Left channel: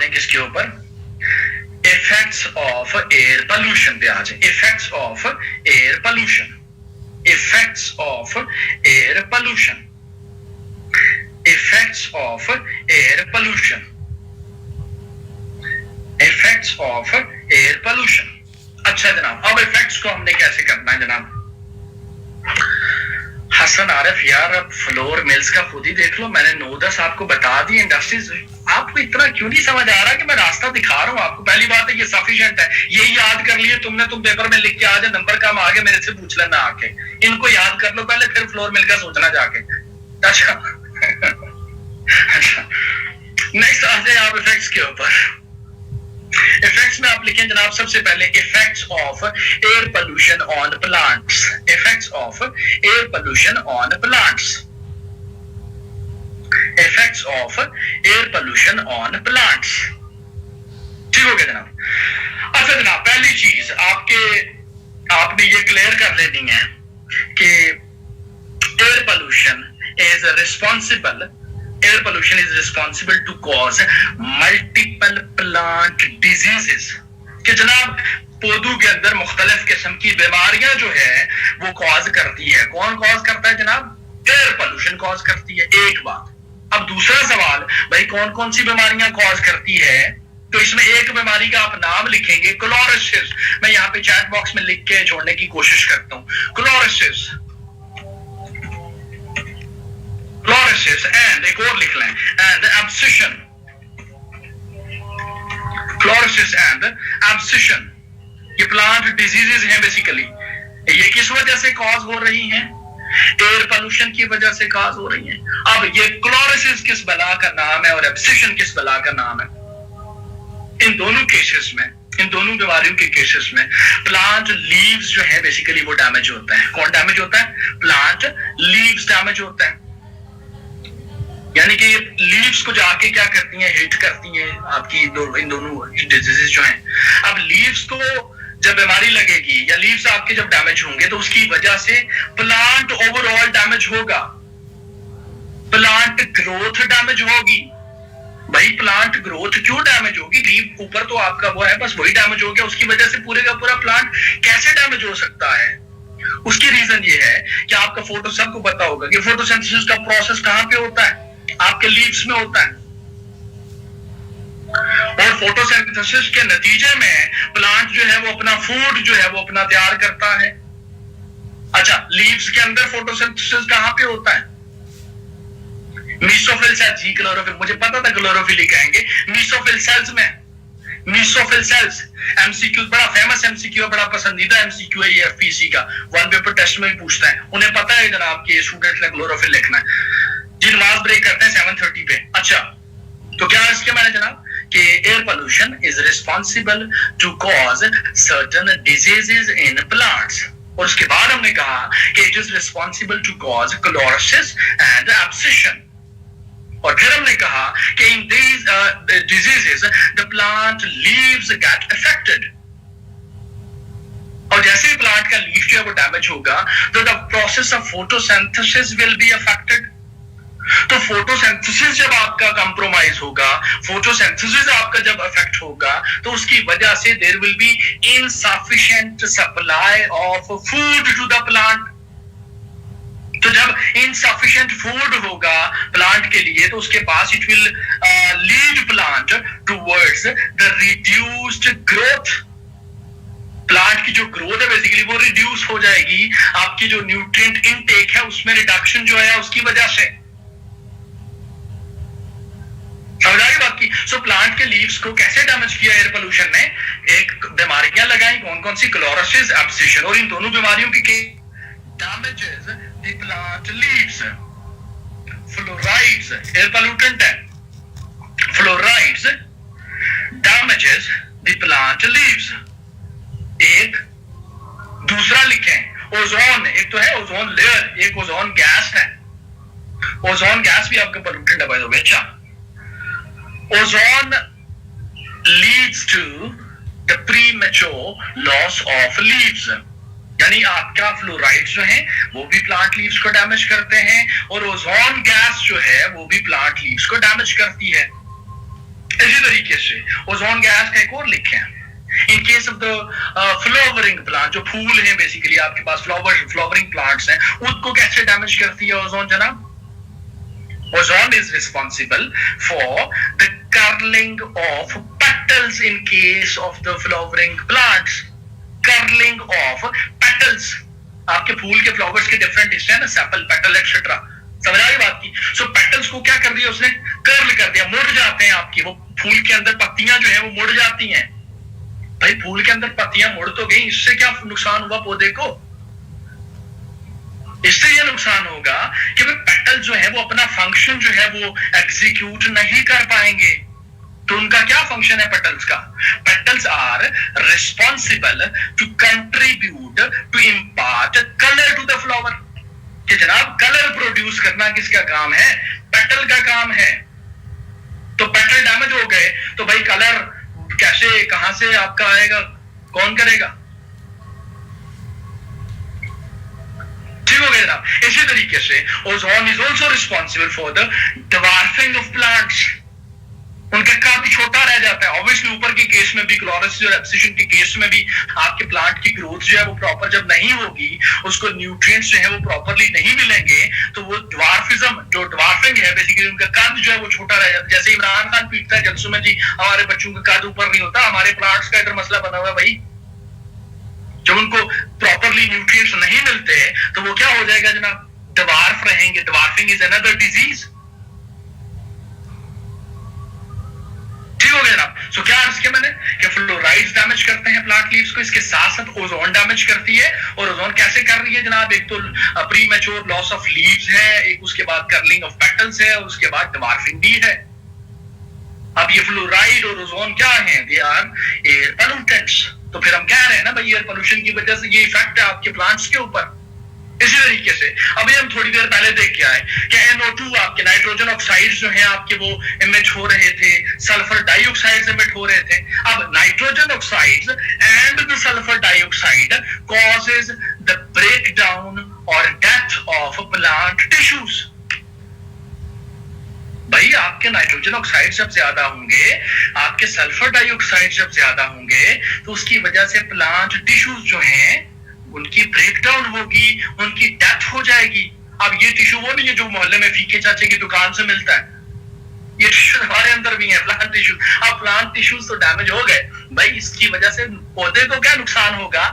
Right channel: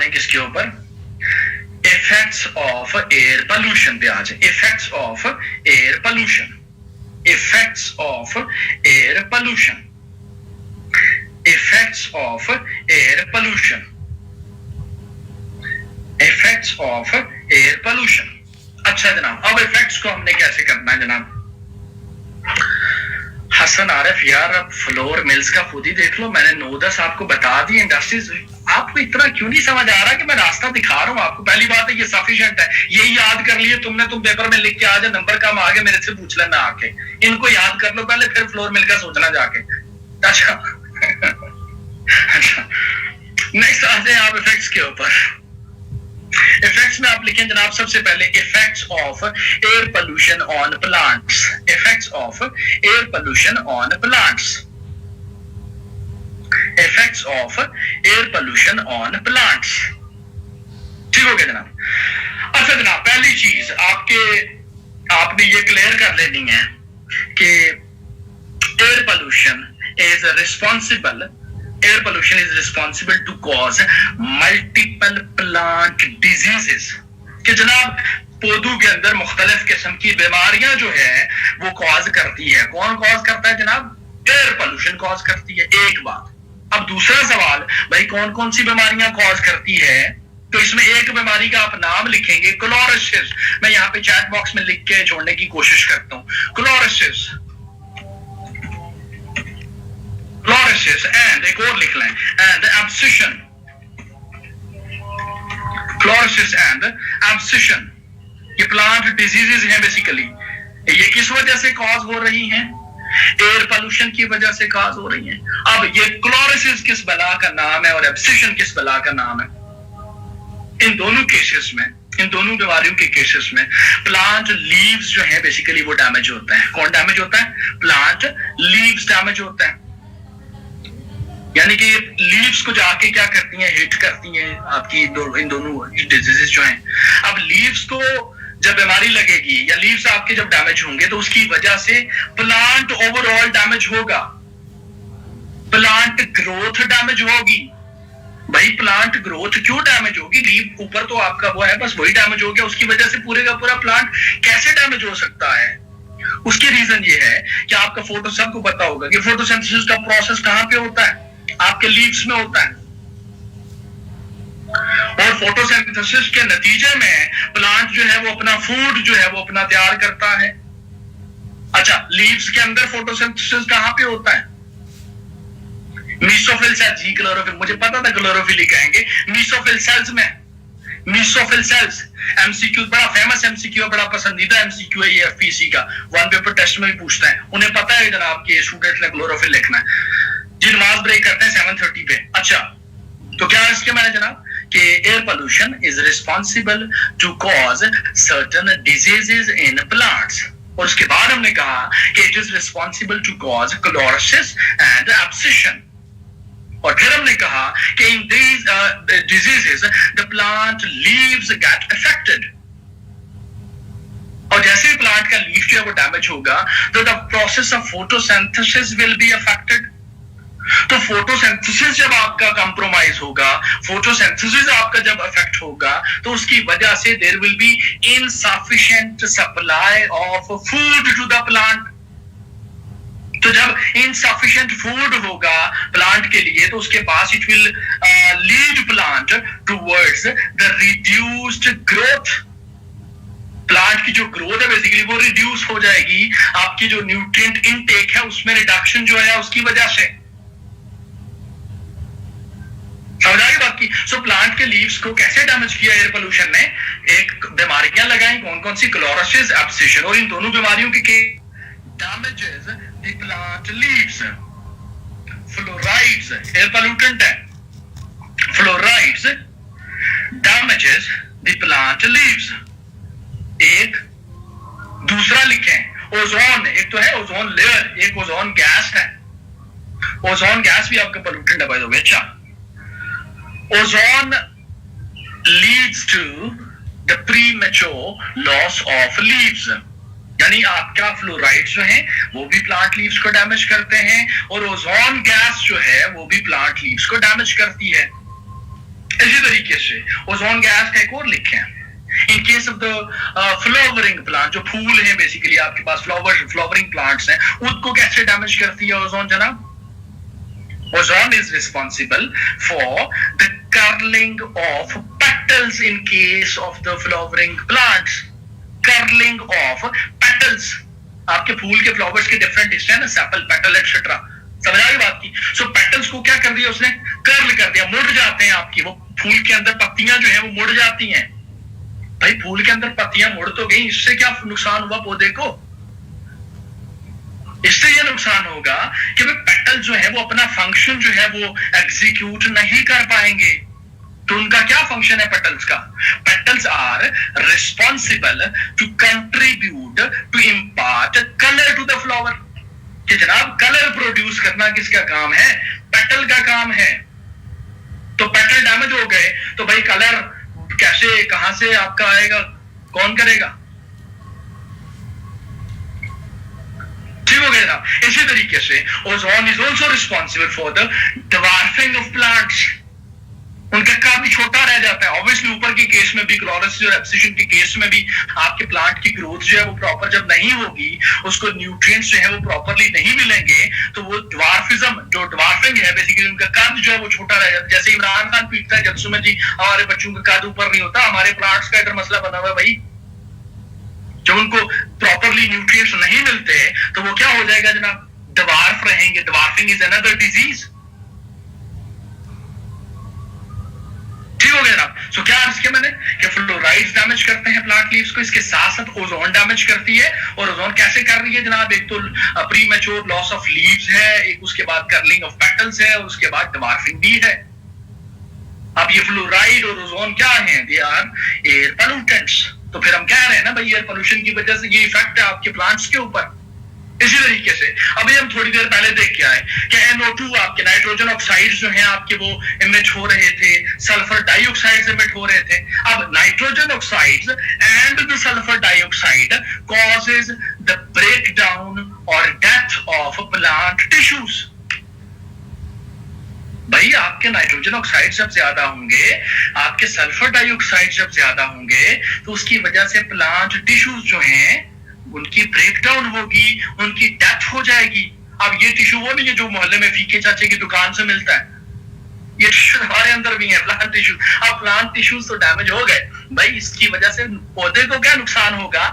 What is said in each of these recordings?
दें किसके ऊपर, इफेक्ट्स ऑफ एयर पोल्यूशन पे आ जाए। Effects of air pollution, effects of air pollution, effects of air pollution, effects of air pollution. अच्छा जनाब, अब इफेक्ट्स को हमने कैसे करना है जनाब? हसन आरिफ यार, अब फ्लोर मिल्स का खुद ही देख लो, मैंने 9-10 आपको बता दी इंडस्ट्रीज। आपको इतना क्यों नहीं समझ आ रहा कि मैं रास्ता दिखा रहा हूं आपको? पहली बात है ये सफिशिएंट है, यही याद कर लिए तुमने, तुम पेपर में लिख के आ जाए, नंबर कम आगे मेरे से पूछ लेना आके, इनको याद कर लो पहले, फिर फ्लोर मिल का सोचना जाके। अच्छा अच्छा, नेक्स्ट आ जाए आप इफेक्ट्स के ऊपर। इफेक्ट्स में आप लिखें जनाब सबसे पहले effects of air pollution on plants, effects of air pollution on plants, effects of air pollution on plants. ठीक हो गया जनाब? अच्छा जनाब, पहली चीज आपने ये क्लियर कर लेनी है कि air pollution is responsible, air pollution is responsible to cause multiple plant diseases, कि जनाब पौधों के अंदर मुख्तलिफ किस्म की बीमारियां जो है वो कॉज करती है। कौन कॉज करता है जनाब? एयर पोल्यूशन कॉज करती है, एक बात। अब दूसरा सवाल, भाई कौन कौन सी बीमारियां कॉज करती है? तो इसमें एक बीमारी का आप नाम लिखेंगे, क्लोरोसिस। मैं यहाँ पे चैट बॉक्स में लिख के छोड़ने की कोशिश करता हूँ, क्लोरोसिस, क्लोरोसिस, एंड एक और लिख लें, and abscission, chlorosis and abscission. ये प्लांट डिजीजेस हैं बेसिकली। ये किस वजह से कॉज हो रही हैं? एयर पोल्यूशन की वजह से कॉज हो रही हैं। अब ये क्लोरोसिस किस बला का नाम है और एब्सिशन किस बला का नाम है? इन दोनों केसेस में, इन दोनों बीमारियों के केसेस में प्लांट लीव्स जो है बेसिकली वो डैमेज होता है। कौन डैमेज होता है? प्लांट लीव्स डैमेज होता है। यानी कि लीव्स को जाके क्या करती हैं? हिट करती हैं आपकी इन दोनों डिजीजेस जो हैं। अब लीव्स को जब बीमारी लगेगी या लीव्स आपके जब डैमेज होंगे तो उसकी वजह से प्लांट ओवरऑल डैमेज होगा, प्लांट ग्रोथ डैमेज होगी। भाई प्लांट ग्रोथ क्यों डैमेज होगी? लीव ऊपर तो आपका वो है, बस वही डैमेज हो गया, उसकी वजह से पूरे का पूरा प्लांट कैसे डैमेज हो सकता है? उसकी रीजन ये है कि आपका फोटो, सबको पता होगा कि फोटोसिंथेसिस का प्रोसेस कहां पे होता है? आपके लीव्स में होता है, और फोटोसिंथेसिस के नतीजे में प्लांट जो है वो अपना फूड जो है वो अपना तैयार करता है। अच्छा, लीव्स के अंदर फोटोसिंथेसिस कहां पे होता है? मीसोफिल सेल्स, जी क्लोरोफिल, मुझे पता था क्लोरोफिल ही कहेंगे, मीसोफिल सेल्स में, मीसोफिल सेल्स। एमसीक्यू बड़ा फेमस एमसीक्यू, बड़ा पसंदीदा एमसीक्यू है ये एफपीसी का, वन पेपर टेस्ट में भी पूछता है, उन्हें पता है जनाब कि स्टूडेंट ने क्लोरोफिल लिखना है जी, नमाज ब्रेक करते हैं 7:30 पे। अच्छा, तो क्या है इसके मैंने जनाब कि air pollution is responsible to cause certain diseases in plants, और उसके बाद हमने कहा कि it is responsible to cause chlorosis and abscission, और फिर हमने कहा कि in these diseases the plant leaves get affected, और जैसे ही प्लांट का लीफ जो है वो डैमेज होगा तो the process of photosynthesis will be affected. तो फोटोसिंथेसिस जब आपका कंप्रोमाइज होगा, फोटोसिंथेसिस आपका जब अफेक्ट होगा, तो उसकी वजह से there will be insufficient supply of food to the plant. तो जब इनसफिशिएंट फूड होगा प्लांट के लिए तो उसके पास it will lead plant towards the reduced growth. Plant की जो ग्रोथ है बेसिकली वो रिड्यूस हो जाएगी, आपकी जो न्यूट्रिएंट इनटेक है उसमें रिडक्शन जो है उसकी वजह से। समझ आई बात की? सो प्लांट के लीव्स को कैसे डैमेज किया एयर पोल्यूशन ने? एक बीमारियां लगाई, कौन कौन सी? क्लोरोसिस, एब्सिशन, और इन दोनों बीमारियों की damages the plant leaves. Fluorides air pollutant है, fluorides damages the plant leaves. एक दूसरा लिखें ओजोन, एक तो है ओजोन लेयर, एक ओजोन गैस है। ओजोन गैस भी आपका पोल्यूटेंट है बाय द वे। अच्छा, ozone leads to the premature loss of leaves, यानी आपका फ्लोराइड जो है वो भी प्लांट लीव्स को डैमेज करते हैं, और ओजोन गैस जो है वो भी प्लांट लीव्स को डैमेज करती है। इसी तरीके से ओजोन गैस का एक और लिखे हैं, in case of the flowering plant, जो फूल हैं बेसिकली आपके पास फ्लावरिंग प्लांट्स हैं, उनको कैसे डैमेज करती है ओजोन जनाब? Ozone is responsible for the curling of petals in case of the flowering plants. Curling of petals. आपके फूल के फ्लावर्स के डिफरेंट हिस्से हैं ना, सेपल, पेटल एक्सेट्रा, समझ आई बात की? सो पेटल्स को क्या कर दिया उसने? कर्ल कर दिया, मुड़ जाते हैं आपकी, वो फूल के अंदर पत्तियां जो है वो मुड़ जाती हैं। भाई फूल के अंदर पत्तियां मुड़ तो गई, इससे क्या नुकसान हुआ पौधे को? इससे यह नुकसान होगा कि वे पेटल जो है वो अपना फंक्शन जो है वो एग्जीक्यूट नहीं कर पाएंगे। तो उनका क्या फंक्शन है पेटल्स का? Petals are responsible to contribute to impart colour to the flower. कि जनाब कलर प्रोड्यूस करना किसका काम है? पेटल का काम है। तो पेटल डैमेज हो गए तो भाई कलर कैसे, कहां से आपका आएगा? कौन करेगा? ठीक हो गया जनाब। इसी तरीके से ozone is also responsible for the dwarfing of plants. उनका कद छोटा रह जाता है। ऑब्वियसली ऊपर के केस में भी, क्लोरोसिस और एब्सिशन के केस में भी, आपके प्लांट की ग्रोथ जो है वो प्रॉपर जब नहीं होगी, उसको न्यूट्रिएंट्स जो है वो प्रॉपरली नहीं मिलेंगे, तो वो ड्वार्फिज्म, जो ड्वार्फिंग है बेसिकली, उनका कद जो है वो छोटा रह जाता है। जैसे इमरान खान पीटता है जलसों में जी हमारे बच्चों का कद ऊपर नहीं होता, हमारे प्लांट्स का इधर मसला बना हुआ है भाई। जब उनको प्रॉपरली न्यूट्रिएंट्स नहीं मिलते तो वो क्या हो जाएगा जनाब? ड्वार्फ रहेंगे। Dwarfing is another disease. ठीक हो गया जनाब। सो क्या अर्ज किया मैंने कि फ्लोराइड्स डैमेज करते हैं प्लांट लीव्स को, इसके साथ साथ ओजोन डैमेज करती है। और ओजोन कैसे कर रही है जनाब? एक तो pre mature loss of leaves है, एक उसके बाद कर्लिंग ऑफ पेटल्स है, और उसके बाद ड्वार्फिंग भी है। अब ये फ्लोराइड और ओजोन क्या है? They are air pollutants. तो फिर हम कह रहे हैं ना भाई एयर पोल्यूशन की वजह से ये इफेक्ट है आपके प्लांट्स के ऊपर। इसी तरीके से अभी हम थोड़ी देर पहले देख के आए कि NO2 आपके नाइट्रोजन ऑक्साइड्स जो हैं आपके वो इमिट हो रहे थे, सल्फर डाइऑक्साइड्स इमिट हो रहे थे। अब nitrogen oxides and the sulphur dioxide causes the breakdown और डेथ ऑफ प्लांट टिश्यूज। भाई आपके नाइट्रोजन ऑक्साइड जब ज्यादा होंगे, आपके सल्फर डाइऑक्साइड जब ज्यादा होंगे, तो उसकी वजह से प्लांट टिश्यूज जो हैं उनकी ब्रेकडाउन होगी, उनकी डेथ हो जाएगी। अब ये टिश्यू वो नहीं है जो मोहल्ले में फीके चाचे की दुकान से मिलता है, ये टिश्यू हमारे अंदर भी है, प्लांट टिश्यू। अब प्लांट टिश्यूज तो डैमेज हो गए भाई, इसकी वजह से पौधे को क्या नुकसान होगा?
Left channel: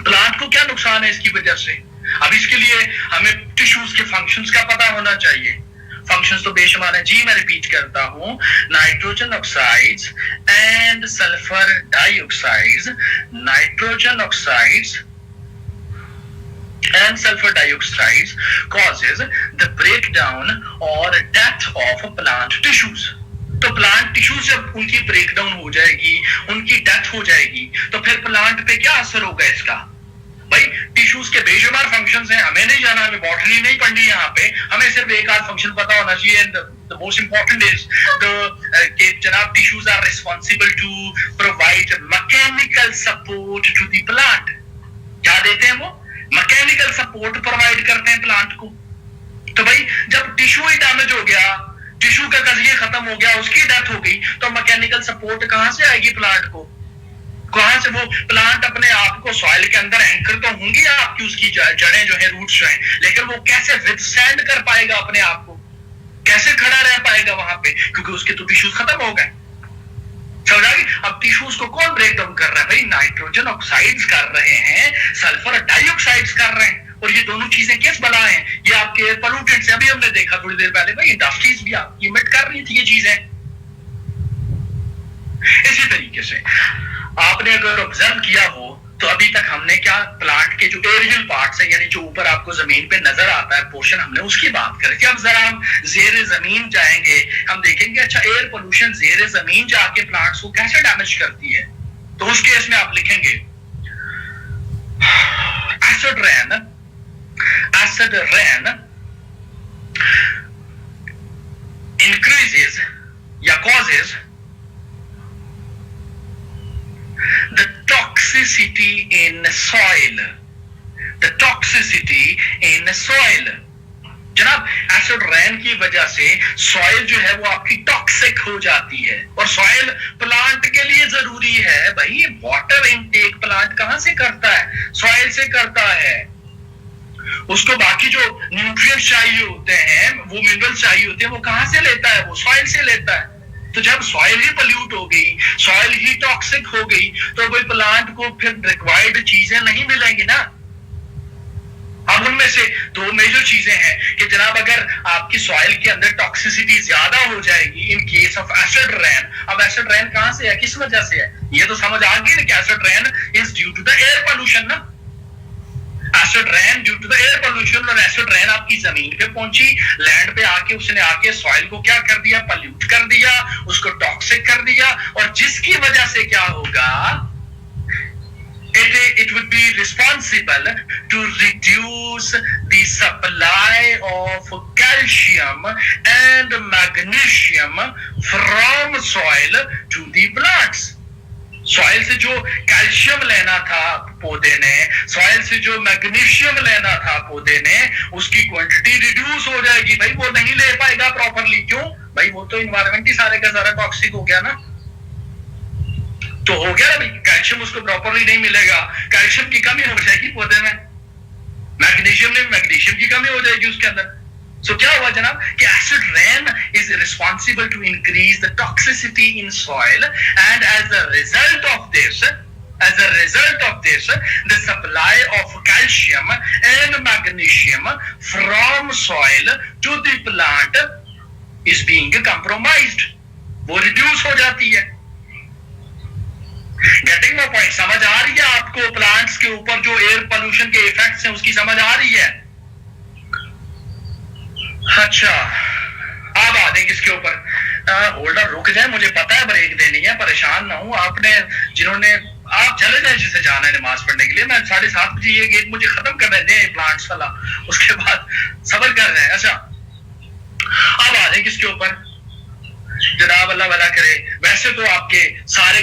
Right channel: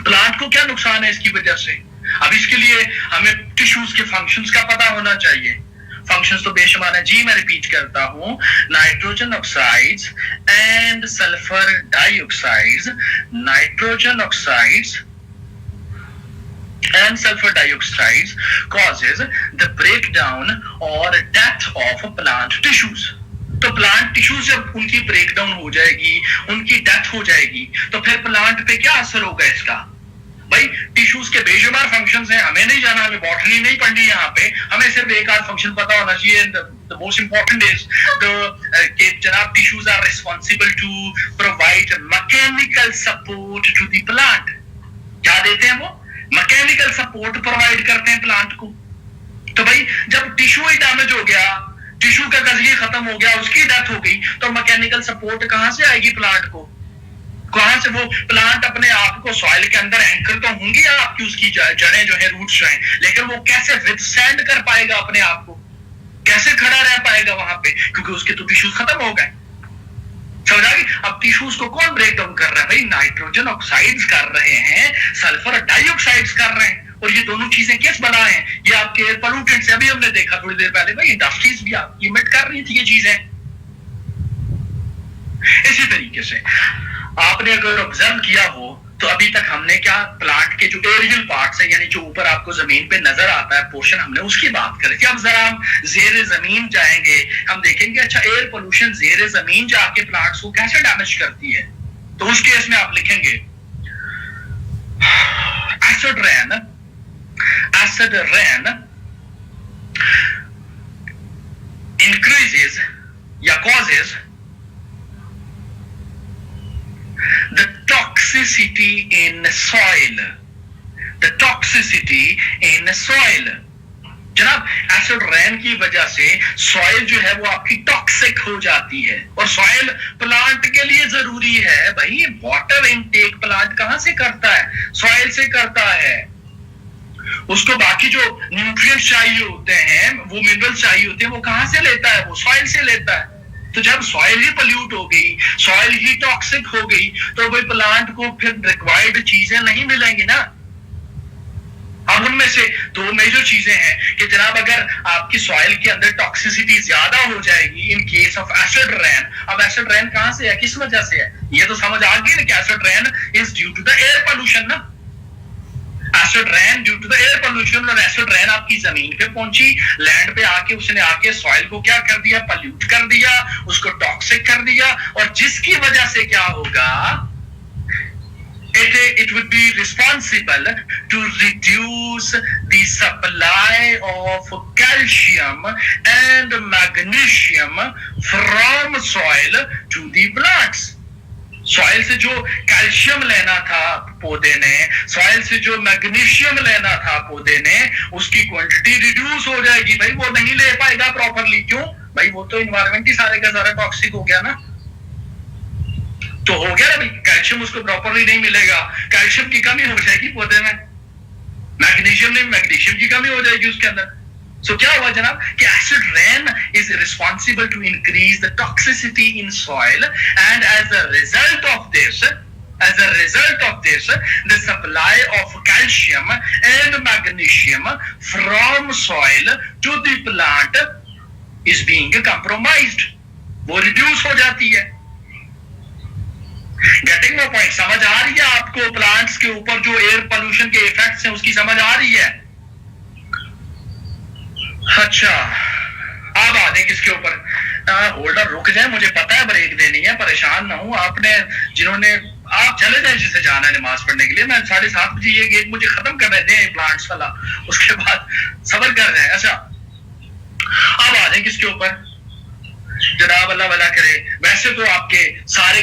प्लांट को क्या नुकसान है इसकी वजह से? अब इसके लिए हमें टिश्यूज के फंक्शंस का पता होना चाहिए। फंक्शंस तो बेशुमार है जी, मैं रिपीट करता हूं। Nitrogen oxides and sulphur dioxides, nitrogen oxides and sulfur dioxides causes the breakdown or death of plant tissues. तो प्लांट टिश्यूज जब उनकी ब्रेकडाउन हो जाएगी, उनकी डेथ हो जाएगी, तो फिर प्लांट पे क्या असर होगा इसका? भाई टिश्यूज के बेशुमार फंक्शंस हैं, हमें नहीं जाना, हमें बॉटनी नहीं पढ़नी यहाँ पे, हमें सिर्फ एक आध फंक्शन पता होना चाहिए। The most important is कि जनाब tissues are responsible to provide mechanical support to the plant. क्या देते हैं वो? मैकेनिकल सपोर्ट प्रोवाइड करते हैं प्लांट को। तो भाई जब टिश्यू ही डैमेज हो गया, टिश्यू का गजलिया खत्म हो गया, उसकी डेथ हो गई, तो मैकेनिकल सपोर्ट कहां से आएगी प्लांट को? कहां से? वो प्लांट अपने आप को सॉइल के अंदर एंकर तो होंगी आपकी, उसकी जड़ें जो है, रूट्स जो है, लेकिन वो कैसे विथस्टैंड कर पाएगा अपने आप को? कैसे खड़ा रह पाएगा वहां पे? क्योंकि उसके तो टिश्यूज खत्म हो गए। समझ आ गई? अब टिश्यूज को कौन ब्रेक डाउन कर रहा है? भाई नाइट्रोजन ऑक्साइड्स कर रहे हैं, सल्फर डाइऑक्साइड्स कर रहे हैं, और ये दोनों चीजें किस बना है? ये आपके एयर पोल्यूटेंट्स। अभी हमने देखा थोड़ी देर पहले भाई इंडस्ट्रीज भी आपकी इमिट कर रही थी ये चीजें। इसी तरीके से आपने अगर ऑब्जर्व किया हो तो अभी तक हमने क्या, प्लांट के जो एरियल पार्ट्स है, यानी जो ऊपर आपको जमीन पे नजर आता है पोर्शन, हमने उसकी बात करी थी। अब जरा हम जेर जमीन जाएंगे, हम देखेंगे अच्छा एयर पोल्यूशन जेर जमीन जाके प्लांट्स को कैसे डैमेज करती है। तो उस केस में आप लिखेंगे एसिड रेन इंक्रीजेस या causes the toxicity in soil. The toxicity in soil. जनाब एसिड रेन की वजह से सॉइल जो है वो आपकी टॉक्सिक हो जाती है, और सॉइल प्लांट के लिए जरूरी है भाई। वाटर इनटेक प्लांट कहां से करता है? सॉइल से करता है। उसको बाकी जो न्यूट्रिएंट्स चाहिए होते हैं, वो मिनरल्स चाहिए होते हैं, वो कहां से लेता है? वो सॉइल से लेता है। तो जब सॉइल ही पोल्यूट हो गई, सॉइल ही टॉक्सिक हो गई, तो भाई प्लांट को फिर रिक्वायर्ड चीजें नहीं मिलेंगी ना। अब उनमें से दो मेजर चीजें हैं कि जनाब अगर आपकी सॉइल के अंदर टॉक्सिसिटी ज्यादा हो जाएगी in case of acid rain. अब एसिड रेन कहां से है, किस वजह से है? ये तो समझ आ गई ना कि acid rain is due to the air pollution ना। Acid rain due to the air pollution, और एसिड रेन आपकी जमीन पे पहुंची, लैंड पे आके उसने आके सॉइल को क्या कर दिया? पॉल्यूट कर दिया, उसको टॉक्सिक कर दिया, और जिसकी वजह से क्या होगा? It would be responsible to reduce the supply of calcium and magnesium from soil to the plants. Soil से जो कैल्शियम लेना था पौधे ने, सॉइल से जो मैग्नीशियम लेना था पौधे ने, उसकी क्वांटिटी रिड्यूस हो जाएगी भाई। वो नहीं ले पाएगा प्रॉपरली। क्यों भाई? वो तो इन्वायरमेंट ही सारे का सारा टॉक्सिक हो गया ना। तो हो गया ना भाई, कैल्शियम उसको प्रॉपरली नहीं मिलेगा, कैल्शियम की कमी हो जाएगी पौधे में, मैग्नीशियम की कमी हो जाएगी उसके अंदर। सो क्या हुआ जनाब कि acid rain is responsible to increase the toxicity in soil, and as a result of this the supply of calcium and magnesium from soil to the plant is being compromised. वो रिड्यूस हो जाती है। Getting my point? समझ आ रही है आपको? Plants के ऊपर जो एयर पोल्यूशन के इफेक्ट्स हैं उसकी समझ आ रही है? अच्छा, अब आ दें किसके ऊपर? होल्डर रुक जाए, मुझे पता है ब्रेक देनी है, परेशान ना हूं। आपने जिन्होंने, आप चले जाए जिसे जाना है नमाज पढ़ने के लिए। मैं 7:30 बजे ये गेट मुझे खत्म कर दें प्लांट्स वाला, उसके बाद सबर कर रहे हैं। अच्छा, अब आ जाए किसके ऊपर? जनाब अल्लाह भला करे। वैसे तो आपके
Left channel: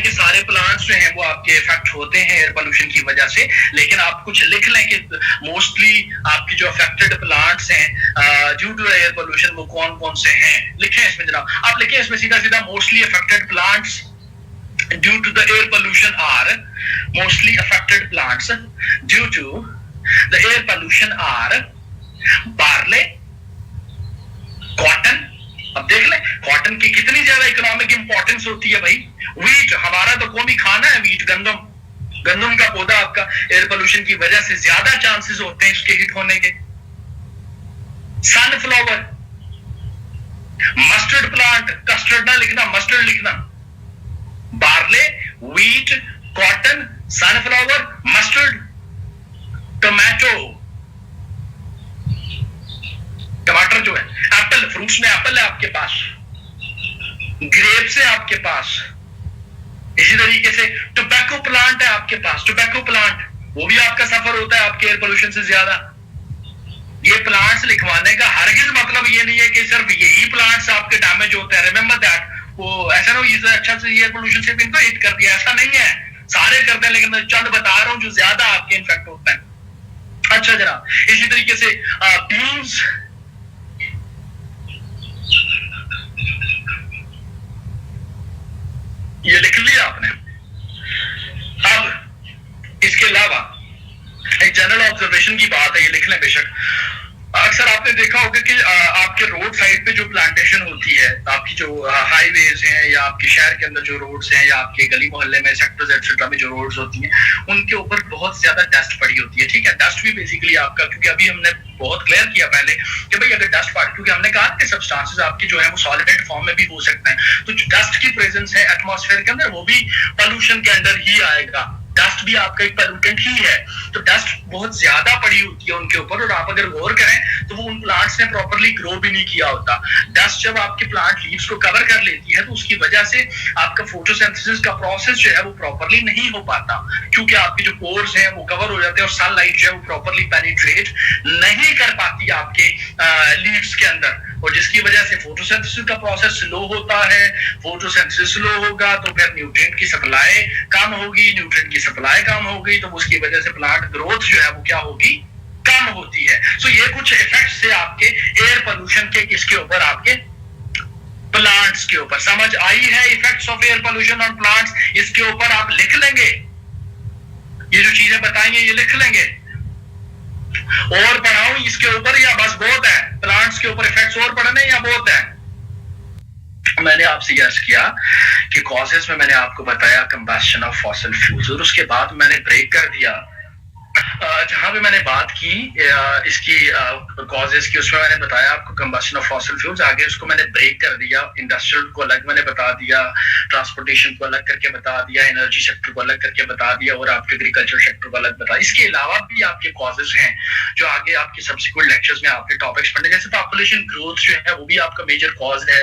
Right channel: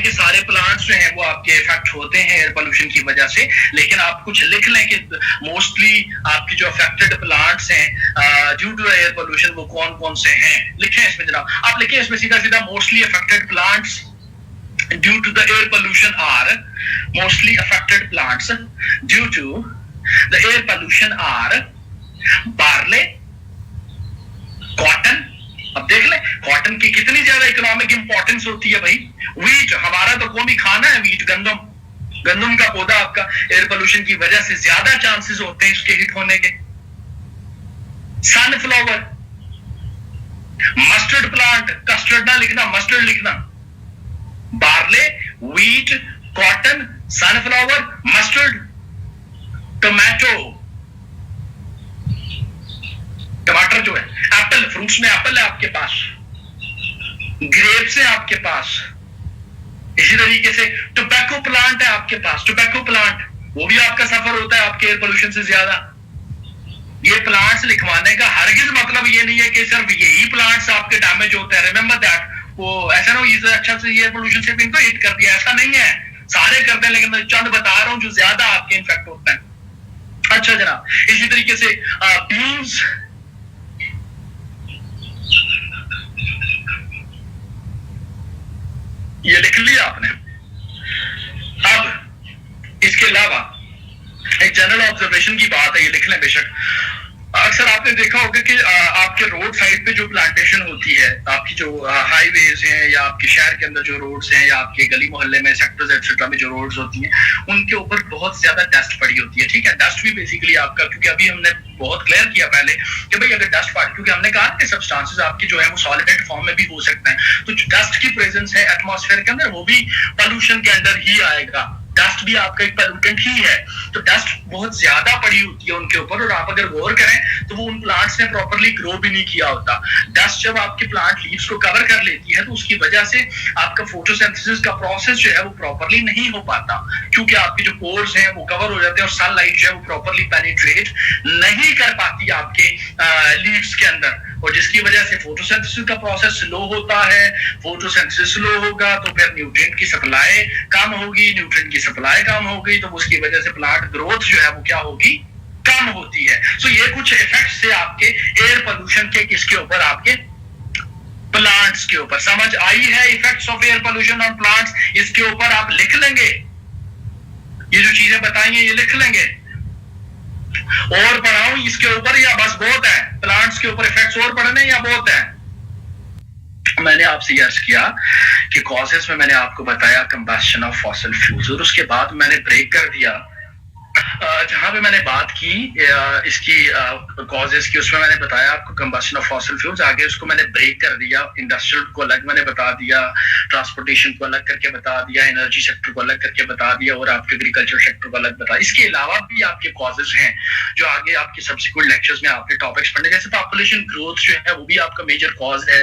के सारे प्लांट्स जो हैं वो आपके इफेक्ट होते हैं एयर पोल्यूशन की वजह से, लेकिन आप कुछ लिख लें कि मोस्टली आपकी जो अफेक्टेड प्लांट्स हैं ड्यू टू एयर पोल्यूशन वो कौन कौन से हैं। लिखें इसमें जनाब, आप लिखें इसमें सीधा सीधा mostly affected plants due to the air pollution are, mostly affected plants due to the air pollution are barley, cotton. अब देख ले कॉटन की कितनी ज्यादा इकोनॉमिक इंपॉर्टेंस होती है भाई। वीट, हमारा तो कौमी खाना है वीट, गंदम का पौधा आपका एयर पोल्यूशन की वजह से ज्यादा चांसेस होते हैं इसके हिट होने के। सनफ्लावर, मस्टर्ड प्लांट, कस्टर्ड ना लिखना, मस्टर्ड लिखना। Barley, wheat, cotton, sunflower, mustard, tomato, टमाटर जो है, एप्पल, फ्रूट्स में एप्पल है आपके पास, ग्रेप्स है आपके पास, इसी तरीके से टोबैको प्लांट है आपके पास। टोबैको प्लांट वो भी आपका सफर होता है आपके एयर पोल्यूशन से ज्यादा। ये प्लांट्स लिखवाने का हरगिज मतलब ये नहीं है कि सिर्फ यही प्लांट्स आपके डैमेज होते हैं। रिमेंबर दैट, वो ऐसा ना हो अच्छा से एयर पोल्यूशन से भी इनको हिट कर दिया, ऐसा नहीं है, सारे करते हैं, लेकिन मैं चंद बता रहा हूं जो ज्यादा आपके इन्फेक्ट होते हैं। अच्छा जनाब, इसी तरीके से बीन्स, ये लिख लिया आपने। अब इसके अलावा एक जनरल ऑब्जर्वेशन की बात है, ये लिख लें बेशक। अक्सर आपने देखा होगा कि आपके रोड साइड पे जो प्लांटेशन होती है, आपकी जो हाईवेज हैं या आपके शहर के अंदर जो रोड्स हैं या आपके गली मोहल्ले में सेक्टर्स एक्सेट्रा में जो रोड्स होती हैं, उनके ऊपर बहुत ज्यादा डस्ट पड़ी होती है। ठीक है, डस्ट भी बेसिकली आपका, क्योंकि अभी हमने बहुत क्लियर किया पहले कि भाई अगर डस्ट पड़ी, क्योंकि हमने कहा कि सब्सटेंसेस आपकी जो है वो सॉलिड फॉर्म में भी हो सकते हैं, तो जो डस्ट की प्रेजेंस है एटमॉस्फेयर के अंदर वो भी पोल्यूशन के अंदर ही आएगा। डस्ट भी आपका एक पोल्यूटेंट ही है, तो डस्ट बहुत ज्यादा पड़ी होती है उनके ऊपर, और आप अगर गौर करें तो वो उन प्लांट्स ने प्रॉपर्ली ग्रो भी नहीं किया होता। डस्ट जब आपके प्लांट लीव्स को कवर कर लेती है तो उसकी वजह से आपका फोटोसिंथेसिस का प्रोसेस जो है वो प्रॉपर्ली नहीं हो पाता, क्योंकि आपके जो पोर्स हैं वो कवर हो जाते हैं और सनलाइट जो है वो प्रॉपर्ली पेनिट्रेट नहीं कर पाती आपके लीव्स के अंदर, और जिसकी वजह से फोटोसिंथेसिस का प्रोसेस स्लो होता है। फोटोसिंथेसिस स्लो होगा तो फिर न्यूट्रिएंट की सप्लाई कम होगी, न्यूट्रिएंट की सप्लाई कम हो गई तो उसकी वजह से प्लांट ग्रोथ जो है वो क्या होगी, कम होती है। सो ये कुछ इफेक्ट्स थे आपके किसके ऊपर, आपके प्लांट्स के ऊपर। समझ आई है effects of air pollution on plants? इसके ऊपर आप लिख लेंगे, ये जो चीजें बताएंगे ये लिख लेंगे। और पढ़ाऊं इसके ऊपर या बस बहुत है? प्लांट्स के ऊपर इफेक्ट्स और पढ़ने या बहुत है? मैंने आपसे यस किया कि कॉजेस में मैंने आपको बताया कंबस्शन ऑफ फॉसिल फ्यूल्स, और उसके बाद मैंने ब्रेक कर दिया जहां पे मैंने बात की इसकी कॉजेस की, उसमें मैंने बताया आपको कंबस्शन ऑफ फॉसिल फ्यूल्स। आगे उसको मैंने ब्रेक कर दिया, इंडस्ट्रियल को अलग मैंने बता दिया, ट्रांसपोर्टेशन को अलग करके बता दिया, एनर्जी सेक्टर को अलग करके बता दिया, और आपके एग्रीकल्चर सेक्टर को अलग बता। इसके अलावा भी आपके कॉजेस हैं जो आगे आपके सब्सिक्वेंट लेक्चर्स में आपके टॉपिक्स पढ़ने, जैसे पॉपुलेशन ग्रोथ जो है वो भी आपका मेजर कॉज है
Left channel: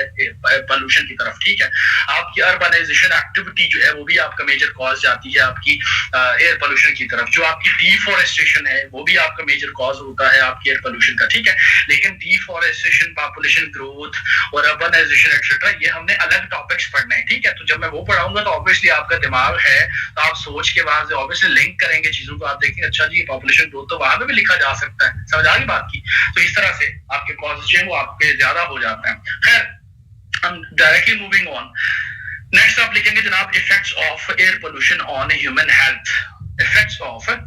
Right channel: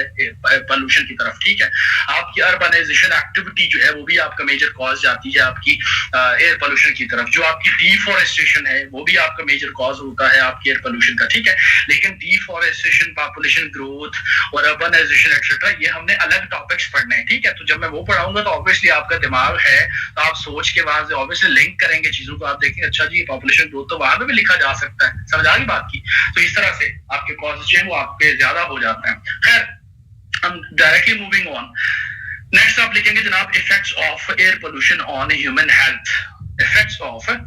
पोल्यूशन की तरफ, ठीक है। आपकी अर्बनाइजेशन एक्टिविटी जो है वो भी आपका मेजर कॉज जाती है आपकी एयर पोल्यूशन की तरफ। जो आपकी डिफॉरेस्टेशन है वो भी आपका मेजर कॉज होता है आपकी एयर पोल्यूशन का, ठीक है। लेकिन डिफॉरेस्टेशन, पॉपुलेशन ग्रोथ और अर्बनाइजेशन एक्सेट्रा ये हमने अलग टॉपिक्स पढ़ने हैं, ठीक है। तो जब मैं वो पढ़ाऊंगा तो ऑब्वियसली आपका दिमाग है तो आप सोच के वहां से ऑब्वियसली लिंक करेंगे चीजों को, आप देखेंगे अच्छा जी पॉपुलेशन ग्रोथ तो वहां पे भी लिखा जा सकता है। समझ आ गई बात की? तो इस तरह से आपके कॉजेस जो है वो आपके ज्यादा हो जाते हैं। खैर, हम डायरेक्टली मूविंग ऑन। नेक्स्ट आप लिखेंगे जनाब effects of air pollution on human health. Effects of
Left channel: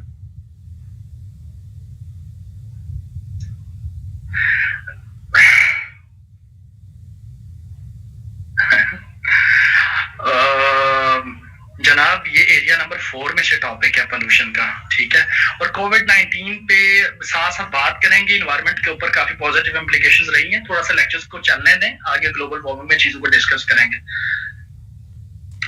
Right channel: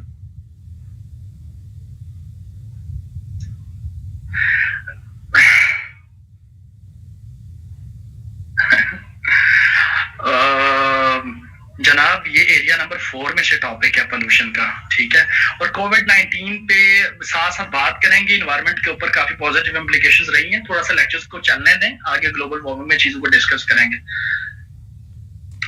जनाब ये एरिया नंबर 4 में से टॉपिक है पोल्यूशन का, ठीक है। और कोविड-19 पे साथ साथ बात करेंगे, इन्वायरमेंट के ऊपर काफी पॉजिटिव इम्प्लीकेशंस रही हैं। थोड़ा सा लेक्चर्स को चलने दें, आगे ग्लोबल वार्मिंग में चीजों को डिस्कस करेंगे।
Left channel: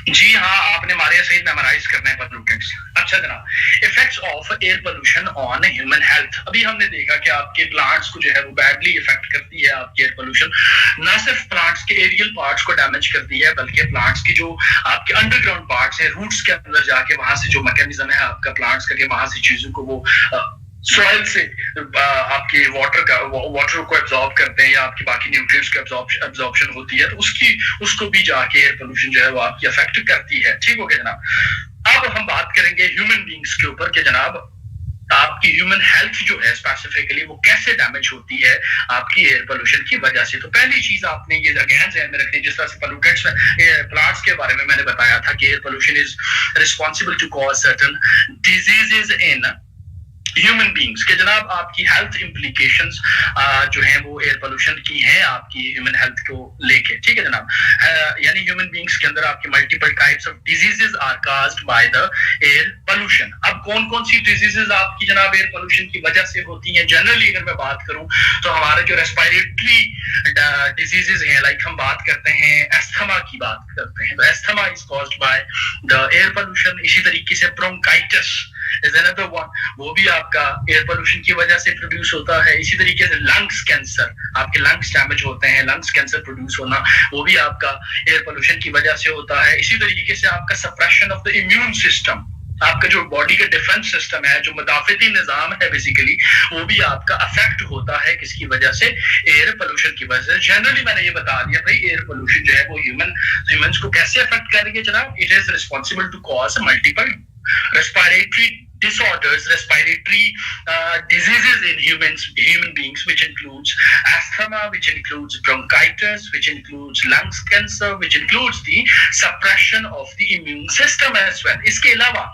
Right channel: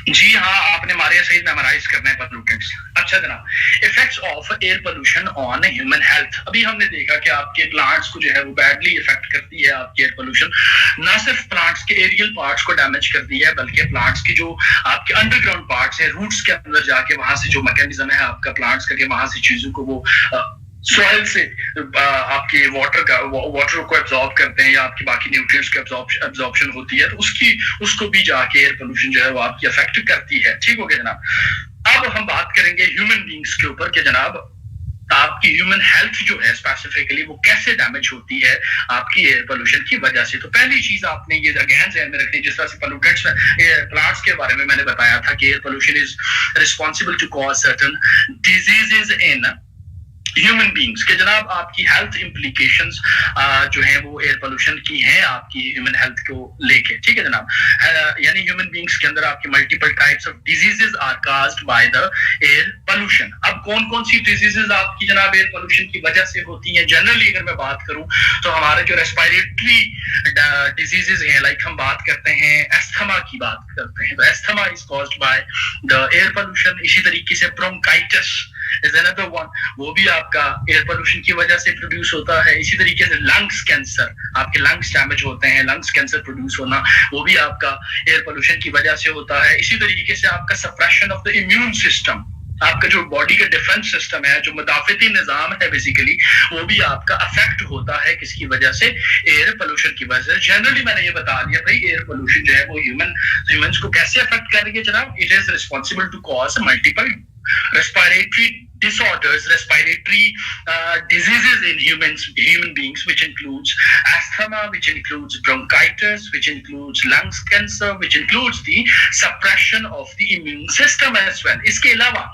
जी हाँ, आपने मारे सही मेमोराइज करना है पोल्यूटेंट्स। अच्छा जनाब, effects of air pollution on human health. अभी हमने देखा कि आपके प्लांट्स को जो है वो बैडली इफेक्ट करती है आपकी एयर पोल्यूशन। ना सिर्फ प्लांट्स के एरियल पार्ट्स को डैमेज करती है, बल्कि प्लांट्स की जो आपके अंडरग्राउंड पार्ट्स है, रूट्स के अंदर जाके वहां से जो मैकेनिज्म है आपका प्लांट्स का, वहां से चीजों को वो सॉइल से आपके वाटर को एब्जॉर्ब करते हैं या आपकी बाकी न्यूट्रिएंट्स की एब्जॉर्प्शन होती है, तो उसको भी जाके एयर पोल्यूशन जो है वो आपकी अफेक्ट करती है, ठीक हो गया जनाब। अब हम बात करेंगे ह्यूमन बींग्स के ऊपर कि जनाब आपकी ह्यूमन हेल्थ जो है स्पेसिफिकली वो कैसे डैमेज होती है आपकी एयर पोल्यूशन की वजह से। तो पहली चीज आपने ये अगेन ध्यान में रखनी, जिस तरह से पोल्यूटेंट्स में प्लांट्स के बारे में मैंने बताया था कि air pollution is responsible to cause certain diseases in human beings के जनाब आपकी हेल्थ इम्प्लीकेशंस जो है वो एयर पोल्यूशन की हैं आपकी ह्यूमन हेल्थ को लेके, ठीक है जनाब। यानी ह्यूमन बींग्स के अंदर आपकी multiple types of diseases are caused by the air pollution. अब कौन कौन सी डिजीजेस आपकी जनाब एयर पोल्यूशन की वजह से होती हैं? जनरली अगर मैं बात करूं तो हमारे जो रेस्पिरेटरी डिजीजेस हैं, लाइक हम बात करते हैं एस्थमा की बात करते हैं, तो asthma is caused by the air pollution. इसी तरीके से ब्रोंकाइटिस इज अनदर वन, वो भी आपका एयर पोल्यूशन की वजह से प्रोड्यूस होता है। इसी तरीके से लंग्स कैंसर, आपके लंग्स डैमेज होते हैं, लंग्स कैंसर प्रोड्यूस होना वो भी आपका एयर पोल्यूशन की वजह से होता है। इसी तरीके से आपका suppression of the immune system, आपका जो बॉडी का डिफेंस सिस्टम है, जो मुदाफिती निजाम है बेसिकली, वो भी आपका अफेक्ट होता है किसकी वजह से? एयर पोल्यूशन की वजह से। जनरली मैंने ये बता दिया भाई एयर पोल्यूशन जो है वो ह्यूमंस को कैसे अफेक्ट कर रही है जनाब। It is responsible to cause multiple respiratory disorders, respiratory diseases in human beings, which includes asthma, which includes bronchitis, which includes lungs cancer, which includes the suppression of the immune system as well. इसके अलावा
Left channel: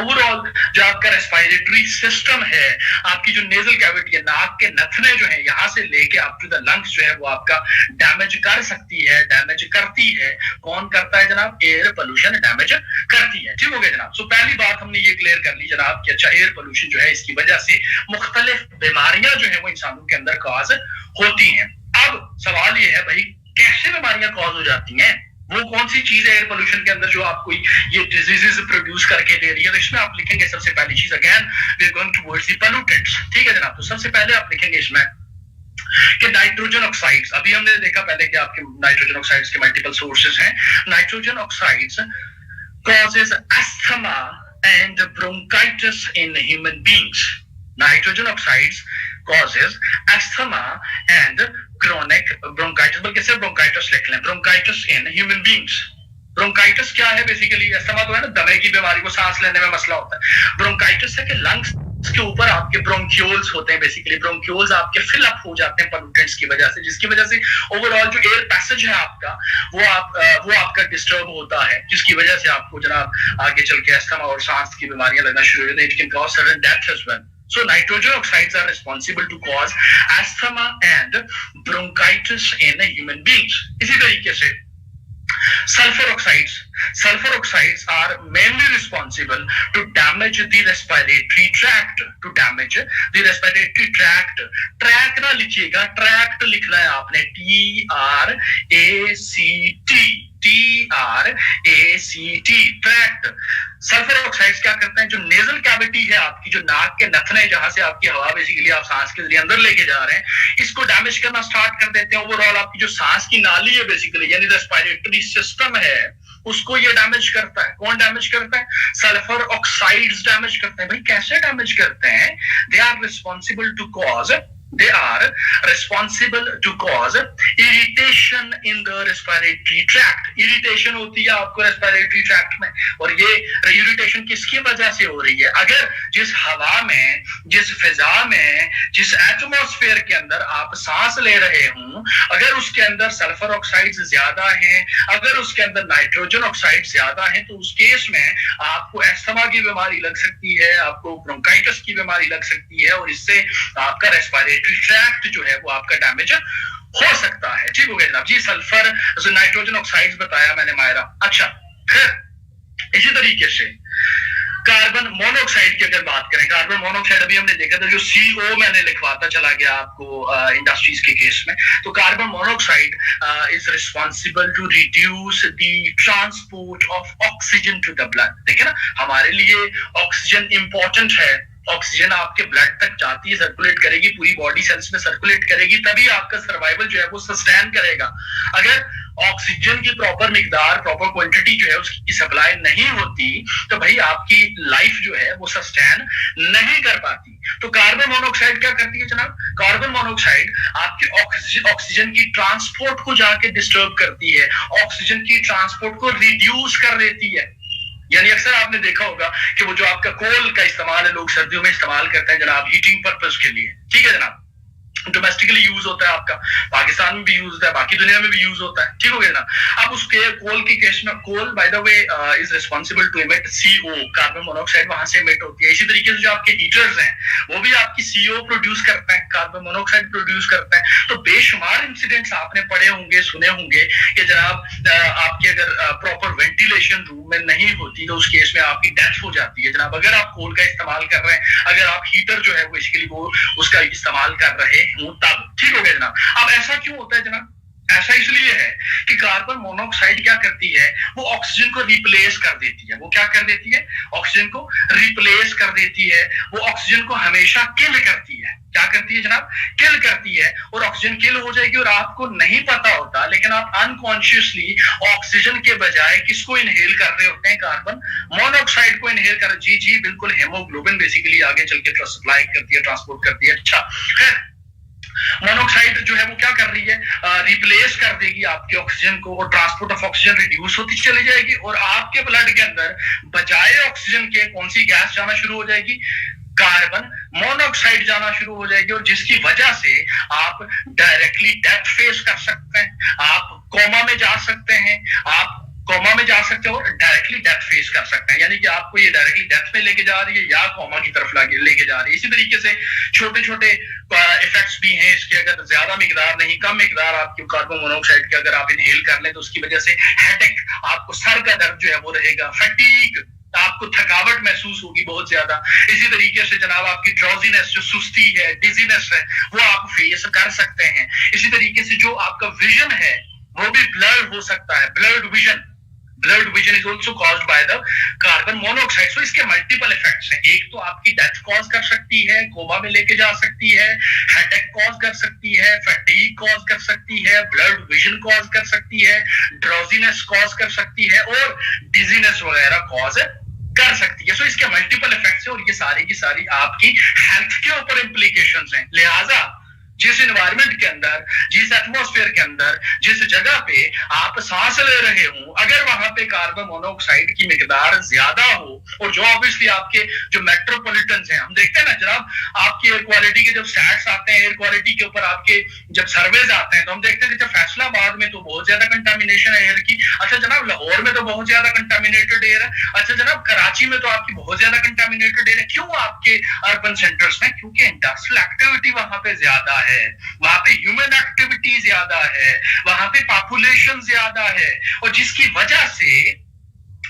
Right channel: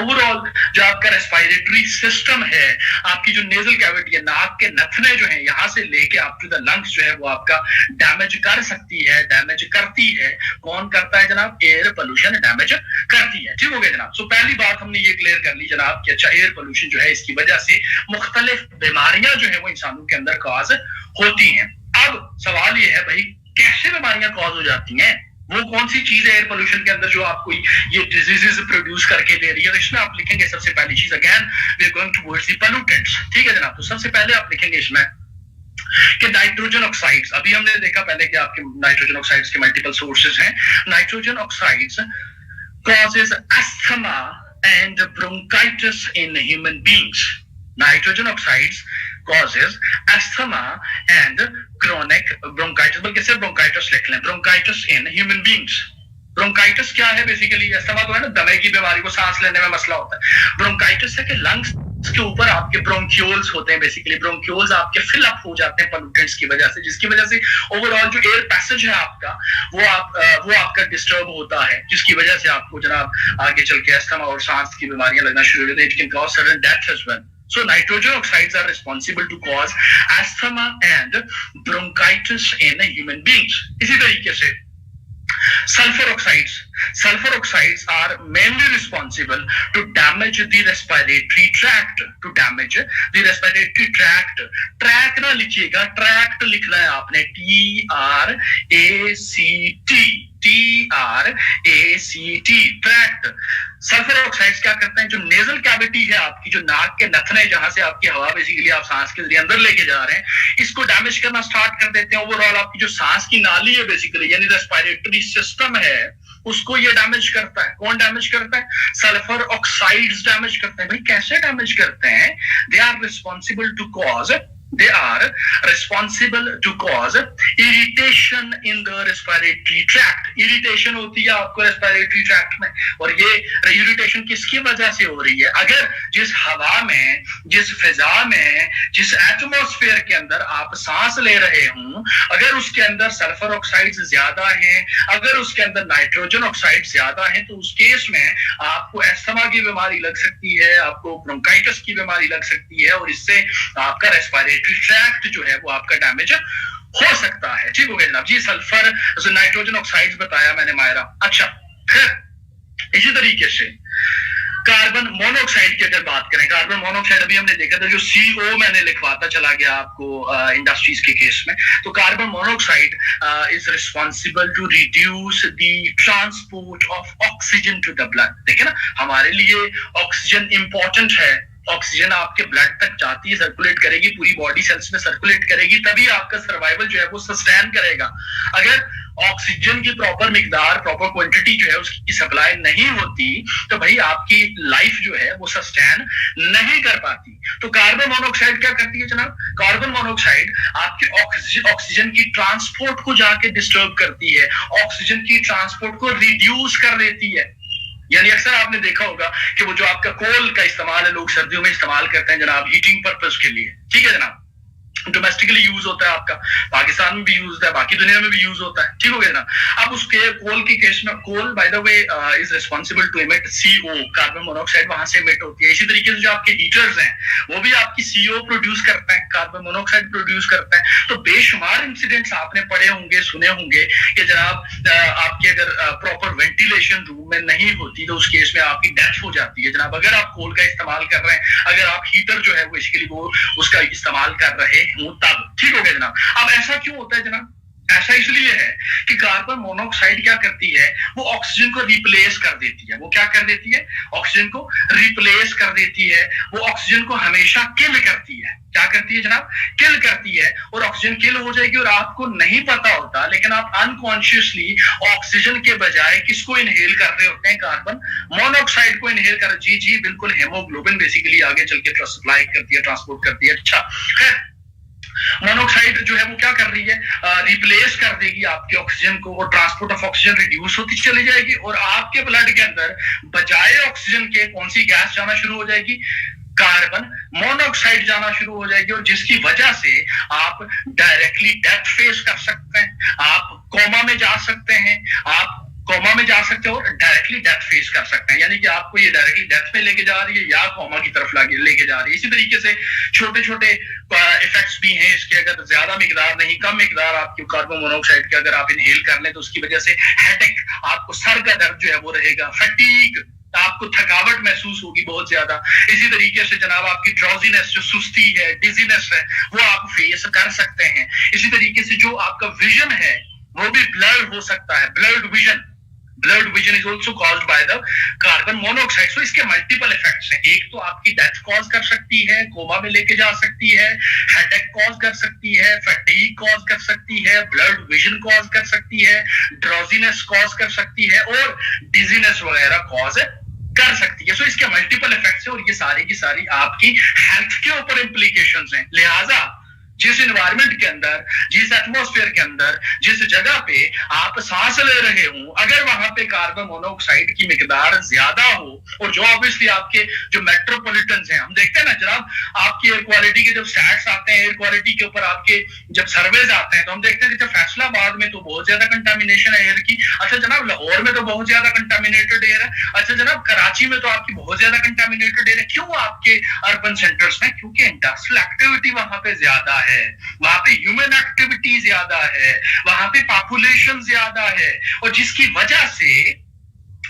overall जो आपका respiratory system है, आपकी जो nasal cavity है, नाक के नथने जो है, यहाँ से लेके आप टू द लंग्स जो है वो आपका डैमेज कर सकती है, डैमेज करती है। कौन करता है जनाब? एयर पोल्यूशन डैमेज करती है, ठीक हो गया जनाब। सो पहली बात हमने ये क्लियर कर ली जनाब कि अच्छा एयर पोल्यूशन जो है इसकी वजह से मुख्तलिफ बीमारियां जो है वो इंसानों के अंदर कॉज होती हैं। अब सवाल ये है भाई कैसे बीमारियां कॉज हो जाती हैं? वो कौन सी चीज है एयर पोल्यूशन के अंदर जो आपको ये डिजीजेस प्रोड्यूस करके दे रही है? तो इसमें आप लिखेंगे सबसे पहली चीज, again we are going towards the pollutants, ठीक है जनाब। तो सबसे पहले आप लिखेंगे इसमें कि नाइट्रोजन ऑक्साइड्स। अभी हमने देखा पहले कि आपके नाइट्रोजन ऑक्साइड्स के मल्टीपल सोर्सेज हैं। Nitrogen oxides causes asthma and bronchitis in human beings. Nitrogen oxides causes asthma and chronic bronchitis, बल्कि सिर्फ bronchitis लिख लें, bronchitis in human beings. Bronchitis क्या है? बेसिकली अस्थमा तो है ना, दमे की बीमारी को सांस लेने में मसला होता है। ब्रोंकाइटिस है कि लंग्स के ऊपर आपके ब्रोंक्यूल्स होते हैं, बेसिकली ब्रोंक्यूल्स आपके फिल अप हो जाते हैं पोल्यूटेंट्स की वजह से, जिसकी वजह से ओवरऑल जो एयर पैसेज है आपका वो आपका डिस्टर्ब होता है, जिसकी वजह से आपको जनाब आगे चल के अस्थमा और सांस की बीमारियां लगना शुरू हो जाती है। It can cause sudden death as well. So nitrogen oxides are responsible to cause asthma and bronchitis in human beings. इसी तरीके से sulfur oxides are mainly responsible to damage the respiratory tract, tract ना लिखिएगा, tract लिखना है आपने, TRACT, tract. Sulphur oxides क्या करते हैं, जो नेजल कैविटी है आपकी, जो नाक के नथने जहां से आपकी हवा बेसिकली आप सांस के जरिए अंदर लेके जा रहे हैं, इसको डैमेज करना स्टार्ट कर देते हैं। ओवरऑल आपकी जो सांस की नाली है बेसिकली, यानी रेस्पिरेटरी सिस्टम है, उसको ये डैमेज करता है। कौन डैमेज करता है? सल्फर ऑक्साइड्स डैमेज करते हैं। भाई कैसे डैमेज करते हैं? They are responsible to cause irritation in the respiratory tract. Irritation होती है आपको रेस्पिरेटरी ट्रैक्ट में, और ये इरिटेशन किसकी वजह से हो रही है? अगर जिस हवा में, जिस फिजा में, जिस एटमॉस्फेयर के अंदर आप सांस ले रहे हों, अगर उसके अंदर सल्फर ऑक्साइड्स ज्यादा हैं, अगर उसके अंदर नाइट्रोजन ऑक्साइड ज्यादा हैं, तो उस केस में आपको अस्थमा की बीमारी लग सकती है, आपको ब्रोंकाइटिस की बीमारी लग सकती है, और इससे आपका रेस्पिरेटरी ट्रैक्ट जो है वो आपका डैमेज हो सकता है। ठीक हो गया जनाब जी। सल्फर, नाइट्रोजन ऑक्साइड्स बताया मैंने मायरा। अच्छा, फिर इसी तरीके से कार्बन मोनोऑक्साइड की अगर बात करें, कार्बन मोनोऑक्साइड अभी हमने देखा था, जो CO मैंने लिखवाता चला गया आपको इंडस्ट्रीज के केस में, तो carbon monoxide is responsible to reduce the transport of oxygen to the blood. देखे ना, हमारे लिए ऑक्सीजन इंपॉर्टेंट है। ऑक्सीजन आपके ब्लड तक जाती है, सर्कुलेट करेगी, पूरी बॉडी सेल्स में सर्कुलेट करेगी, तभी आपका सर्वाइवल जो है वो सस्टेन करेगा। अगर ऑक्सीजन की प्रॉपर मिकदार, प्रॉपर क्वांटिटी जो है उसकी सप्लाई नहीं होती, तो भाई आपकी लाइफ जो है वो सस्टेन नहीं कर पाती। तो कार्बन मोनोऑक्साइड क्या करती है जनाब? कार्बन मोनोऑक्साइड आपकी ऑक्सीजन की ट्रांसपोर्ट को जाके डिस्टर्ब करती है, ऑक्सीजन की ट्रांसपोर्ट को रिड्यूस कर देती है। यानी अक्सर आपने देखा होगा कि वो जो आपका कोल का इस्तेमाल है, लोग सर्दियों में इस्तेमाल करते हैं जनाब हीटिंग पर्पस के लिए, ठीक है जनाब, डोमेस्टिकली यूज होता है, आपका पाकिस्तान में भी यूज होता है, बाकी दुनिया में भी यूज होता है। ठीक हो गया ना? अब उसके कोल की केस में, coal by the way is responsible to emit CO, carbon monoxide वहां से एमिट होती है। इसी तरीके से जो आपके हीटर्स हैं वो भी आपकी CO प्रोड्यूस करते हैं, कार्बन मोनोऑक्साइड प्रोड्यूस करते हैं। तो बेशुमार इंसिडेंट्स आपने पढ़े होंगे, सुने होंगे कि जनाब आपके अगर प्रॉपर वेंटिलेशन रूम में नहीं होती तो उस केस में आपकी डेथ हो जाती है जनाब, अगर आप कोल का इस्तेमाल कर रहे हैं, अगर आप हीटर जो है वो बेसिकली वो उसका इस्तेमाल कर रहे हैं तब। ठीक हो गया जनाब। अब ऐसा क्यों होता है जनाब? ऐसा इसलिए है कि कार्बन मोनोऑक्साइड क्या करती है, वो ऑक्सीजन को रिप्लेस कर देती है। वो क्या कर देती है? ऑक्सीजन को रिप्लेस कर देती है। वो ऑक्सीजन को हमेशा किल करती है। क्या करती है जनाब? किल करती है। और ऑक्सीजन किल हो जाएगी और आपको नहीं पता होता, लेकिन आप अनकॉन्शियसली ऑक्सीजन के बजाय किसको इनहेल कर रहे होते हैं? कार्बन मोनोऑक्साइड को इनहेल कर। जी बिल्कुल, हेमोग्लोबिन बेसिकली आगे चल के सप्लाई करती है, ट्रांसपोर्ट करती है। अच्छा, खैर मोनोऑक्साइड जो है वो क्या कर रही है? रिप्लेस कर देगी आपके ऑक्सीजन को, और ट्रांसपोर्ट ऑफ ऑक्सीजन रिड्यूस होती चली जाएगी, और आपके ब्लड के अंदर बजाय ऑक्सीजन के कौन सी गैस जाना शुरू हो जाएगी? कार्बन मोनोऑक्साइड जाना शुरू हो जाएगी, और जिसकी वजह से आप डायरेक्टली डेथ फेस कर सकते हैं, आप कोमा में जा सकते हैं, आप कोमा में जा सकते हो और डायरेक्टली डेथ फेस कर सकते हैं। यानी कि आपको ये डायरेक्टली डेथ में लेके जा रही है या कोमा की तरफ लेके जा रही है। इसी तरीके से छोटे छोटे इफेक्ट्स भी हैं इसके। अगर ज्यादा मिकदार नहीं, कम मिकदार आपकी कार्बन मोनोऑक्साइड के अगर आप इनहेल कर लें तो उसकी वजह से हेडेक, आपको सर का दर्द जो है वो रहेगा, फटीग, आपको थकावट महसूस होगी बहुत ज्यादा। इसी तरीके से जनाब आपकी ड्राउजीनेस, जो सुस्ती है, डिजीनेस है, वो आप फेस कर सकते हैं। इसी तरीके से जो आपका विजन है वो भी ब्लर्ड हो सकता है, blood vision is also caused by the carbon monoxide. So इसके मल्टीपल इफेक्ट्स हैं। एक तो आपकी डेथ कॉज कर सकती है, कोमा में लेके जा सकती है, हेडेक कॉज कर सकती है, फटीग कॉज कर सकती है, ब्लड विजन कॉज कर सकती है, ड्राउजीनेस कॉज कर सकती है, और डिजीनेस वगैरह कॉज कर सकती है। सो इसके मल्टीपल इफेक्ट्स हैं, और ये सारी की सारी आपकी हेल्थ के ऊपर इंप्लीकेशंस हैं। लिहाजा जिस एनवायरनमेंट के अंदर, जिस एटमॉस्फेयर के अंदर, जिस जगह पे आप सांस ले रहे हो, अगर वहां पे कार्बन मोनोऑक्साइड की मिकदार ज्यादा हो, और जो ऑब्वियसली आपके जो मेट्रोपॉलिटन हैं, हम देखते हैं ना जनाब, आपकी एयर क्वालिटी के जब स्टैट्स आते हैं, एयर क्वालिटी के ऊपर आपके जब सर्वेज आते हैं, तो हम देखते हैं कि जब फैसलाबाद में तो बहुत ज्यादा कंटामिनेशन है एयर की, अच्छा जनाब लाहौर में तो बहुत ज्यादा कंटामिनेटेड एयर है, अच्छा जनाब कराची में तो आपकी बहुत ज्यादा कंटामिनेटेड एयर है। क्यों आपके अर्बन सेंटर्स में? क्योंकि इंडस्ट्रियल एक्टिविटी वहां पे ज्यादा है, वहां पे ह्यूमन एक्टिविटी ज्यादा है, वहां पे पॉपुलेशन ज्यादा है, और जिसकी वजह से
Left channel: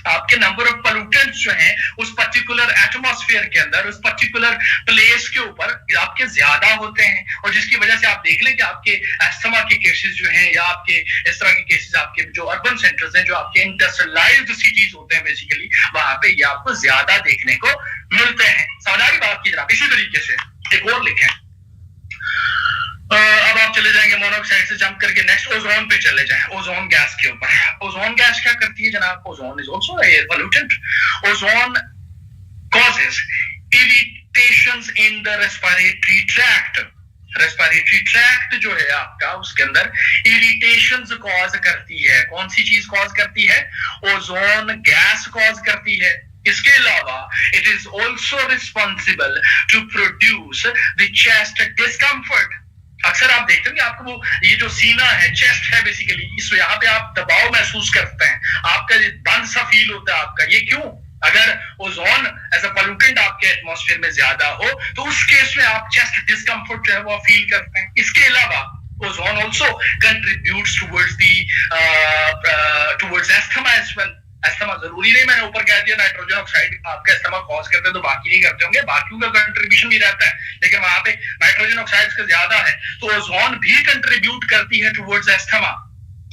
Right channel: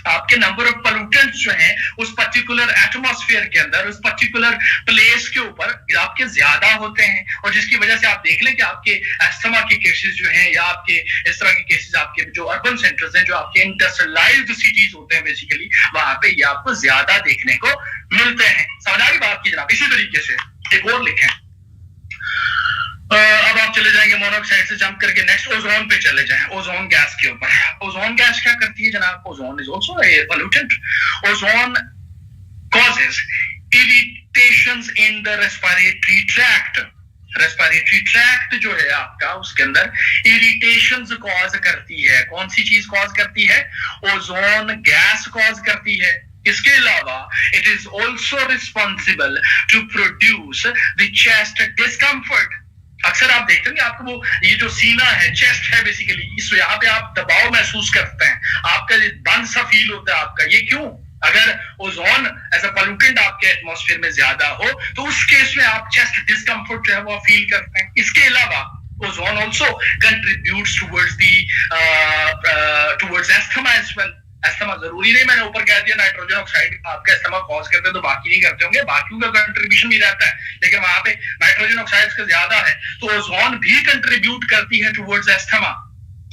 आपके नंबर ऑफ पोल्यूटेंट्स जो हैं उस पर्टिकुलर एटमॉस्फेयर के अंदर, उस पर्टिकुलर प्लेस के ऊपर आपके ज्यादा होते हैं, और जिसकी वजह से आप देख लें कि आपके अस्थमा के केसेस जो हैं, या आपके इस तरह के केसेस आपके जो अर्बन सेंटर्स हैं, जो आपके इंडस्ट्रियलाइज्ड सिटीज होते हैं बेसिकली, वहां पे ये आपको ज्यादा देखने को मिलते हैं। समझ आ रही बात की जनाब? इसी तरीके से एक और लिखें, अब आप चले जाएंगे मोनोऑक्साइड से जंप करके नेक्स्ट ओजोन पे चले जाएं, ओजोन गैस के ऊपर। ओजोन गैस क्या करती है जनाब? Ozone is also air pollutant. Ozone causes irritations in the respiratory tract. Respiratory tract जो है आपका, उसके अंदर इरिटेशंस कॉज करती है। कौन सी चीज कॉज करती है? ओजोन गैस कॉज करती है। इसके अलावा it is also responsible to produce the chest discomfort. अक्सर आप देखते हैं कि आपको वो ये जो सीना है, चेस्ट है बेसिकली, इस यहाँ पे आप दबाव महसूस करते हैं, आपका बंद सा फील होता है आपका। ये क्यों? अगर ओजोन एज अ पोल्यूटेंट आपके एटमॉस्फेयर में ज्यादा हो, तो उस केस में आप चेस्ट डिस्कम्फर्ट जो है वो फील करते हैं। इसके अलावा ozone also contributes towards asthma as well. Asthma जरूरी नहीं, मैंने ऊपर कह दिया नाइट्रोजन ऑक्साइड आपका अस्थमा कॉज करते हैं, तो बाकी नहीं करते होंगे, बाकियों का कंट्रीब्यूशन भी रहता है, लेकिन वहां पे नाइट्रोजन ऑक्साइड का ज्यादा है, तो ओजोन भी कंट्रीब्यूट करती है टुवर्ड्स अस्थमा।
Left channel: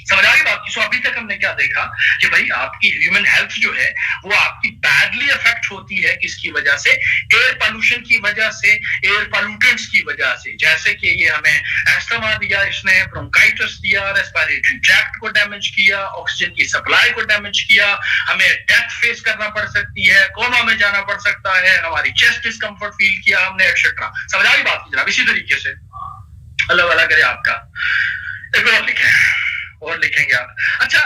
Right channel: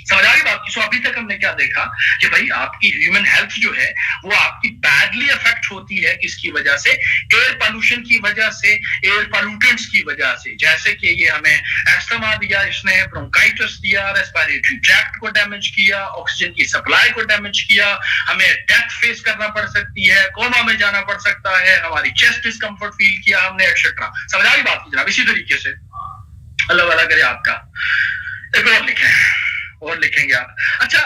समझ आ रही बात की? सो अभी तक हमने क्या देखा कि भाई आपकी ह्यूमन हेल्थ जो है वो आपकी बैडली अफेक्ट होती है, किसकी वजह से? एयर पोल्यूशन की वजह से, एयर पोल्यूटेंट्स की वजह से। जैसे कि ये हमें अस्थमा दिया, इसने ब्रोंकाइटिस दिया, रेस्पिरेटरी ट्रैक्ट को डैमेज किया, ऑक्सीजन की सप्लाई को डैमेज किया, हमें डेथ फेस करना पड़ सकती है, कोमा में जाना पड़ सकता है, हमारी चेस्ट डिस्कम्फर्ट फील किया हमने, एक्सेट्रा। समझ आ रही बात की जनाब? इसी तरीके से अल्लाह वाला करे आपका। एक और लिखे, और लिखेंगे आप। अच्छा,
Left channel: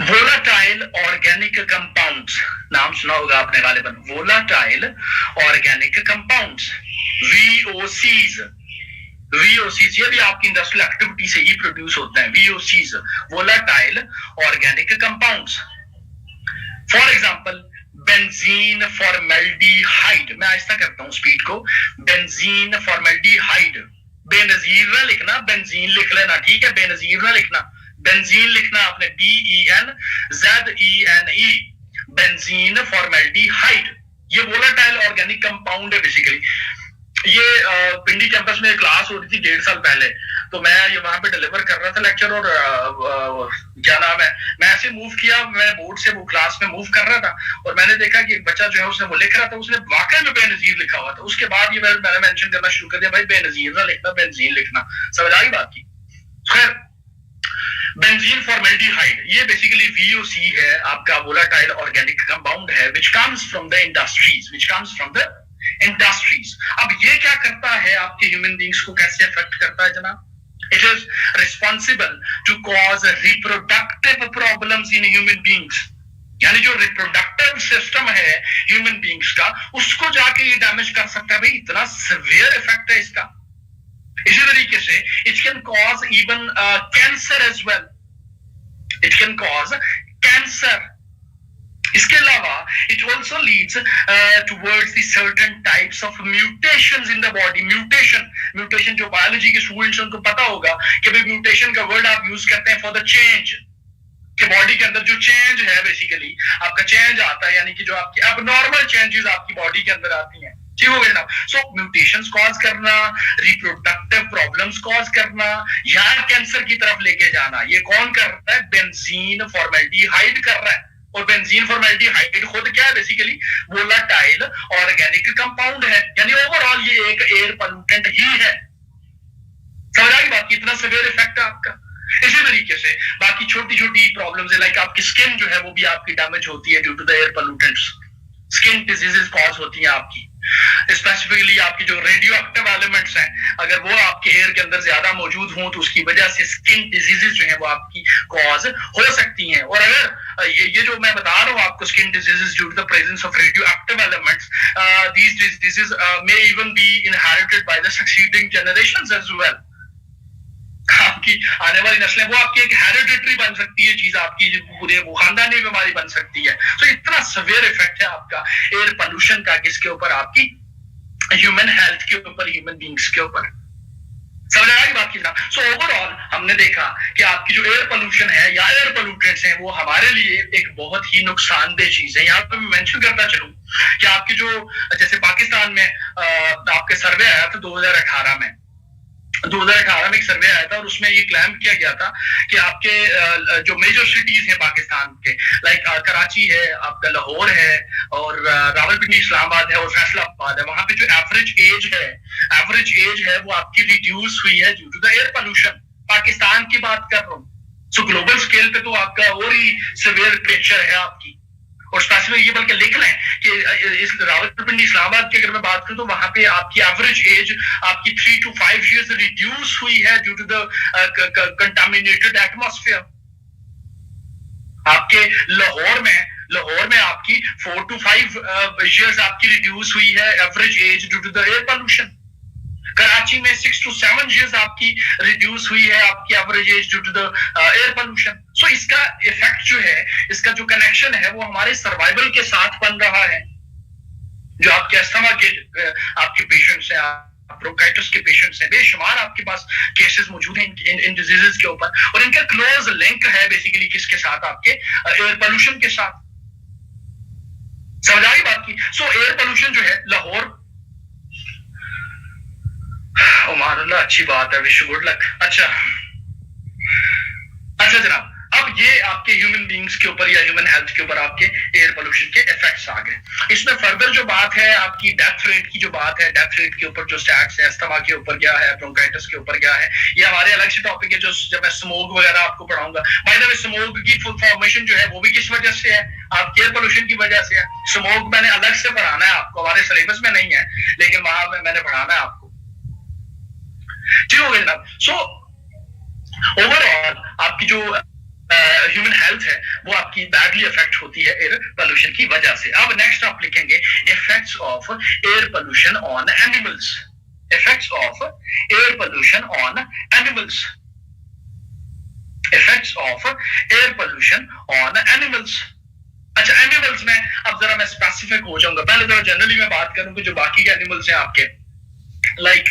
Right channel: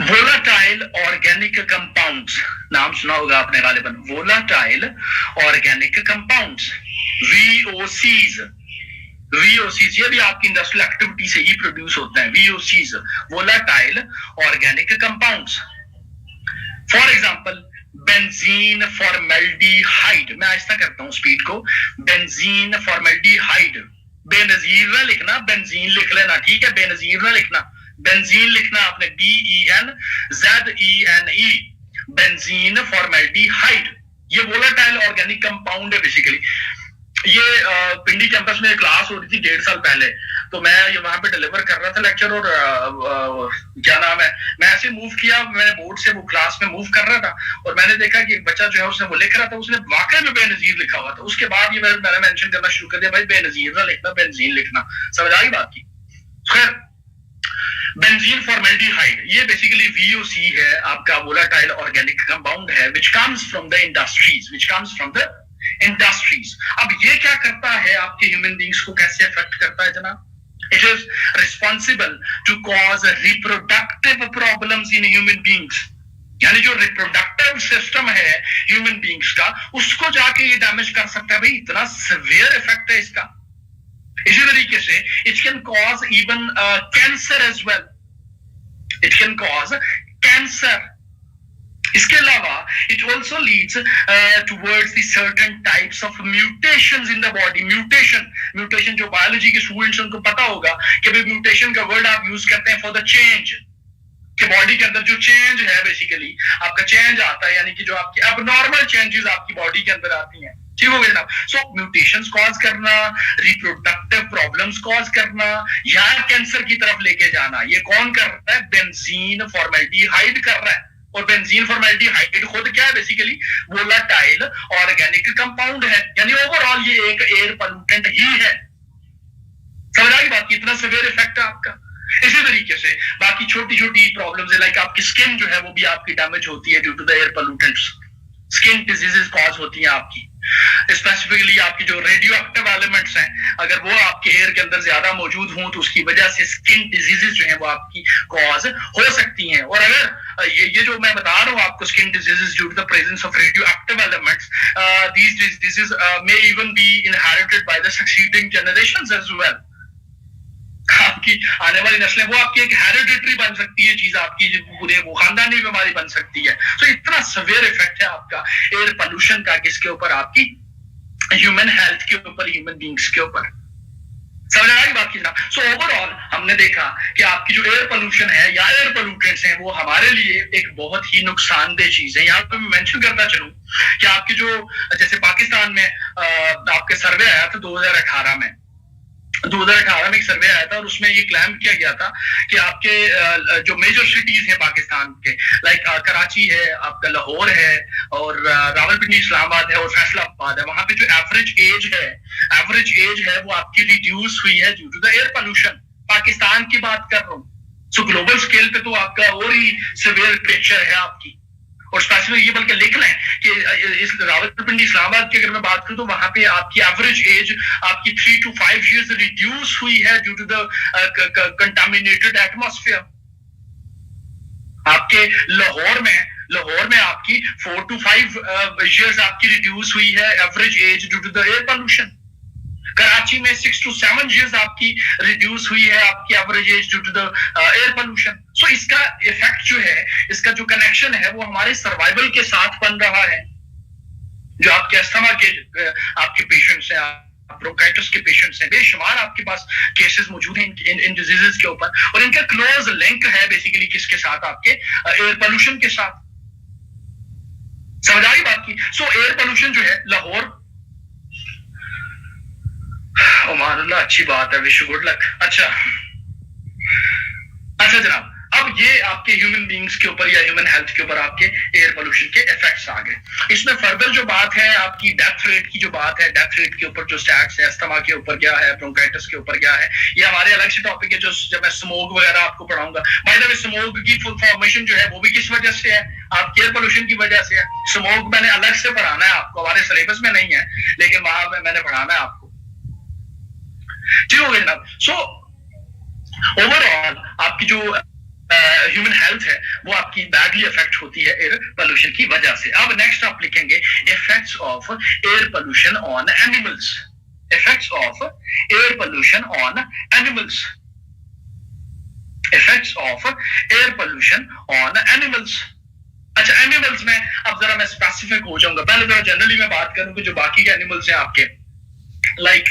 वोलाटाइल ऑर्गेनिक कंपाउंड्स, नाम सुना होगा आपने गालिबन, volatile organic compounds, VOCs। VOCs ये भी आपकी इंडस्ट्रियल एक्टिविटी से ही प्रोड्यूस होते हैं। VOCs, volatile organic compounds. For example benzene formaldehyde. मैं आहिस्ता करता हूं स्पीड को। बेंजीन फॉर्मेल्डिहाइड, बेनजीर ना लिखना, बेंजीन लिख लेना, ठीक है? बेनजीर ना लिखना, बेंजीन लिखना आपने, BENZENE, बेंजीन फॉर्मेल्डिहाइड। ये वोलेटाइल ऑर्गेनिक कंपाउंड है बेसिकली। ये पिंडी कैंपस में क्लास हो रही थी 1.5 साल पहले, तो मैं ये वहां पे डिलीवर कर रहा था लेक्चर, और क्या नाम है, मैं ऐसे मूव किया, मैं बोर्ड से वो क्लास में मूव कर रहा था, और मैंने देखा कि एक बच्चा जो है उसने वो लिख रहा था, उसने वाकई में बेनजीर लिखा हुआ था। उसके बाद ये मैंने मेंशन करना शुरू कर दिया, भाई बेनजीर ना लिखना, बेंजीन लिखना। समझ आई बात की? खैर, बेंजीन फॉर्मेल्डिहाइड ये बेसिकली VOC है, आपका वोलेटाइल ऑर्गेनिक कंपाउंड है, which comes from the industries. अब ये क्या करता है, आपके ह्यूमन बींग्स को कैसे अफेक्ट करता है जनाब? It is responsible to cause reproductive problems in human beings. यानी जो रिप्रोडक्टिव सिस्टम है ह्यूमन बींग्स का, उसको जाके ये डैमेज कर सकता है। भाई इतना सिवियर इफेक्ट है इसका। इसी तरीके से it can cause even cancer as well. It can cause cancer. इसके अलावा it also leads towards the certain types of mutations in the body. Mutation जो बायोलॉजी के स्टूडेंट्स उनको पता होगा कि भाई म्यूटेशन का वर्ड आप यूज करते हैं फॉर द चेंज, कि बॉडी के अंदर जो चेंज है बेसिकली आपका चेंज आता है, यानी कि जो आपकी अबनॉर्मल चेंजेस आपकी बॉडी के अंदर आती हैं, ठीक हो गया ना? सो म्यूटेशंस कॉज करना, रिप्रोडक्टिव प्रॉब्लम्स कॉज करना, या कैंसर की तरफ लेके जाना, ये कौन कर रहा है? बेंजीन फॉर्मेल्डिहाइड कर रहा है। और बेंजीन फॉर्मेल्डिहाइड खुद क्या है? बेसिकली वोलेटाइल ऑर्गेनिक कंपाउंड है, यानी ओवरऑल ये एक एयर पोल्यूटेंट ही है। समझ आई बात? इतना सिवियर इफेक्ट है आपका। इसी तरीके से बाकी छोटी छोटी प्रॉब्लम्स है, लाइक आपकी स्किन जो है वो भी आपकी डैमेज होती है due to the air pollutants. Skin diseases cause होती हैं आपकी। स्पेसिफिकली आपकी जो रेडियो एक्टिव एलिमेंट्स हैं, अगर वो आपके हेयर के अंदर ज्यादा मौजूद हों तो उसकी वजह से स्किन डिजीजेस जो है वो आपकी कॉज हो सकती हैं। और अगर ये जो मैं बता रहा हूँ आपको skin diseases due to the presence of radioactive elements, these diseases may even be inherited by the succeeding generations as well. आपकी आने वाली नस्लें वो आपकी एक हेरिडिटरी बन सकती है चीज, आपकी पूरे वो खानदानी बीमारी बन सकती है। तो इतना सवेयर इफेक्ट है आपका एयर पोल्यूशन का किसके ऊपर, आपकी ह्यूमन हेल्थ के ऊपर, ह्यूमन बींग्स के ऊपर। समझ आ रही बात की जनाब? सो ओवरऑल हमने देखा कि आपकी जो एयर पोल्यूशन है या एयर पोल्यूटेंट्स हैं वो हमारे लिए एक बहुत ही नुकसानदेह चीज है। यहाँ पे मैं मेंशन करता चलूं कि आपकी जो जैसे पाकिस्तान में आपके सर्वे आया था 2018 में, 2018 में एक सर्वे आया था और उसमें ये क्लेम किया गया था कि आपके जो मेजर सिटीज हैं पाकिस्तान के, लाइक कराची है, आपका लाहौर है और रावलपिंडी इस्लामाबाद है और फैसलाबाद है, वहां पे जो एवरेज एज है वो आपकी रिड्यूस हुई है due to the air pollution. Pakistan की बात कर रहा हूँ। सो ग्लोबल स्केल पे तो आपका और ही सिवियर पिक्चर है आपकी। और स्पेसिफिक ये बल्कि लिख लें कि इस रावलपिंडी इस्लामाबाद की अगर मैं बात करूं तो वहां पे आपकी एवरेज एज आपकी 3 to 5 years रिड्यूस हुई है due to the contaminated atmosphere. आपके लाहौर में आपकी 4 to 5 years आपकी रिड्यूस हुई है average age due to the air pollution. Karachi में 6 to 7 years आपकी रिड्यूस हुई है आपकी average age due to the air pollution. So इसका इफेक्ट जो है, इसका जो कनेक्शन है वो हमारे सर्वाइवल के साथ बन रहा है। जो आपके अस्थमा के आपके पेशेंट्स हैं, ब्रोंकाइटिस के पेशेंट्स हैं, बेशुमार आपके पास केसेस मौजूद हैं इन डिजीजेस के ऊपर, और इनका क्लोज लिंक है बेसिकली किसके साथ, आपके एयर पोल्यूशन के साथ। समझ आई बात की? सो एयर पोल्यूशन जो है लाहौर, ओमानुल्लाह अच्छी बात है, विश गुड लक। अच्छा जनाब, अब ये आपके ह्यूमन बींग्स के ऊपर या ह्यूमन हेल्थ के ऊपर आपके एयर पोल्यूशन के इफेक्ट्स आ गए। इसमें फर्दर जो बात है आपकी डेथ रेट की, जो बात है डेथ रेट के ऊपर जो स्टैट्स है, अस्थमा के ऊपर क्या है, ब्रोंकाइटिस के ऊपर क्या है, ये हमारे अलग से टॉपिक है जो जब मैं स्मोक वगैरह आपको पढ़ाऊंगा। बाय द वे स्मोक की फुल फॉर्मेशन जो है वो भी किस वजह से है, आपके एयर पोल्यूशन की वजह से है। स्मोक मैंने अलग से पढ़ाना है आपको, हमारे सिलेबस में नहीं है लेकिन वहां मैंने पढ़ाना है आपको, ठीक हो गया जनाब? सो ओवरऑल आपकी जो ह्यूमन हेल्थ है वो आपकी बैडली इफेक्ट होती है एयर पोल्यूशन की वजह से। अब नेक्स्ट आप लिखेंगे effects of air pollution on animals. Effects of air pollution on animals. Effects of air pollution on animals. अच्छा, एनिमल्स में अब जरा मैं स्पेसिफिक हो जाऊंगा। पहले जरा जनरली मैं बात करूं कि जो बाकी के एनिमल्स हैं आपके, लाइक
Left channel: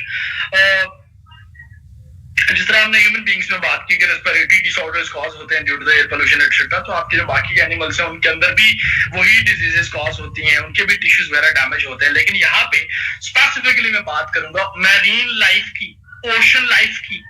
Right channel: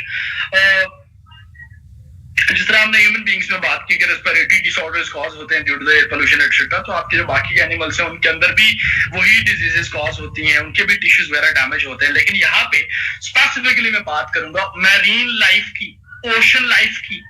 जिस तरह हमने ह्यूमन बींग्स में बात की कि रेस्पिरेटरी डिसऑर्डर्स कॉज होते हैं due to the air pollution etcetera, तो आपके जो बाकी एनिमल्स हैं उनके अंदर भी वही डिजीजेस कॉज होती हैं, उनके भी टिश्यूज वगैरह डैमेज होते हैं। लेकिन यहाँ पे स्पेसिफिकली मैं बात करूंगा मैरीन लाइफ की, ओशन लाइफ की,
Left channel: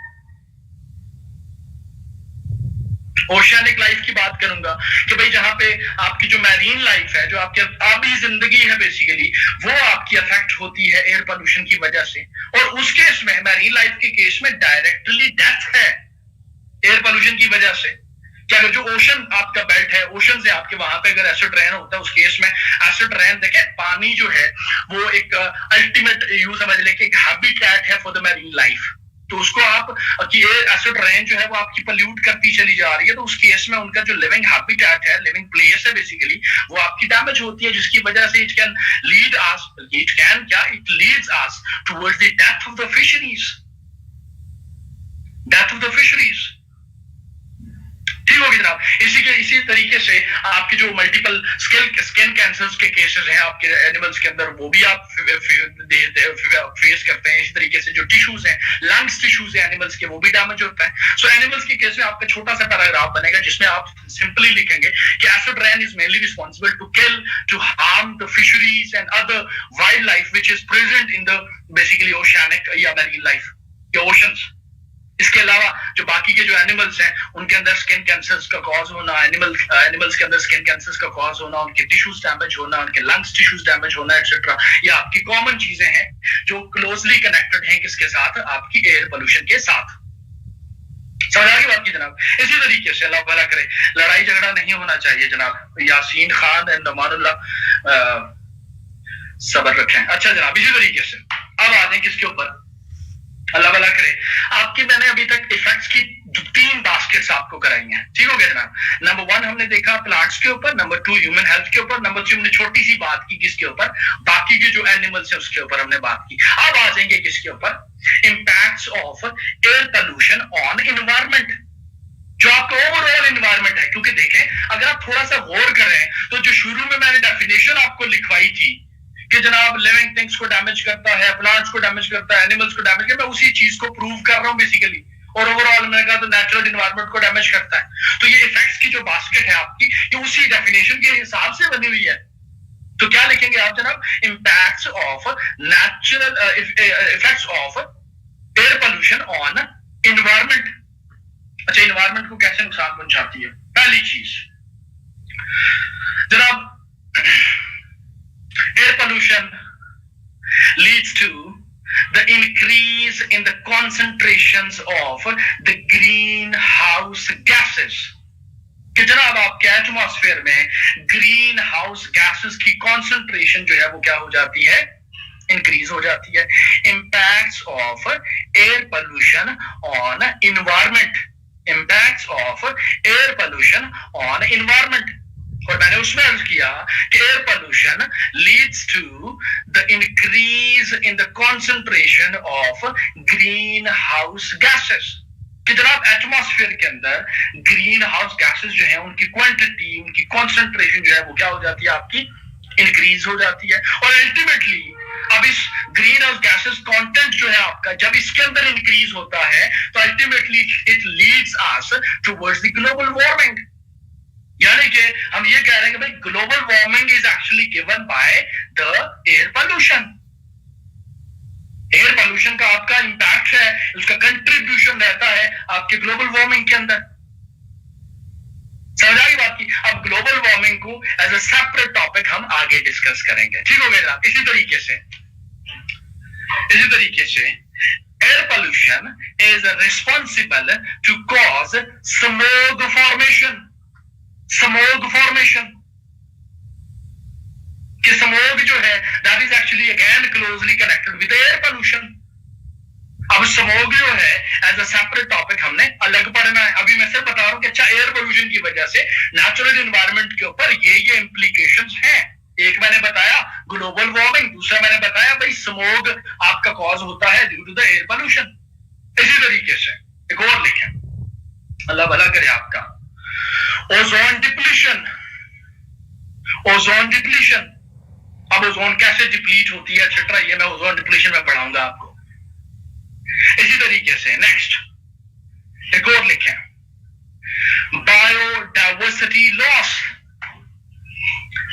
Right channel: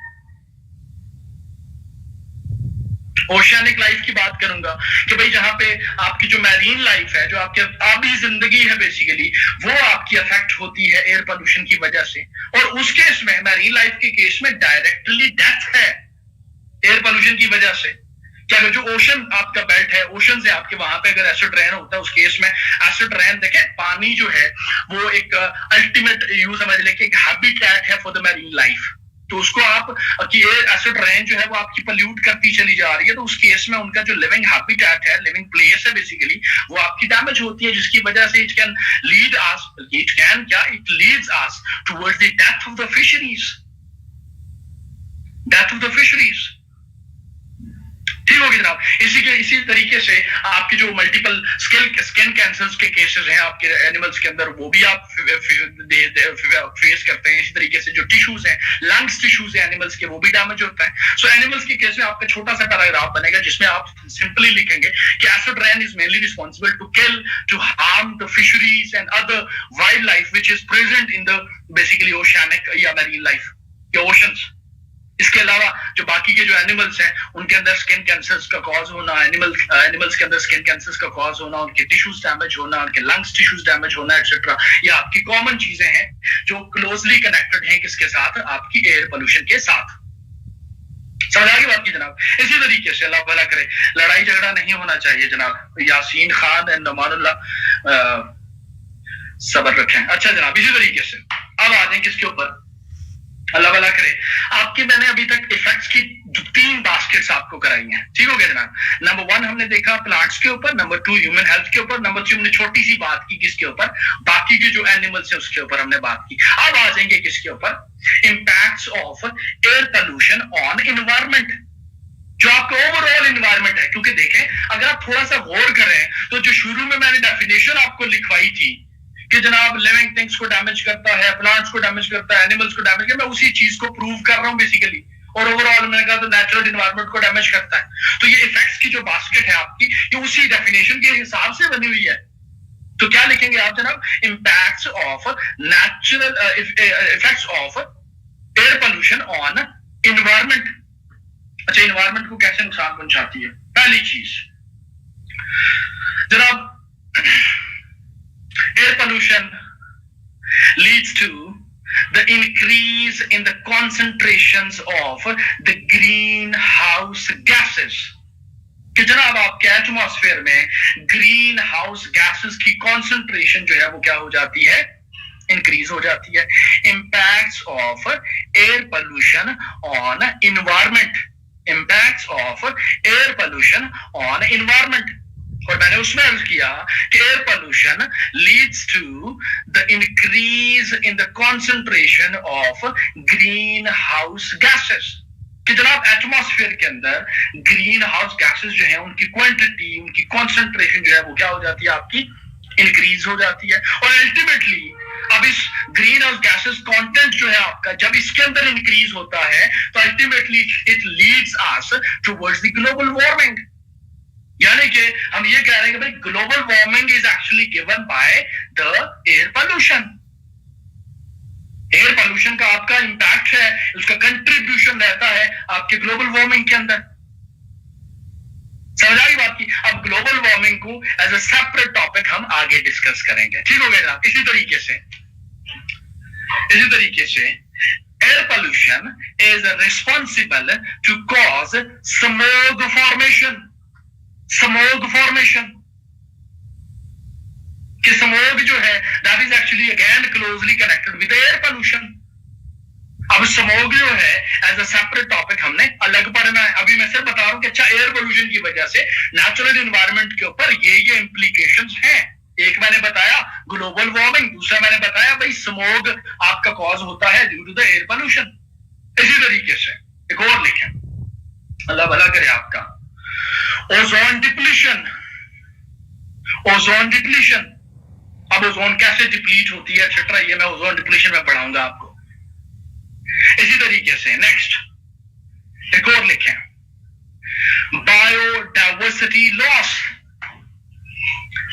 ओशियानिक लाइफ की बात करूंगा कि भाई जहां पे आपकी जो मैरीन लाइफ है, जो आपकी आबी जिंदगी है बेसिकली, वो आपकी अफेक्ट होती है एयर पोल्यूशन की वजह से। और उस केस में, मैरीन लाइफ के केस में डायरेक्टली डेथ है एयर पोल्यूशन की वजह से। क्या अगर जो ओशन आपका बेल्ट है, ओशन से आपके वहां पे अगर एसिड रेन होता है, उस केस में एसिड रेन देखें, पानी जो है वो एक अल्टीमेट यूज समझ लें कि एक हैबिटेट है फॉर द मैरीन लाइफ। तो उसको आप कि एसिड रेन जो है वो आपकी पल्यूट करती चली जा रही है, तो उस केस में उनका जो लिविंग हैबिटेट है, लिविंग प्लेस है बेसिकली, वो आपकी डैमेज होती है, जिसकी वजह से it can lead us, it leads us towards the death of the fisheries. Death of the fisheries, ठीक होगी जनाब? इसी तरीके से आपके जो मल्टीपल स्किन कैंसर्स के केसेस हैं आपके एनिमल्स के अंदर, वो भी आप फेस करते हैं। इसी तरीके से जो टिश्यूज हैं, लंग्स टिश्यूज हैं एनिमल्स के, वो भी डैमेज होता है। सो एनिमल्स के केस में आपका छोटा सा पैराग्राफ बनेगा जिसमें आप सिंपली लिखेंगे कि acid rain is mainly responsible to kill, to harm the fisheries and other wild life which is present in the basically oceanic या मैरीन लाइफ या ओशंस। इसके अलावा जो बाकी के जो एनिमल्स हैं उनके अंदर स्किन कैंसर्स का कॉज होना, एनिमल्स के अंदर स्किन कैंसर्स का कॉज होना, उनके टिश्यूज डैमेज होना, उनके लंग्स टिश्यूज डैमेज होना एटसेट्रा, ये आपकी कॉमन चीजें हैं जो क्लोजली कनेक्टेड हैं किसके साथ, आपकी एयर पोल्यूशन के साथ। समझ आ गई बात की जनाब? इसी तरीके से अल्लाह भला करे, लड़ाई झगड़ा नहीं होना चाहिए जनाब। यासीन खान एंड नमानुल्लाह सब्र रखें। अच्छा जनाब, इसी तरीके से अब आ जाए किसके ऊपर, अल्लाह भला करे। आपकी मैंने अभी तक इफेक्ट्स की 3 बास्केट्स आपको कराई हैं, ठीक हो गया जनाब। नंबर 1 हमने देखा प्लांट्स के ऊपर, नंबर 2 ह्यूमन हेल्थ के ऊपर, नंबर 3 हमने छोटी सी बात की किसके ऊपर, बाकी के जो एनिमल्स हैं उसके ऊपर हमने बात की। अब आ जाएंगे किसके ऊपर, impacts of air pollution on environment, जो आपका ओवरऑल एनवायरमेंट है। क्योंकि देखें अगर आप थोड़ा सा गौर करें तो जो शुरू में मैंने डेफिनेशन आपको लिखवाई थी कि जनाब लिविंग थिंग्स को डैमेज करता है, प्लांट्स को डैमेज करता है, एनिमल्स को डैमेज करता है, मैं उसी चीज को प्रूव कर रहा हूं बेसिकली। और ओवरऑल मैंने कहा तो नेचुरल एनवायरनमेंट को डैमेज करता है। तो ये इफेक्ट्स की जो बास्केट है आपकी, ये उसी डेफिनेशन के हिसाब से बनी हुई है। तो क्या लिखेंगे आप जनाब, impacts of natural effects of air pollution on environment. अच्छा, एनवायरमेंट को कैसे नुकसान पहुंचाती है? पहली चीज जनाब, air pollution leads to the increase in the concentrations of the greenhouse gases, कि जनाब आपके एटमॉस्फेयर में ग्रीन हाउस गैसेस की कॉन्सेंट्रेशन जो है वो क्या हो जाती है, इंक्रीज हो जाती है। Impacts of air pollution on environment, impacts of air pollution on environment. और मैंने उसमें अर्ज किया कि air pollution leads to the increase in the concentration of green house gases, कि जनाब एटमॉस्फेयर के अंदर ग्रीन हाउस गैसेस जो है उनकी क्वांटिटी, उनकी कॉन्सेंट्रेशन जो है वो क्या हो जाती है आपकी, इंक्रीज हो जाती है। और अल्टीमेटली अब इस ग्रीन हाउस गैसेस कंटेंट जो है आपका जब इसके अंदर इंक्रीज होता है तो ultimately it leads us towards the global warming. यानी कि हम ये कह रहे हैं कि भाई global warming is actually given by the air pollution. Air pollution का आपका इंपैक्ट है, उसका कंट्रीब्यूशन रहता है आपके ग्लोबल वार्मिंग के अंदर। समझ आई बात की? अब ग्लोबल वार्मिंग को एज अ सेपरेट टॉपिक हम आगे डिस्कस करेंगे, ठीक हो गया जनाब। इसी तरीके से air pollution is responsible to cause smog formation. Smog formation कि स्मोग जो है that is actually again closely connected with air pollution. अब स्मोग जो है एज अ सेपरेट टॉपिक हमने अलग पढ़ना है। अभी मैं सिर्फ बता रहा हूं कि अच्छा एयर पोल्यूशन की वजह से नेचुरल एनवायरनमेंट के ऊपर ये इंप्लीकेशंस हैं। एक मैंने बताया ग्लोबल वार्मिंग, दूसरा मैंने बताया भाई स्मोग आपका कॉज होता है due to the air pollution. इसी तरीके से एक और लिखें, अल्लाह भला करे आपका, ओजोन डिप्लीशन। ओजोन डिप्लीशन, अब ओजोन कैसे डिप्लीट होती है एक्सेट्रा, ये मैं ओजोन डिप्लीशन में पढ़ाऊंगा आपको। इसी तरीके से नेक्स्ट एक और लिखें, biodiversity loss.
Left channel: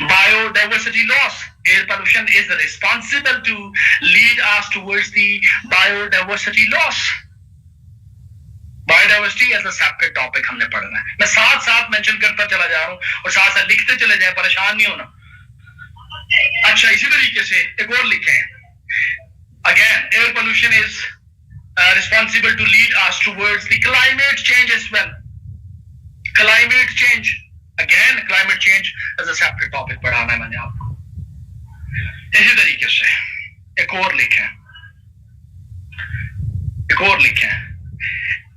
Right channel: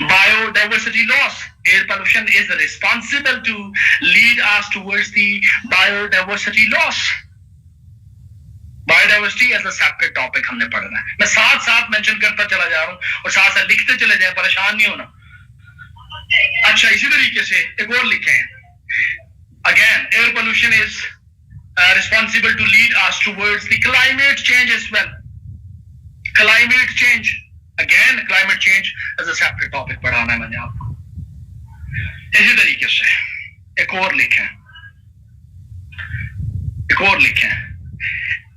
Biodiversity loss, air pollution is responsible to lead us towards the biodiversity loss. Biodiversity as a separate topic हमने पढ़ना है। मैं साथ साथ मेंशन करता चला जा रहा हूं और साथ साथ लिखते चले जाए, परेशान नहीं होना। अच्छा, इसी तरीके से एक और लिखें, again air pollution is responsible to lead us towards the climate change as well. Climate change, again climate change as a separate topic पढ़ाना है मैंने आपको। इसी तरीके से एक और लिखें,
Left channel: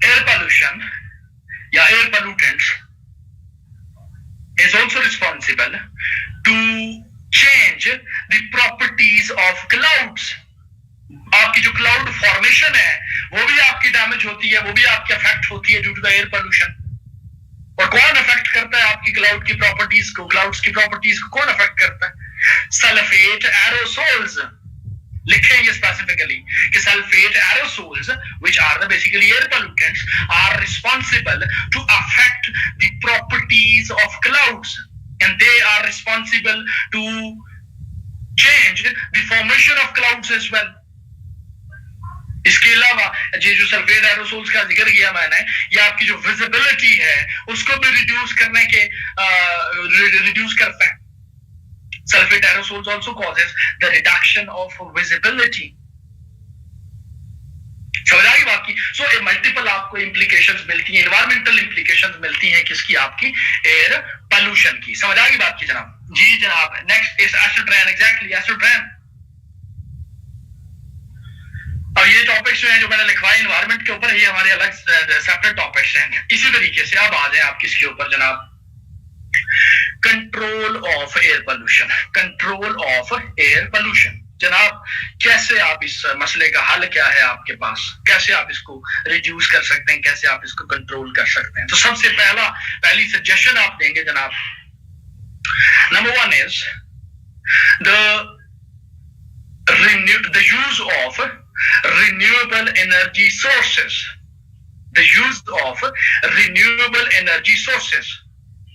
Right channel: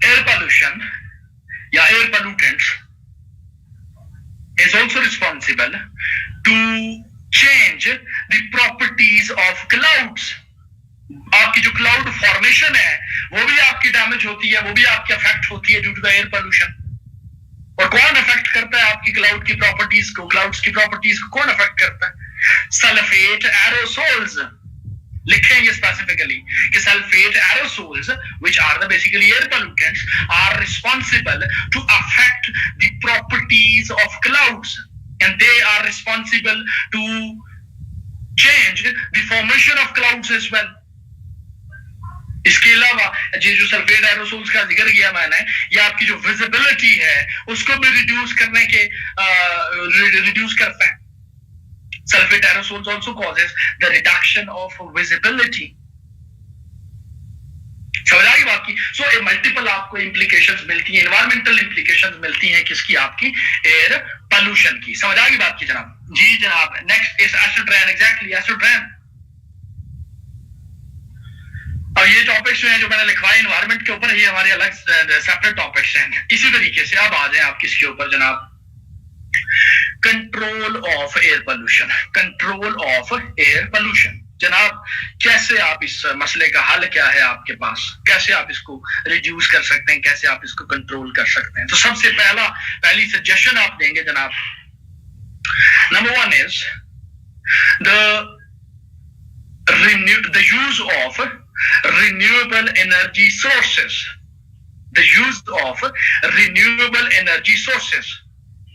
एयर पोल्यूशन या air pollutants is also responsible to change the properties of clouds. आपकी जो क्लाउड फॉर्मेशन है वो भी आपकी डैमेज होती है, वो भी आपकी अफेक्ट होती है due to the air pollution. और कौन अफेक्ट करता है आपकी क्लाउड की प्रॉपर्टीज को? क्लाउड्स की प्रॉपर्टीज को कौन अफेक्ट करता है? Sulphate aerosols. लिखें ये स्पेसिफिकली कि sulphate aerosols which are the basically air pollutants are responsible to affect the properties of clouds and they are responsible to change the formation of clouds as well. इसके अलावा ये जो sulphate aerosols का जिक्र किया मैंने, ये आपकी जो विजिबिलिटी है उसको भी रिड्यूस करता है। Sulphate aerosols also causes the reduction of visibility. समझ आई बात की? सो मल्टीपल आपको इंप्लीकेशंस मिलती हैं, एनवायरमेंटल इंप्लीकेशंस मिलती हैं किसकी? आपकी एयर पोल्यूशन की। समझ आई बात की जनाब? जी जनाब। Next is acid rain. Exactly, acid rain. और ये टॉपिक्स जो है जो मैंने लिखवाए एनवायरमेंट के ऊपर, ये हमारे अलग सेपरेट टॉपिक्स हैं। इसी तरीके से अब आ जाए आप किसके ऊपर जनाब, control of air pollution. Control of air pollution जनाब, कैसे आप इस मसले का हल क्या है आपके पास, कैसे आप इसको रिड्यूस कर सकते हैं, कैसे आप इसको कंट्रोल कर सकते हैं। तो सबसे पहली सजेशन आप देंगे जनाब, number 1 is the use of renewable energy sources, the use of renewable energy sources,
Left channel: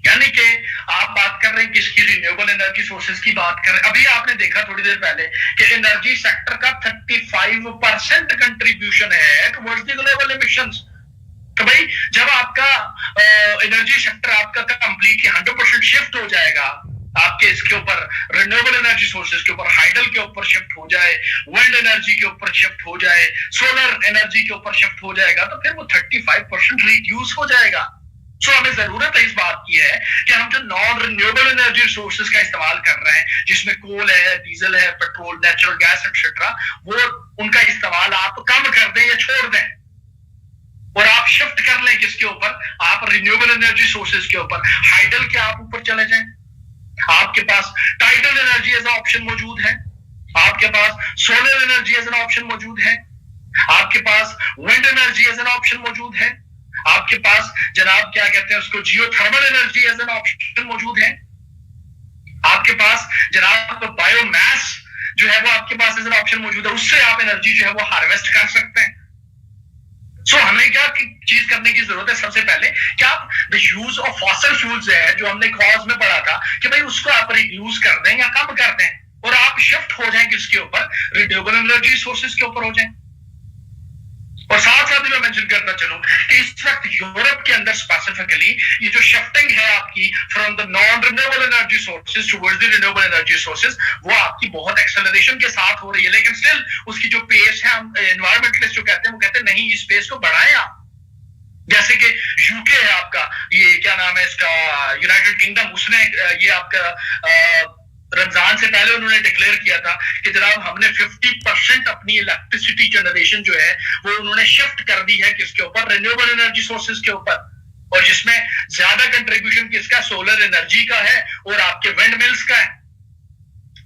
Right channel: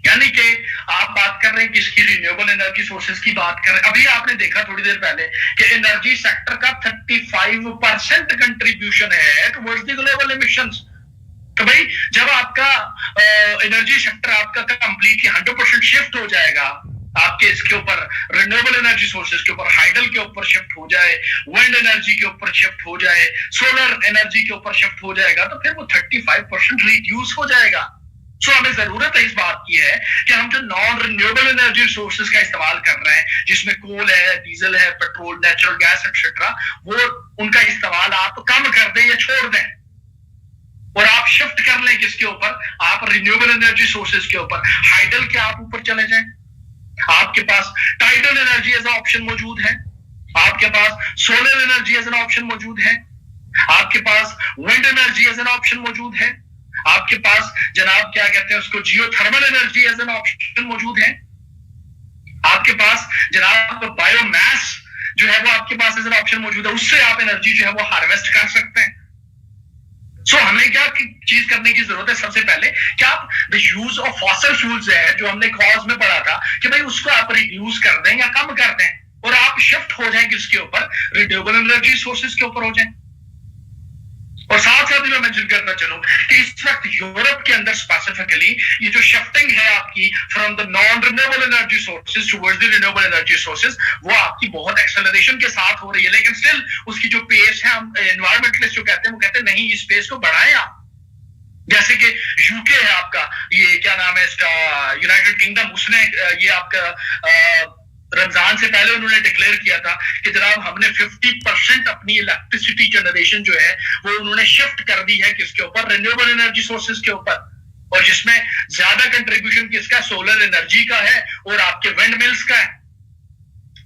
यानी कि आप बात कर रहे हैं किसकी, रिन्यूएबल एनर्जी सोर्सेज की बात कर रहे हैं। अभी आपने देखा थोड़ी देर पहले कि एनर्जी सेक्टर का 35% कंट्रीब्यूशन है टुवर्ड्स द ग्लोबल एमिशंस। तो भाई जब आपका एनर्जी सेक्टर आपका कंप्लीटली 100% शिफ्ट हो जाएगा, आपके इसके ऊपर रिन्यूएबल एनर्जी सोर्सेज के ऊपर, हाइडल के ऊपर शिफ्ट हो जाए, विंड एनर्जी के ऊपर शिफ्ट हो जाए, सोलर एनर्जी के ऊपर शिफ्ट हो जाएगा, तो फिर वो 35% रिड्यूस हो जाएगा। सो हमें जरूरत है इस बात की है कि हम जो नॉन रिन्यूएबल एनर्जी सोर्सेज का इस्तेमाल कर रहे हैं, जिसमें कोल है, डीजल है, पेट्रोल, नेचुरल गैस एक्सेट्रा, वो उनका इस्तेमाल आप कम कर दें या छोड़ दें और आप शिफ्ट कर लें किसके ऊपर, आप रिन्यूएबल एनर्जी सोर्सेज के ऊपर। हाइडल के आप ऊपर चले जाएं, आपके पास tidal energy as an option मौजूद है, आपके पास solar energy as an option मौजूद है, आपके पास wind energy as an option मौजूद है, आपके पास जनाब क्या कहते हैं उसको, geothermal energy as an option मौजूद है, आपके पास जनाब बायोमास जो है वो आपके पास एज एन ऑप्शन मौजूद है, उससे आप एनर्जी जो है वो हार्वेस्ट कर सकते हैं। सो हमें क्या चीज करने की जरूरत है, सबसे पहले कि आप the use of fossil fuels है जो हमने कॉज में पढ़ा था कि भाई उसको आप रिड्यूस कर दें या कम कर दें और आप शिफ्ट हो जाएं किसके ऊपर, रिन्यूएबल एनर्जी सोर्सेज के ऊपर हो जाएं। और साथ साथ मैं मेंशन करना चलूं कि इस वक्त यूरोप के अंदर स्पेसिफिकली ये जो शिफ्टिंग है आपकी from the non renewable energy sources towards the renewable energy sources, वो आपकी बहुत एक्सेलरेशन के साथ हो रही है, लेकिन स्टिल उसकी जो पेस है, हम एनवायरमेंटलिस्ट जो कहते हैं वो कहते हैं नहीं, इस पेस को बढ़ाएं आप। जैसे कि यूके है आपका, ये क्या नाम है इसका, यूनाइटेड किंगडम, उसने ये आपका रमजान से पहले उन्होंने डिक्लेयर किया था कि जनाब हमने 50% अपनी इलेक्ट्रिसिटी जनरेशन जो है वो उन्होंने शिफ्ट कर दी है किसके ऊपर, रिन्यूएबल एनर्जी सोर्सेज के ऊपर, और जिसमें ज्यादा कंट्रीब्यूशन किसका, सोलर एनर्जी का है और आपके विंड मिल्स का है।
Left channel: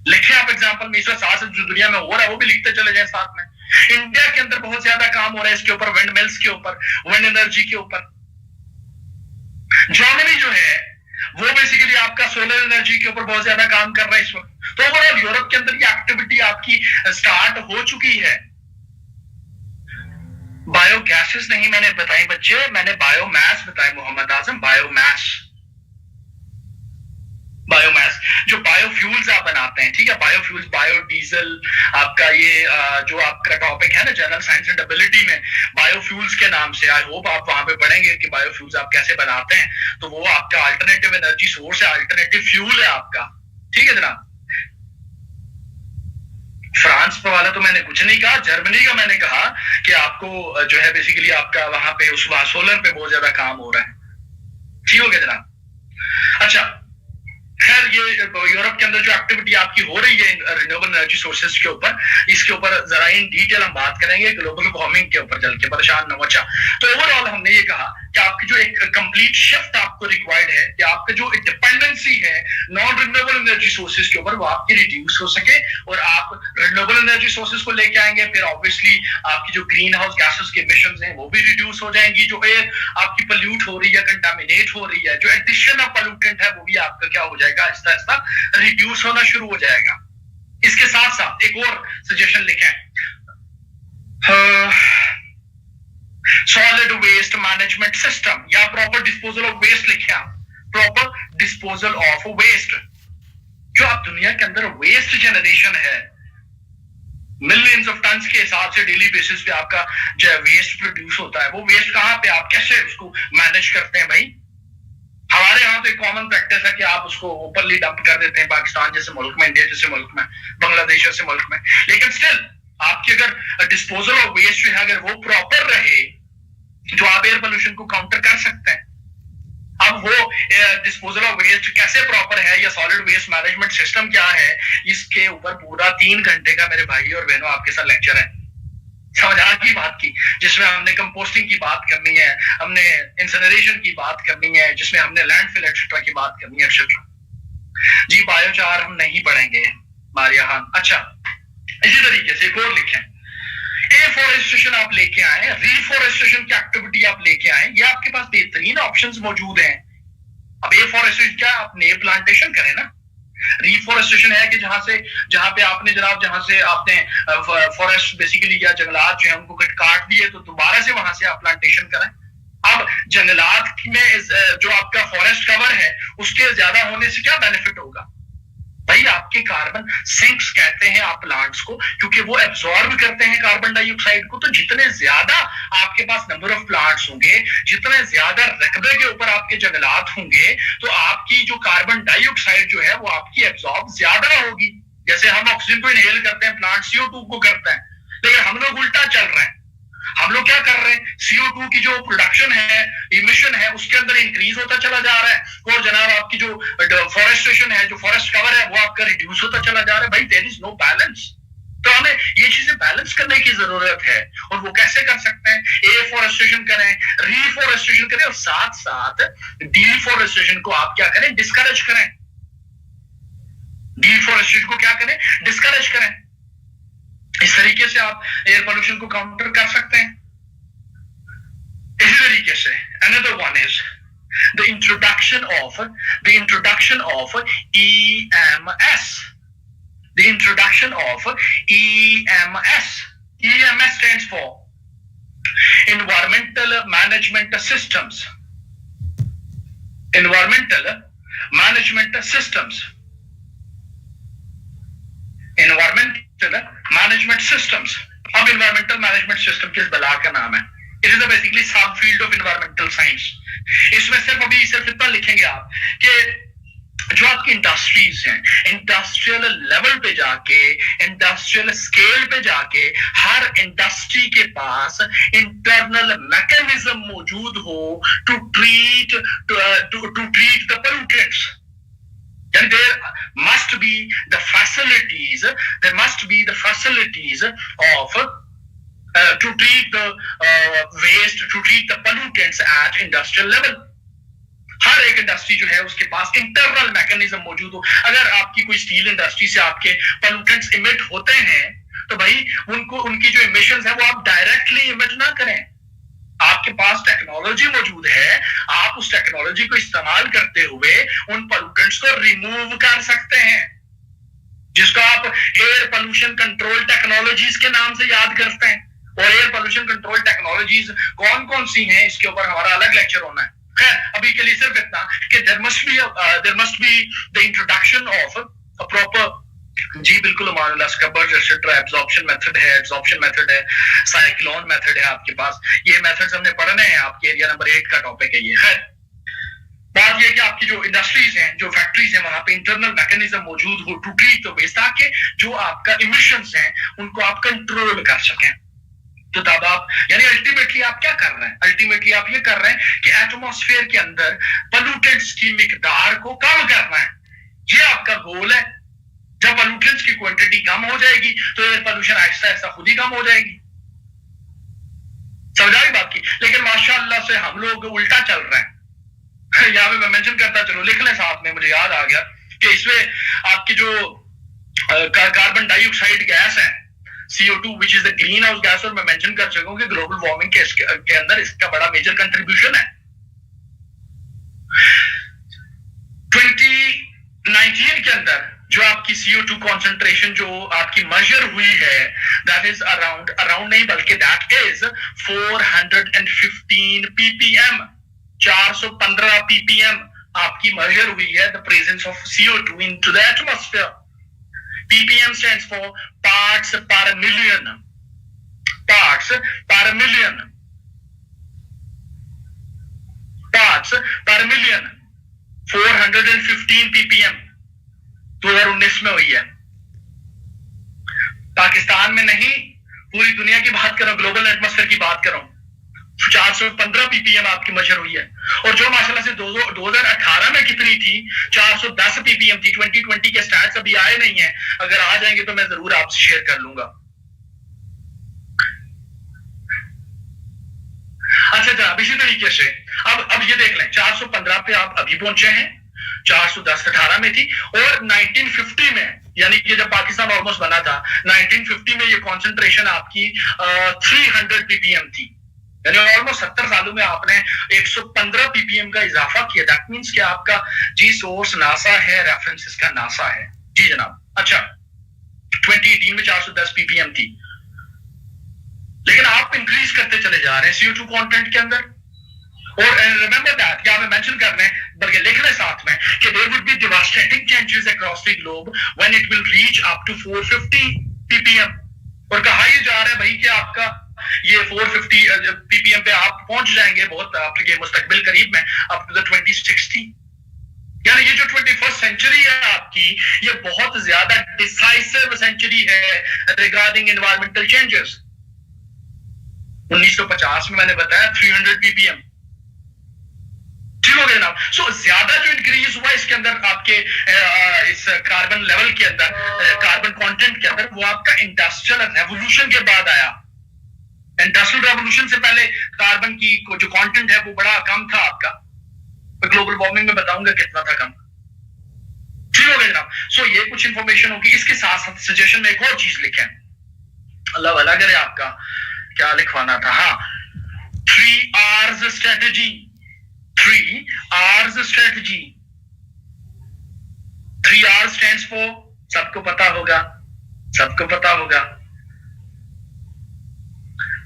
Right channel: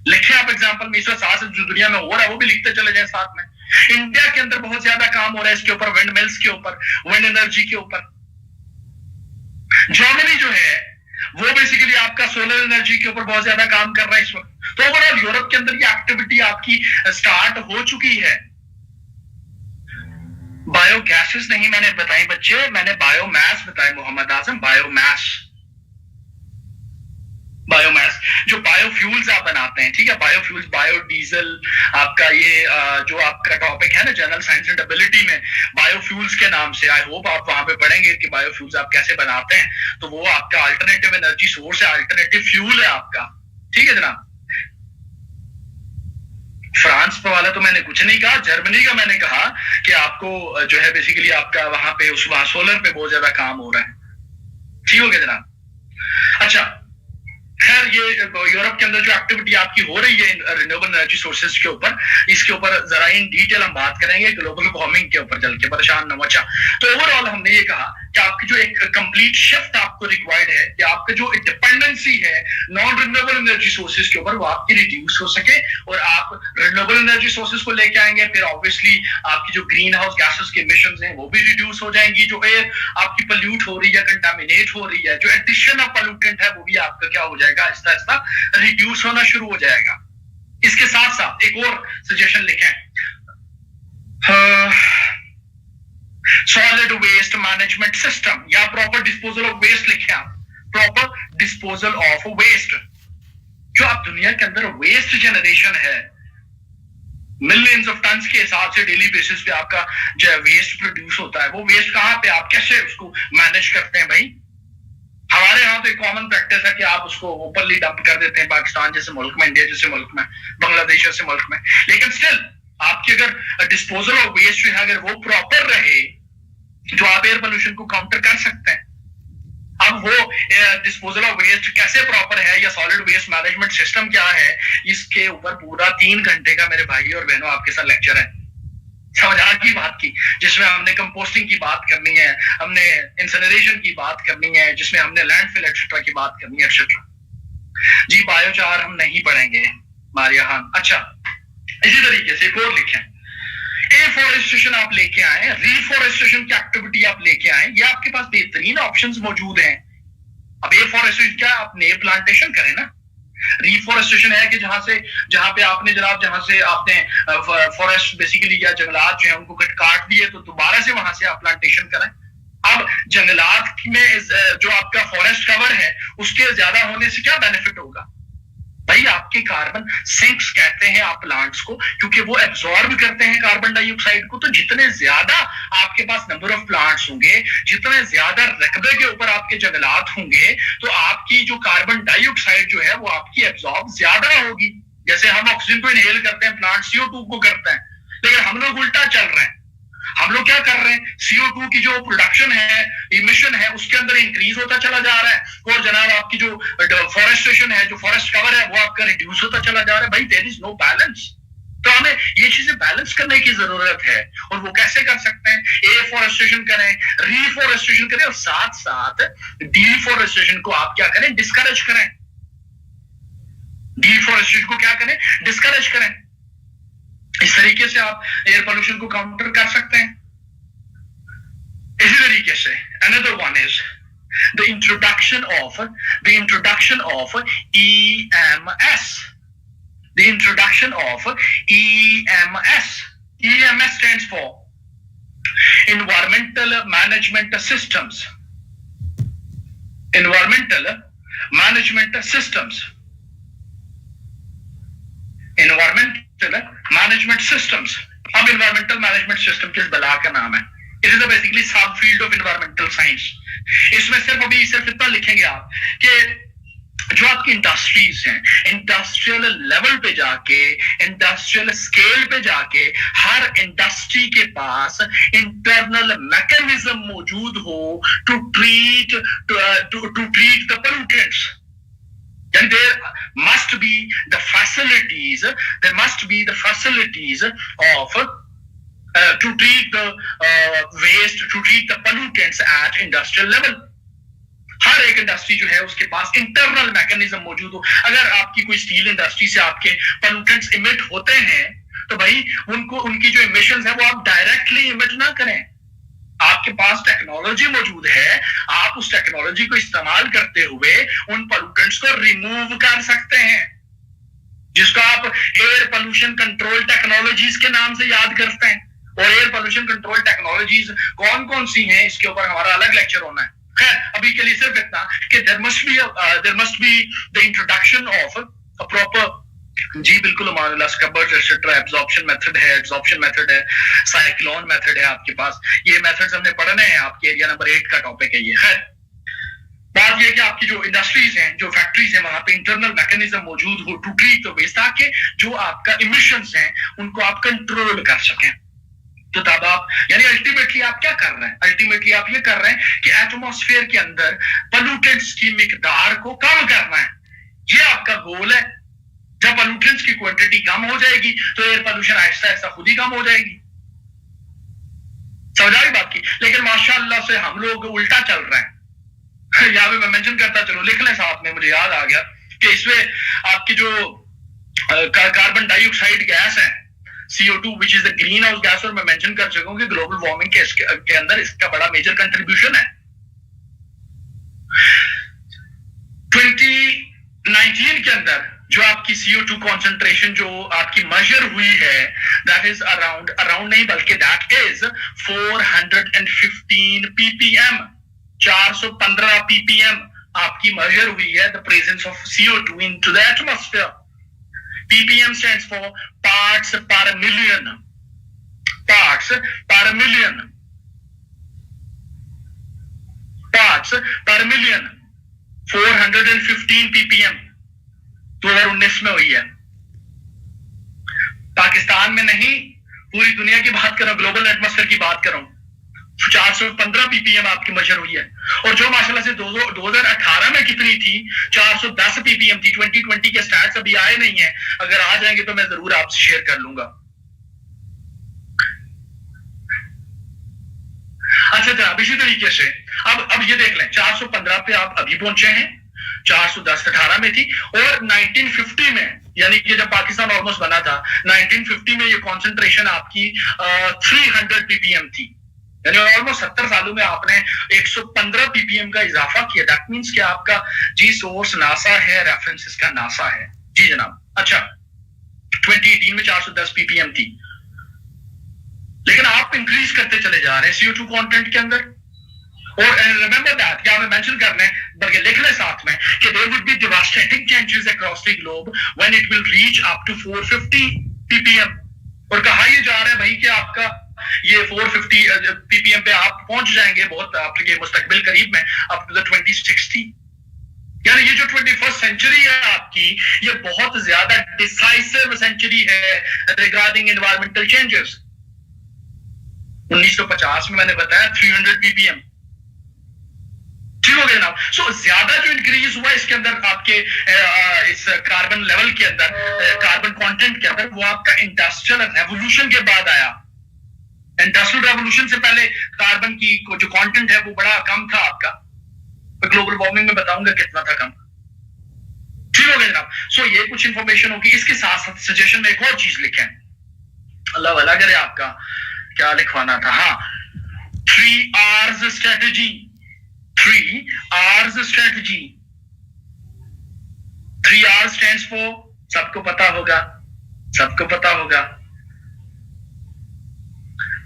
लिखे आप एग्जांपल में, इस साथ जो दुनिया में हो रहा है वो भी लिखते चले जाए साथ में। इंडिया के अंदर बहुत ज्यादा काम हो रहा है इसके ऊपर, विंड मिल्स के ऊपर, विंड एनर्जी के ऊपर। जर्मनी जो है वो बेसिकली आपका सोलर एनर्जी के ऊपर बहुत ज्यादा काम कर रहा है इस वक्त। तो ओवरऑल यूरोप के अंदर ये एक्टिविटी आपकी स्टार्ट हो चुकी है। बायोगैसेस नहीं मैंने बताई बच्चे, मैंने बायोमास बताया मोहम्मद आजम, बायोमास। बायोमास जो बायोफ्यूल्स आप बनाते हैं, ठीक है, बायोफ्यूल्स, बायोडीजल, आपका ये जो आपका टॉपिक है ना जनरल साइंस एंड एबिलिटी में, बायोफ्यूल्स के नाम से, आई होप आप वहां पे पढ़ेंगे कि बायोफ्यूल्स आप कैसे बनाते हैं। तो वो आपका अल्टरनेटिव एनर्जी सोर्स है, अल्टरनेटिव फ्यूल है आपका, ठीक है जनाब। फ्रांस वाला तो मैंने कुछ नहीं कहा, जर्मनी का मैंने कहा कि आपको जो है बेसिकली आपका वहां पे उस सोलर पे बहुत ज्यादा काम हो रहा है, ठीक हो गया जनाब। अच्छा, खैर ये यूरोप के अंदर जो एक्टिविटी आपकी हो रही है रिन्यूएबल एनर्जी सोर्सेज के ऊपर, इसके ऊपर जरा इन डिटेल हम बात करेंगे, ग्लोबल वार्मिंग के ऊपर चल के परेशान न मचा। तो ओवरऑल हमने ये कहा कि आपकी जो एक कंप्लीट शिफ्ट आपको रिक्वायर्ड है कि आपका जो डिपेंडेंसी है नॉन रिन्यूएबल एनर्जी सोर्सेज के ऊपर वो आपकी रिड्यूस हो सके और आप रिन्यूएबल एनर्जी सोर्सेज को लेके आएंगे, फिर ऑब्वियसली आपकी जो ग्रीन हाउस गैसेस के इमिशंस हैं वो भी रिड्यूस हो जाएंगी, जो एयर आपकी पोल्यूट हो रही है, कंटामिनेट हो रही है, जो एडिशन ऑफ पोल्यूटेंट है वो भी आपका क्या हो जाएगा, आहिस्ता आहिस्ता रिड्यूस होना शुरू हो जाएगा। इसके साथ साथ एक और सजेशन लिखें, सॉलिड वेस्ट मैनेजमेंट सिस्टम या प्रॉपर डिस्पोजल ऑफ वेस्ट लिखें आप, प्रॉपर डिस्पोजल ऑफ वेस्ट। जो आप दुनिया के अंदर वेस्ट जनरेशन है, मिलियंस ऑफ टन्स के हिसाब से डेली बेसिस पे आपका जो वेस्ट प्रोड्यूस होता है, वो वेस्ट कहां पे, आप कैसे उसको मैनेज करते हैं भाई। हमारे यहाँ तो एक कॉमन प्रैक्टिस है कि आप उसको ओपनली डंप कर देते हैं पाकिस्तान जैसे मुल्क में, इंडिया जैसे मुल्क में, बांग्लादेश जैसे मुल्क में, लेकिन स्टिल आपकी अगर डिस्पोजल ऑफ वेस्ट जो है अगर वो प्रॉपर रहे जो आप एयर पोल्यूशन को काउंटर कर सकते हैं। अब वो डिस्पोजल ऑफ वेस्ट कैसे प्रॉपर है या सॉलिड वेस्ट मैनेजमेंट सिस्टम क्या है, इसके ऊपर पूरा 3 घंटे का मेरे भाई और बहनों आपके साथ लेक्चर है। समझा की बात की, जिसमें हमने कंपोस्टिंग की बात करनी है, हमने इंसिनरेशन की बात करनी है, जिसमें हमने लैंडफिल एक्सेट्रा की बात करनी है एक्सेट्रा। जी बायोचार हम नहीं पढ़ेंगे मारिया खान। अच्छा, इसी तरीके से एक और लिखें, एफोरेस्टेशन आप लेके आए, रिफोरेस्टेशन की एक्टिविटी आप लेके आए, ये आपके पास बेहतरीन ऑप्शंस मौजूद हैं। अब एफोरेस्टेशन क्या, आप नए प्लांटेशन करें ना। रिफोरेस्टेशन है कि जहां पे आपने जनाब, जहां से आपने फॉरेस्ट बेसिकली या जंगलात जो है उनको काट दिए, तो दोबारा से वहां से आप प्लांटेशन करें। अब जंगलात में जो आपका फॉरेस्ट कवर है उसके ज्यादा होने से क्या बेनिफिट होगा भाई, आपके कार्बन सिंक्स कहते हैं आप प्लांट्स को, क्योंकि वो एब्जॉर्ब करते हैं कार्बन डाइऑक्साइड को। तो जितने ज्यादा आपके पास नंबर ऑफ प्लांट्स होंगे, जितने ज्यादा रकबे के ऊपर आपके जंगलात होंगे, तो आपकी जो कार्बन डाइऑक्साइड जो है वो आपकी एब्जॉर्ब ज्यादा होगी। जैसे हम ऑक्सीजन को इनहेल करते हैं, प्लांट CO2 को करते हैं, लेकिन हम लोग उल्टा चल रहे हैं। हम लोग क्या कर रहे हैं, CO2 की जो प्रोडक्शन है, इमिशन है, उसके अंदर इंक्रीज होता चला जा रहा है, और जनाब आपकी जो फॉरेस्टेशन है, जो फॉरेस्ट कवर है, वो आपका रिड्यूस होता चला जा रहा है। भाई देयर इज नो बैलेंस। तो हमें ये चीजें बैलेंस करने की जरूरत है, और वो कैसे कर सकते हैं, एफोरेस्टेशन करें, रिफोरेस्टेशन करें, और साथ साथ डिफोरेस्टेशन को आप क्या करें, डिस्करेज करें। डिफोरेस्टेशन को क्या करें, डिस्करेज करें। इस तरीके से आप एयर पोल्यूशन को काउंटर कर सकते हैं। इसी तरीके से another one is the introduction of EMS। The introduction of EMS। EMS stands for Environmental Management Systems। Environmental Management Systems। Environmental Management Systems। अब environmental management system किस बला का नाम है? It is a basically sub field of environmental science। इसमें सिर्फ इतना लिखेंगे आप कि जो आपकी इंडस्ट्रीज हैं, इंडस्ट्रियल लेवल पे जाके, इंडस्ट्रियल स्केल पे जाके, हर इंडस्ट्री के पास इंटरनल मैकेनिज्म मौजूद हो to treat the pollutants. And there must be the facilities of to treat the waste, to treat the pollutants at industrial level। हर एक इंडस्ट्री जो है उसके पास इंटरनल मैकेनिज्म मौजूद हो। अगर आपकी कोई स्टील इंडस्ट्री से आपके पोल्यूटेंट्स इमिट होते हैं, तो भाई उनकी जो इमिशंस है वो आप डायरेक्टली इमिट ना करें। आपके पास टेक्नोलॉजी मौजूद है, आप उस टेक्नोलॉजी को इस्तेमाल करते हुए उन पोल्यूटेंट्स को रिमूव कर सकते हैं, जिसको आप एयर पोल्यूशन कंट्रोल टेक्नोलॉजीज के नाम से याद करते हैं। और एयर पोल्यूशन कंट्रोल टेक्नोलॉजीज कौन कौन सी हैं, इसके ऊपर हमारा अलग लेक्चर होना है। खैर अभी के लिए सिर्फ इतना कि there must be the introduction of a proper, जी बिल्कुल मानुल्लाह, स्क्रबर्स एक्सेट्रा, एब्जॉर्प्शन मेथड है, साइक्लोन मेथड है आपके पास। ये मेथड्स हमने पढ़ने हैं, आपके एरिया नंबर 8 का टॉपिक है ये। खैर बात ये कि आपकी जो इंडस्ट्रीज हैं, जो फैक्ट्रीज हैं, वहां पे इंटरनल मैकेनिज्म मौजूद हो टू ट्रीट द वेस्ट, ताकि जो आपका इमिशंस हैं उनको आप कंट्रोल कर सकें। तो तब आप यानी अल्टीमेटली आप क्या कर रहे हैं, अल्टीमेटली आप ये कर रहे हैं कि एटमॉस्फेयर के अंदर पोल्यूटेंट्स की मिकदार को कम करना है। ये आपका गोल है। जब पोल्यूटेंट्स की क्वांटिटी कम हो जाएगी तो एयर पोल्यूशन आहिस्ता आहिस्ता खुद ही कम हो जाएगी। समझाई बात की। लेकिन माशाअल्लाह से हम लोग उल्टा चल रहे हैं। यहाँ पे मैं मेंशन करता चलो, लिख लें साथ में, मुझे याद आ गया कि इसमें आपकी जो कार्बन डाइऑक्साइड गैस है CO2 which is the green house gas, और मैं मेंशन कर सकूं कि ग्लोबल वार्मिंग के अंदर इसका बड़ा मेजर कंट्रीब्यूशन है। 2019 के अंदर जो आपकी CO2 कॉन्सेंट्रेशन जो आपकी मेजर हुई है, दैट इज अराउंड नहीं बल्कि दैट इज 415 ppm, 415 ppm आपकी मेजर हुई है the presence of CO2 into the atmosphere. ppm stands for parts per million। parts per million 415 ppm 2019 में हुई है। पाकिस्तान में नहीं, पूरी दुनिया की बात कर रहा हूं, ग्लोबल एटमॉस्फेयर की बात कर रहा हूं। 415 ppm आपकी मेजर हुई है, और जो माशाल्लाह से 2018 में कितनी थी, 410 ppm थी। 2020 के स्टैट्स अभी आए नहीं है, अगर आ जाएंगे तो मैं जरूर आपसे शेयर कर लूंगा। अच्छा जनाब, इसी तरीके से अब ये देख लें, 415 पे आप अभी पहुंचे हैं, 410-18 में थी, और 1950 में, यानी कि जब पाकिस्तान ऑलमोस्ट बना था 1950 में, ये कॉन्सेंट्रेशन आपकी 300 पीपीएम थी, यानी ऑलमोस्ट 70 सालों में आपने 115 पीपीएम का इजाफा किया। दैट मींस कि आपका जी सोर्स नासा है, रेफरेंसेस का नासा है। जी जनाब। अच्छा, 2018 में 410 पीपीएम थी, लेकिन आप इंक्रीज करते चले जा रहे हैं CO2 कंटेंट के अंदर। और रिमेंबर दैट, क्या हमें मेंशन करना है, बल्कि लिख रहे साथ में कि there would be devastating changes across the globe when it will reach up to 450 PPM. और कहा यह जा रहा है भाई कि आपका ये 450 पीपीएम पे आप पहुंच जाएंगे बहुत आपके मुस्तकबिल करीब में, अप टू द 2060। यानी ये जो 21st सेंचुरी है आपकी, ये बहुत ज्यादा डिसाइसिव सेंचुरी है रिगार्डिंग एनवायरमेंटल चेंजेस। 1950 में मैंने बताया 300 पीपीएम, ठीक हो गया ना। सो ज्यादा जो इंक्रीज हुआ इसके अंदर आपके इस कार्बन लेवल के अंदर, कार्बन कंटेंट के अंदर, वो आपका इंडस्ट्रियल रेवोल्यूशन के बाद आया। इंडस्ट्रियल रेवोल्यूशन से पहले कार्बन की जो कंटेंट है वो बड़ा कम था आपका, मैं ग्लोबल वार्मिंग में बताऊंगा कितना था कम, ठीक हो गया जनाब। सो ये कुछ इंफॉर्मेशन होगी। इसके साथ साथ सजेशन में एक और चीज लिखें, अल्लाह भला करे, आपका क्या लिखवाना था, हाँ, 3 R's strategy. 3 R's strategy. 3 R stands for, सबको पता होगा, सबको पता होगा।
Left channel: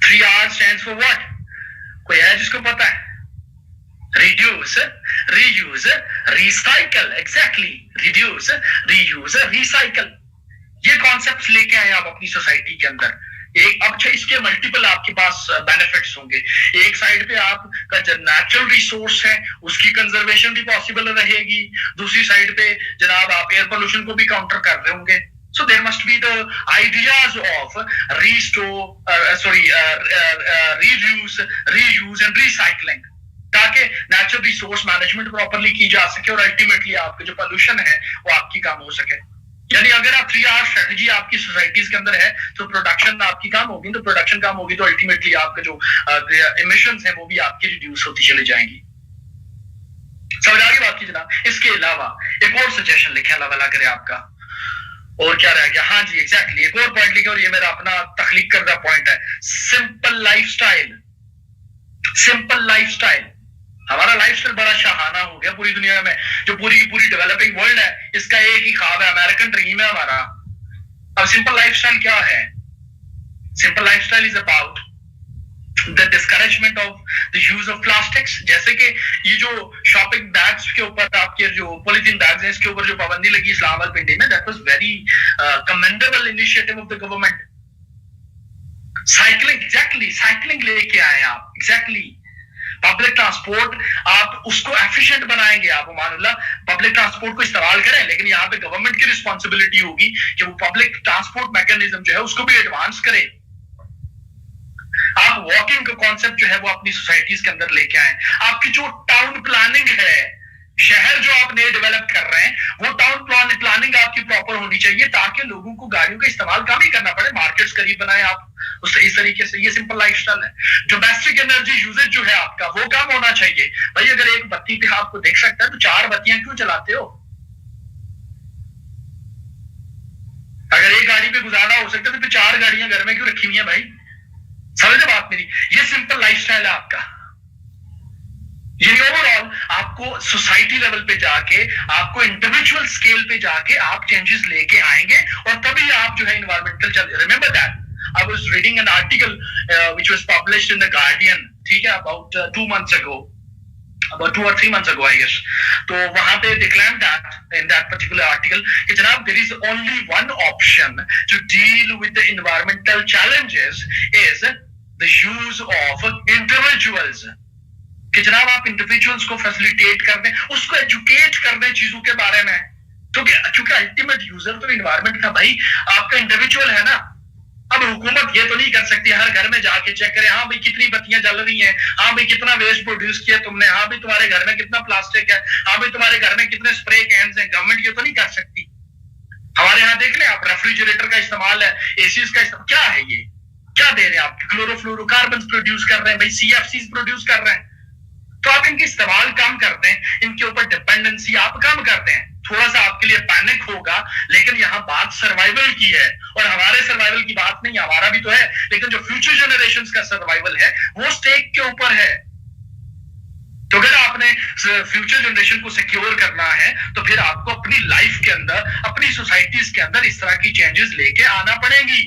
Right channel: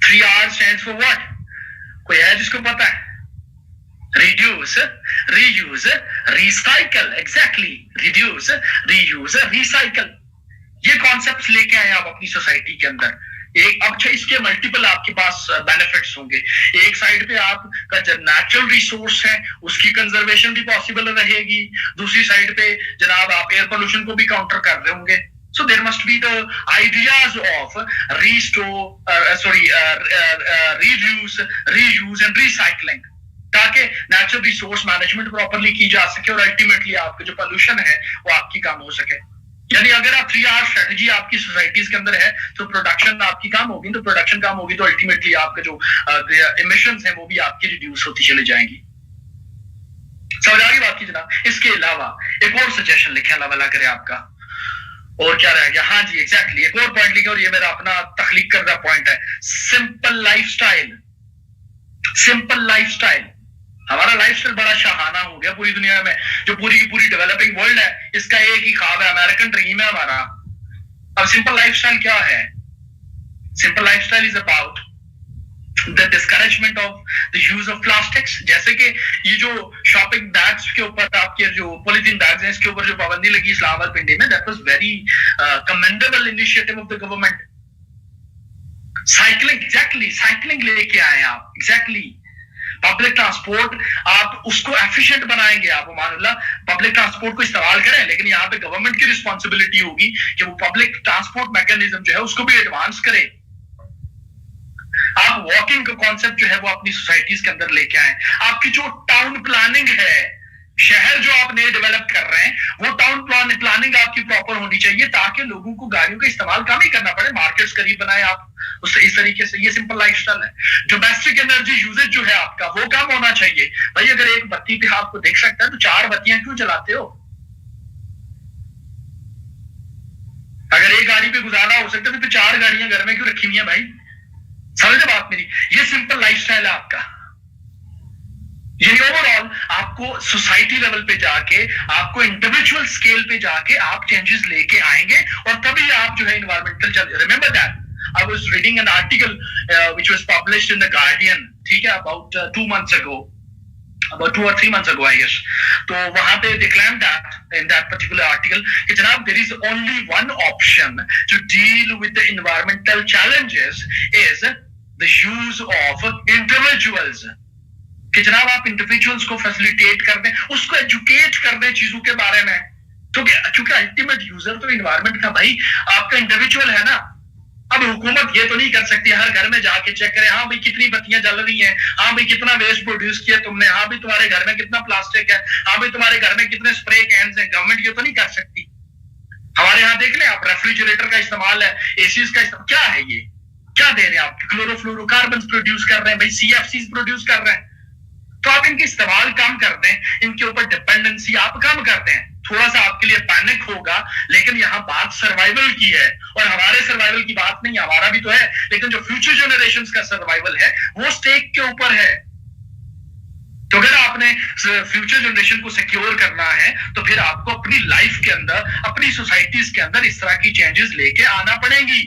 3 R स्टैंड्स फॉर व्हाट? कोई है जिसको पता है? Reduce, reuse, recycle. Exactly, reduce, reuse, recycle. ये कॉन्सेप्ट्स लेके आए आप अपनी सोसाइटी के अंदर। एक अच्छा, इसके मल्टीपल आपके पास बेनिफिट्स होंगे। एक साइड पे आपका जो नेचुरल रिसोर्स है उसकी कंजर्वेशन भी पॉसिबल रहेगी, दूसरी साइड पे जनाब आप एयर पोल्यूशन को भी काउंटर कर रहे होंगे। So there must be the ideas of reduce, reuse and recycling, ताकि नेचुरल रिसोर्स मैनेजमेंट प्रॉपरली की जा सके और अल्टीमेटली आपका जो पोल्यूशन है वो आपकी कम हो सके। यानी अगर आप 3 R स्ट्रेटजी आपकी सोसाइटीज के अंदर है तो प्रोडक्शन आपकी कम होगी, तो प्रोडक्शन कम होगी तो अल्टीमेटली आपका जो इमिशंस है वो भी आपकी रिड्यूस होती चली जाएंगी। समझ आ गई बात की जनाब। इसके अलावा एक और सजेशन लिखे, अल्लाह भला करे आपका, और क्या रह गया, हाँ जी एग्जैक्टली, एक और पॉइंट लिखे, और ये मेरा अपना तख्लीक करदा पॉइंट है, सिंपल लाइफस्टाइल। सिंपल लाइफस्टाइल, हमारा लाइफस्टाइल बड़ा शाहाना हो गया पूरी दुनिया में। जो पूरी डेवलपिंग वर्ल्ड है इसका एक ही ख्वाब है, अमेरिकन ड्रीम है हमारा। अब सिंपल लाइफस्टाइल क्या है? Simple lifestyle is about the discouragement of the use of plastics. जैसे कि ये जो शॉपिंग बैग्स के ऊपर आपके जो पॉलीथीन बैग्स हैं इसके ऊपर जो पाबंदी लगी इस्लामाबाद पिंडी में, that was very commendable initiative of the government. Cycling, exactly, cycling लेके आए आप, एग्जैक्टली। पब्लिक ट्रांसपोर्ट आप उसको एफिशिएंट बनाएंगे, आप मानुल्लाह पब्लिक ट्रांसपोर्ट को इस्तेमाल करें, लेकिन यहाँ पे गवर्नमेंट की रिस्पॉन्सिबिलिटी होगी कि वो पब्लिक ट्रांसपोर्ट मैकेनिज्म जो है उसको भी एडवांस करे। आप वॉकिंग का कॉन्सेप्ट जो है वो अपनी सोसाइटीज के अंदर लेके आए। आपकी जो टाउन प्लानिंग है, शहर जो आप नए डेवलप कर रहे हैं, वो टाउन प्लानिंग आपकी प्रॉपर होनी चाहिए ताकि लोगों को गाड़ियों का इस्तेमाल कम ही करना पड़े, मार्केट्स करीब बनाए आप उससे। इस तरीके से ये सिंपल लाइफस्टाइल है। डोमेस्टिक एनर्जी यूजेज जो है आपका वो कम होना चाहिए। भाई अगर एक बत्ती पे आपको देख सकता है तो 4 बत्तियां क्यों चलाते हो? अगर एक गाड़ी पे गुजारा हो सकता है तो फिर 4 गाड़ियां घर में क्यों रखी हुई हैं भाई? समझे बात मेरी? ये सिंपल लाइफस्टाइल है आपका। ये ओवरऑल आपको सोसाइटी लेवल पे जाके, आपको इंडिविजुअल स्केल पे जाके आप चेंजेस लेके आएंगे और तभी आप जो है इन्वायरमेंटल चल। Remember that I was reading an article which was published in the Guardian, ठीक है, about 2 months ago, about 2 or 3 months ago I guess. तो वहां पे they claimed that in that particular article कि जनाब there is only one option to deal with the environmental challenges is the use of individuals। कि जनाब आप individuals को facilitate कर दें, उसको एजुकेट कर दें चीजों के बारे में। तो क्योंकि अल्टीमेट यूजर तो इन्वायरमेंट का भाई आपका इंडिविजुअल है ना। अब हुकूमत ये तो नहीं कर सकती हर घर में जाके चेक करे, हाँ भाई कितनी बत्तियां जल रही हैं, हाँ भाई कितना वेस्ट प्रोड्यूस किया तुमने, हाँ भाई तुम्हारे घर में कितना प्लास्टिक है, हाँ भाई तुम्हारे घर में कितने स्प्रे कैन्स हैं। गवर्नमेंट ये तो नहीं कर सकती। हमारे यहाँ देख लें आप, रेफ्रिजरेटर का इस्तेमाल है, एसीज का इस्तेमाल, क्या है ये, क्या क्या दे रहे हैं आप? क्लोरोफ्लोरोकार्बन प्रोड्यूस कर रहे हैं भाई, CFCs प्रोड्यूस कर रहे हैं। तो आप इनके इस्तेमाल कम कर दें, इनके ऊपर डिपेंडेंसी आप कम कर दें। थोड़ा सा आपके लिए पैनिक होगा, लेकिन यहाँ बात सर्वाइवल की है, और हमारे सर्वाइवल की बात नहीं, हमारा भी तो है, लेकिन जो फ्यूचर जनरेशंस का सर्वाइवल है वो स्टेक के ऊपर है। तो अगर आपने फ्यूचर जनरेशन को सिक्योर करना है तो फिर आपको अपनी लाइफ के अंदर, अपनी सोसाइटीज के अंदर इस तरह की चेंजेस लेके आना पड़ेगी।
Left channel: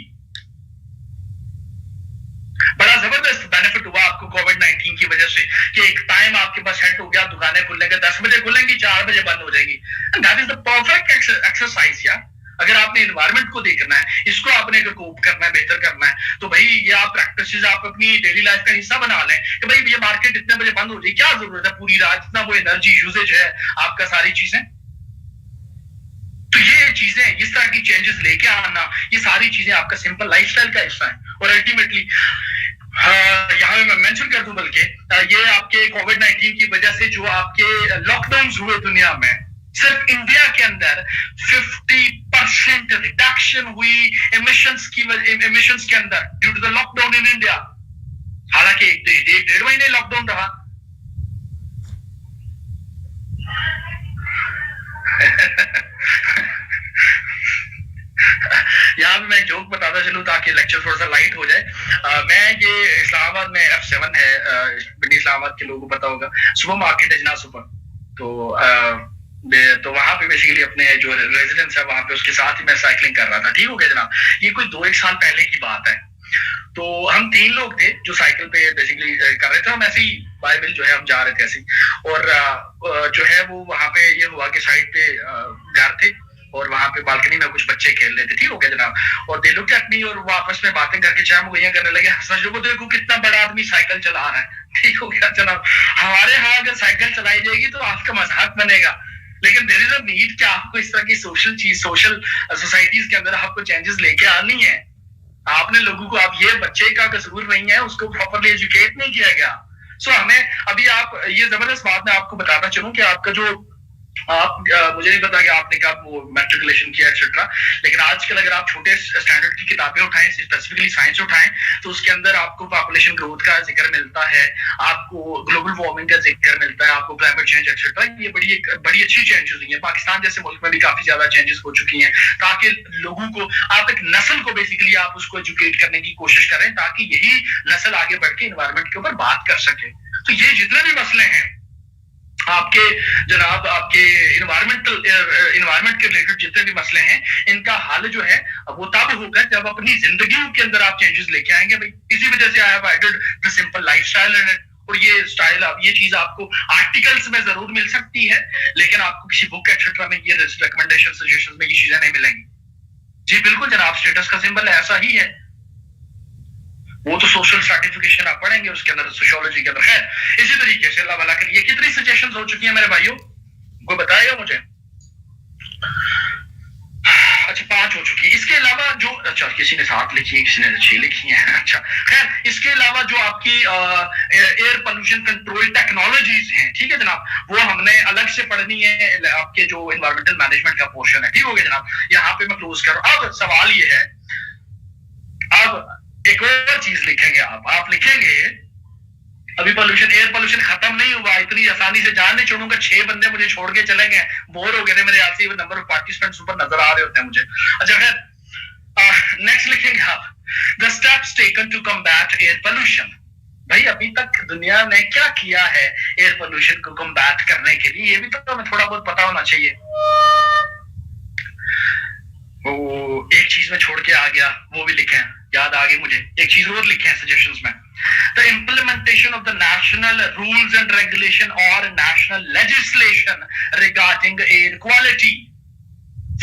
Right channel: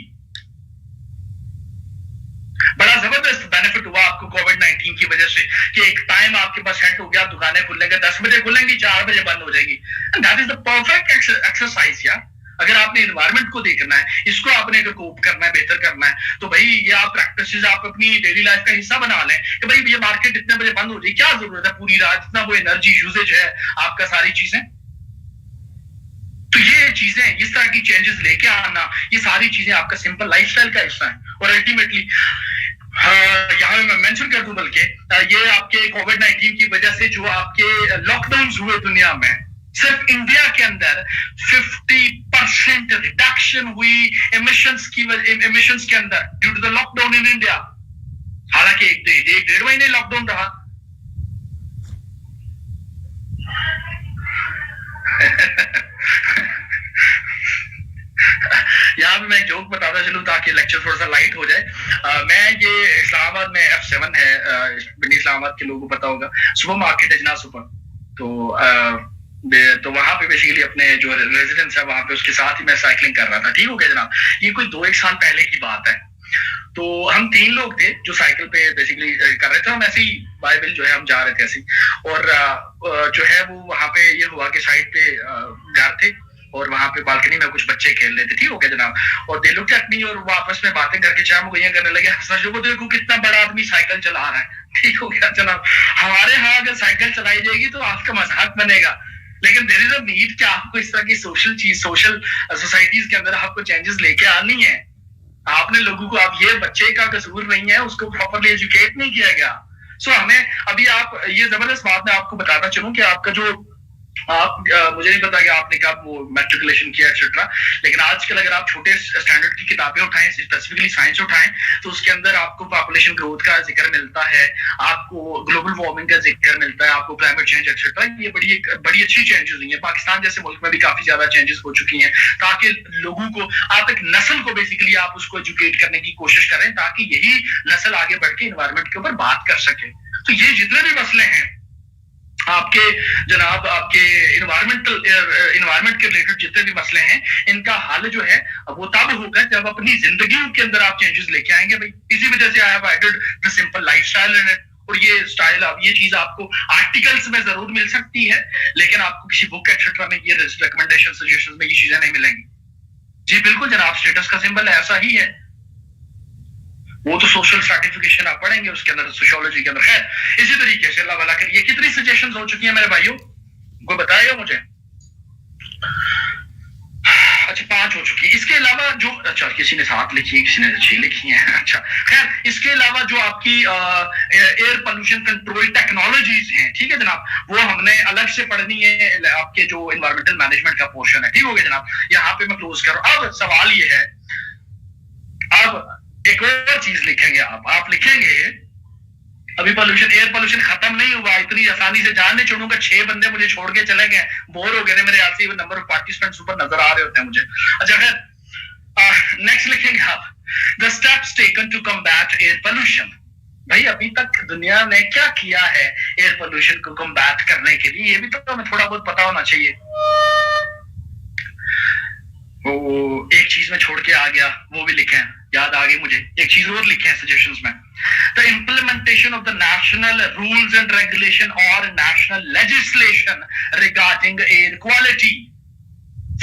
बड़ा जबरदस्त बेनिफिट हुआ आपको कोविड-19 की वजह से कि एक टाइम आपके पास सेट हो गया, दुकानें खुलेंगे 10 बजे खुलेंगी, 4 बजे बंद हो जाएगी। That is the perfect exercise यार। अगर आपने इन्वायरमेंट को देखना है, इसको आपने अगर कोप करना है, बेहतर करना है, तो भाई ये आप प्रैक्टिसेस आप अपनी डेली लाइफ का हिस्सा बना लें कि भाई ये मार्केट इतने बजे बंद हो जाए, क्या जरूरत है पूरी रात इतना वो एनर्जी यूजेज है आपका, सारी चीजें। तो ये चीजें, इस तरह की चेंजेस लेके आना, ये सारी चीजें आपका सिंपल लाइफस्टाइल का हिस्सा है। और अल्टीमेटली यहाँ मैं मेंशन कर दूं, बल्कि ये आपके कोविड-19 की वजह से जो आपके लॉकडाउन हुए दुनिया में, सिर्फ इंडिया के अंदर 50% रिडक्शन हुई एमिशंस के अंदर due to the lockdown in India. हालांकि एक डेढ़ महीने लॉकडाउन रहा। यहाँ भी मैं एक जोक बताता चलूं ताकि लेक्चर थोड़ा सा लाइट हो जाए। मैं ये इस्लामाबाद में F7 है, इस्लामाबाद के लोगों को पता होगा, सुपर मार्केट है जना सुपर। तो वहां पे बेसिकली अपने जो रेजिडेंस है वहां पे, उसके साथ ही मैं साइकिलिंग कर रहा था। ठीक हो गया जनाब, ये कोई 2-1 साल पहले की बात है। तो हम 3 लोग थे जो साइकिल पे बेसिकली कर रहे थे, हम ऐसे ही बाइबल जो है हम जा रहे थे ऐसे ही, और जो है वो वहां पे ये हुआ कि साइड पे घर थे और वहां पे बालकनी में कुछ बच्चे खेल रहे थे। ठीक हो गया जनाब, और दे लुक्ड एट मी, और वो आपस में बातें करके चाय मुगैया करने लगे, हंसना शुरू। देखो कितना बड़ा आदमी साइकिल चला रहा है। ठीक हो गया जनाब, हमारे यहाँ अगर साइकिल चलाई जाएगी तो आपका मजाक बनेगा, लेकिन देयर इज अ नीड कि आपको इस तरह की सोशल सोसाइटीज के अंदर आपको चेंजेस लेके आनी है। आपने लोगों को, आप ये बच्चे का कसूर नहीं है, उसको प्रॉपरली एजुकेट नहीं किया गया। सो हमें अभी, आप ये जबरदस्त बात मैं आपको बताता चलूं कि आपका जो मुझे नहीं पता कि आपने कब वो मैट्रिकुलेशन किया एक्सेट्रा, लेकिन आजकल अगर आप छोटे स्टैंडर्ड की किताबें उठाएं, स्पेसिफिकली साइंस उठाएं, तो उसके अंदर आपको पॉपुलेशन ग्रोथ का जिक्र मिलता है, आपको ग्लोबल वार्मिंग का जिक्र मिलता है, आपको क्लाइमेट चेंज एक्सेट्रा। ये बड़ी अच्छी चेंजेस हुई है। पाकिस्तान जैसे मुल्क में भी काफी ज्यादा चेंजेस हो चुकी हैं, ताकि लोगों को, आप एक नस्ल को बेसिकली आप उसको एजुकेट करने की कोशिश करें, ताकि यही नस्ल आगे बढ़ के इन्वायरमेंट के ऊपर बात कर सके। तो ये जितने भी मसले हैं आपके जनाब, आपके इन्वायरमेंट के रिलेटेड जितने भी मसले हैं, इनका हल जो है वो तब होगा जब अपनी जिंदगी के अंदर आप चेंजेस लेके आएंगे भाई। इसी वजह से I have added the simple lifestyle in it. और ये स्टाइल, ये चीज आपको आर्टिकल्स में जरूर मिल सकती है, लेकिन आपको किसी बुक एक्सेट्रा में ये रिकमेंडेशन सजेशन में ये चीजें नहीं मिलेंगी। जी बिल्कुल जनाब, स्टेटस का सिंबल ऐसा ही है, वो तो सोशल सर्टिफिकेशन आप पढ़ेंगे उसके अंदर, सोशियोलॉजी के अंदर। खैर इसी तरीके से अल्लाह वाला करिए। कितनी सजेशंस हो चुकी हैं मेरे भाइयों, कोई बताएगा मुझे? अच्छा 5 हो चुकी है। इसके अलावा जो, अच्छा किसी ने 7 लिखी है, किसी ने 6 लिखी है। अच्छा खैर, इसके अलावा जो आपकी एयर पोल्यूशन कंट्रोल टेक्नोलॉजीज हैं, ठीक है जनाब, वो हमने अलग से पढ़नी है, आपके जो एनवायरमेंटल मैनेजमेंट का पोर्शन है। ठीक हो गया जनाब, यहाँ पे मैं क्लोज कर रहा हूँ। अब सवाल ये है, अब एक और चीज लिखेंगे आप लिखेंगे, अभी पोल्यूशन, एयर पोल्यूशन खत्म नहीं हुआ, इतनी आसानी से जान नहीं छोड़ूंगा। 6 बंदे मुझे छोड़ के चले गए, बोर हो गए थे मेरे यहाँ से, नंबर ऑफ पार्टिसिपेंट्स ऊपर नजर आ रहे होते हैं मुझे। अच्छा खैर, नेक्स्ट लिखेंगे आप, the steps taken to combat air pollution. भाई अभी तक दुनिया ने क्या किया है एयर पोल्यूशन को कम्बैट करने के लिए, ये भी तो हमें थोड़ा बहुत पता होना चाहिए। वो एक चीज में छोड़ के आ गया, वो भी लिखे हैं, याद आ गई मुझे, एक चीज और लिखे हैं सजेशंस में, the implementation of the national rules and regulation और national legislation regarding air quality.